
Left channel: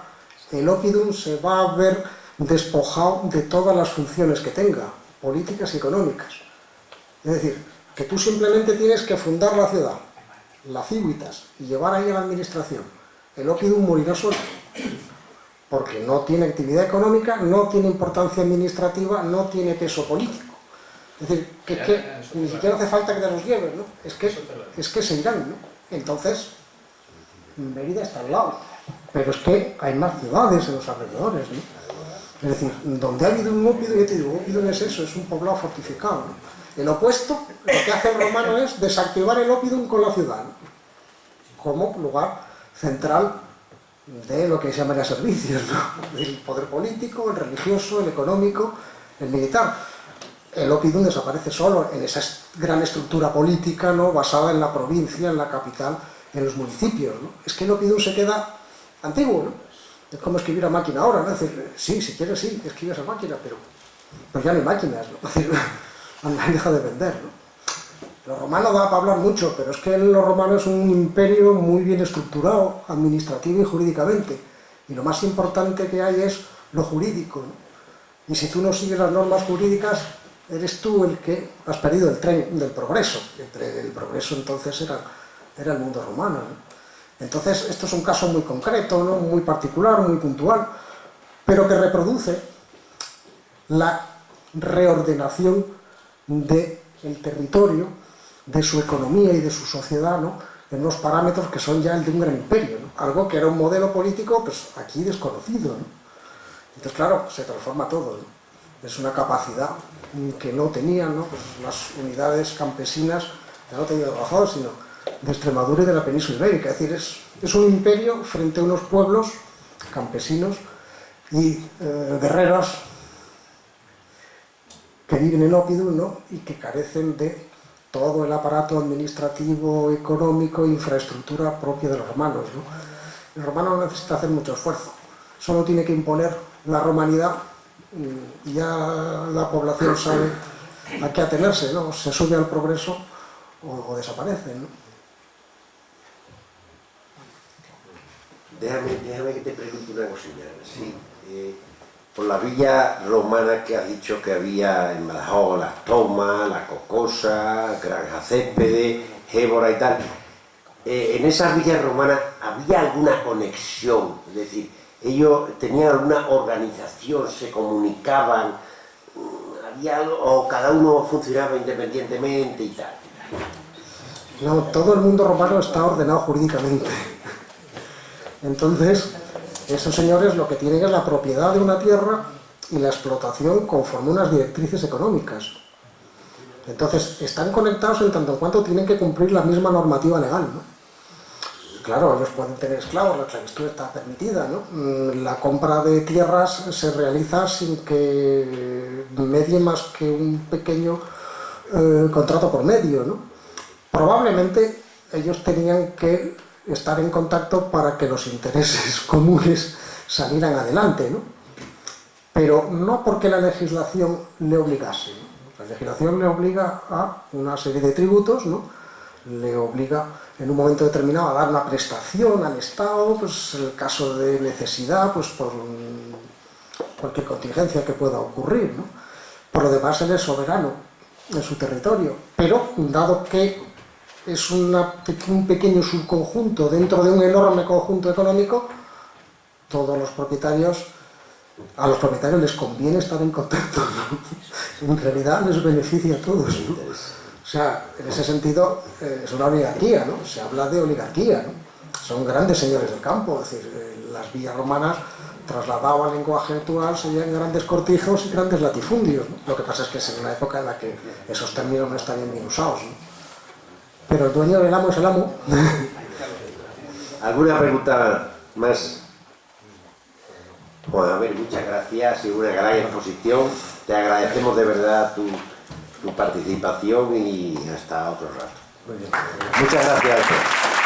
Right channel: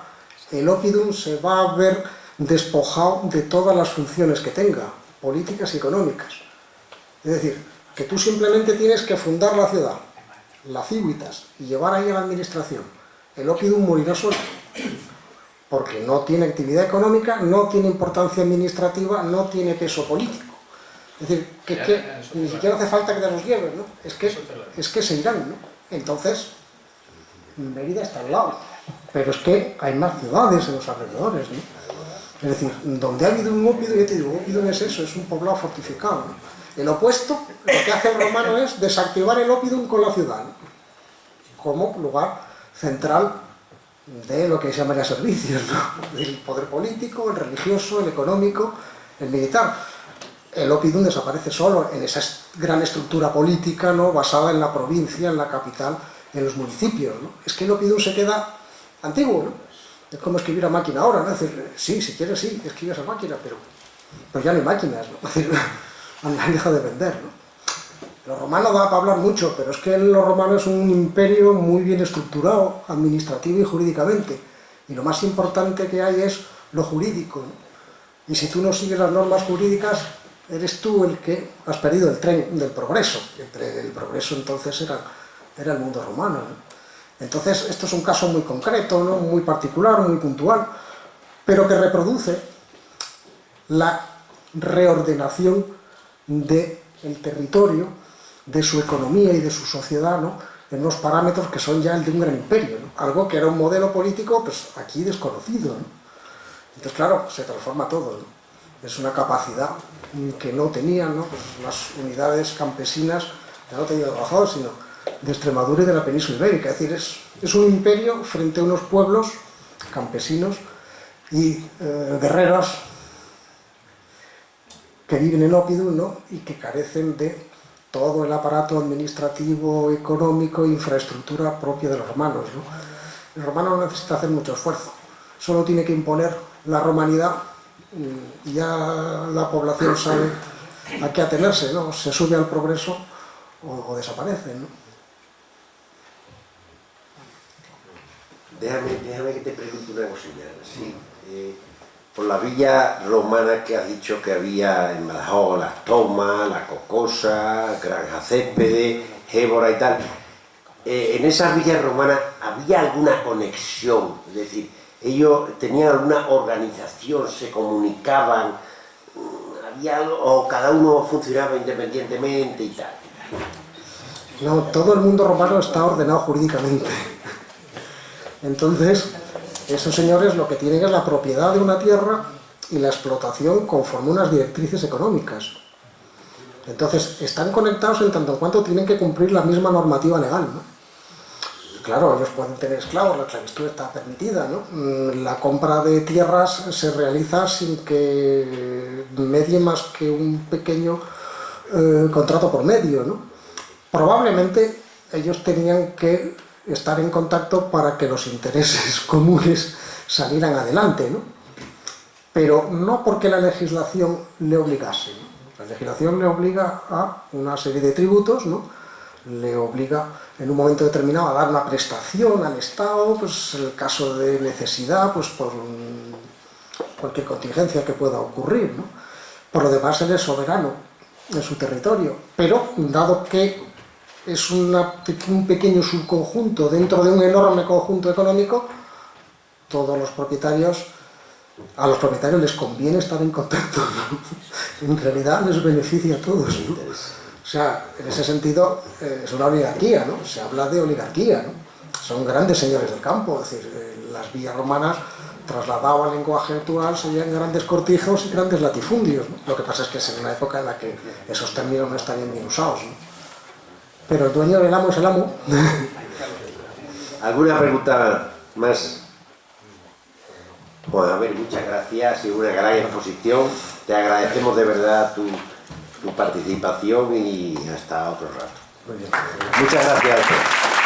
el ópidum se va a ver despojado de todas las funciones que tenga, políticas y económicas. Es decir, que tú simplemente tienes que fundar la ciudad, la civitas, y llevar ahí a la administración. El ópidum morirá solo, porque no tiene actividad económica, no tiene importancia administrativa, no tiene peso político. Es decir, que ni siquiera hace falta que te los lleves, ¿no? Es que se irán, ¿no? Entonces, Mérida está al lado, pero es que hay más ciudades en los alrededores, ¿no? Es decir, donde ha habido un ópidum, yo te digo, ópidum es eso, es un poblado fortificado, ¿no? El opuesto, lo que hace el romano es desactivar el ópidum con la ciudad, ¿no? Como lugar central de lo que se llamaría servicios, ¿no? El poder político, el religioso, el económico, el militar. El ópidum desaparece solo en esa gran estructura política, ¿no? Basada en la provincia, en la capital, en los municipios, ¿no? Es que el ópidum se queda antiguo, ¿no? Es como escribir a máquina ahora, ¿no? Es decir, sí, si quieres, sí, escribes a máquina, pero ya no hay máquinas, ¿no? Es decir, han dejado de vender, ¿no? Lo romano da para hablar mucho, pero es que lo romano es un imperio muy bien estructurado, administrativo y jurídicamente. Y lo más importante que hay es lo jurídico, ¿no? Y si tú no sigues las normas jurídicas, eres tú el que has perdido el tren del progreso. El progreso entonces era el mundo romano, ¿no? Entonces, esto es un caso muy concreto, ¿no? Muy particular, muy puntual, pero que reproduce la reordenación del territorio, de su economía y de su sociedad, ¿no? En unos parámetros que son ya el de un gran imperio, ¿no? Algo que era un modelo político, pues aquí desconocido, ¿no? Entonces, claro, se transforma todo, ¿no? Es una capacidad que no tenían, ¿no? Pues las unidades campesinas, ya no te digo de Badajoz, sino de Extremadura y de la península ibérica. Es decir, es un imperio frente a unos pueblos campesinos y guerreros que viven en ópidum, ¿no? Y que carecen de todo el aparato administrativo, económico e infraestructura propia de los romanos, ¿no? El romano no necesita hacer mucho esfuerzo, solo tiene que imponer la romanidad y ya la población sabe a qué atenerse, ¿no? Se sube al progreso o desaparece, ¿no? Déjame que te pregunte una cosilla. Sí, por la villa romana que has dicho que había en Badajoz, Las Tomas, La Cocosa, Granja Céspedes, Gébora y tal, en esas villas romanas había alguna conexión, es decir, ellos tenían alguna organización, se comunicaban, había algo, o cada uno funcionaba independientemente y tal. No, todo el mundo romano está ordenado jurídicamente. Entonces, esos señores lo que tienen es la propiedad de una tierra y la explotación conforme unas directrices económicas. Entonces, están conectados en tanto en cuanto tienen que cumplir la misma normativa legal, ¿no? Claro, ellos pueden tener esclavos, la esclavitud está permitida, ¿no? La compra de tierras se realiza sin que medie más que un pequeño contrato por medio, ¿no? Probablemente ellos tenían que estar en contacto para que los intereses comunes salieran adelante, ¿no? Pero no porque la legislación le obligase, ¿no? La legislación le obliga a una serie de tributos, ¿no? Le obliga en un momento determinado a dar una prestación al Estado, pues en el caso de necesidad, pues por cualquier contingencia que pueda ocurrir, ¿no? Por lo demás, él es soberano en su territorio, pero dado que es un pequeño subconjunto dentro de un enorme conjunto económico, todos los propietarios, a los propietarios les conviene estar en contacto, ¿no? En realidad les beneficia a todos, ¿no? O sea, en ese sentido es una oligarquía, ¿no? Se habla de oligarquía, ¿no? Son grandes señores del campo, es decir, las villas romanas, trasladado al lenguaje actual, serían grandes cortijos y grandes latifundios, ¿no? Lo que pasa es que es en una época en la que esos términos no estarían bien usados, ¿no? Pero el dueño del amo es el amo. ¿Alguna pregunta más? Bueno, a ver, muchas gracias, ha sido una gran exposición. Te agradecemos de verdad tu participación y hasta otro rato. Muy bien. Muchas gracias a todos.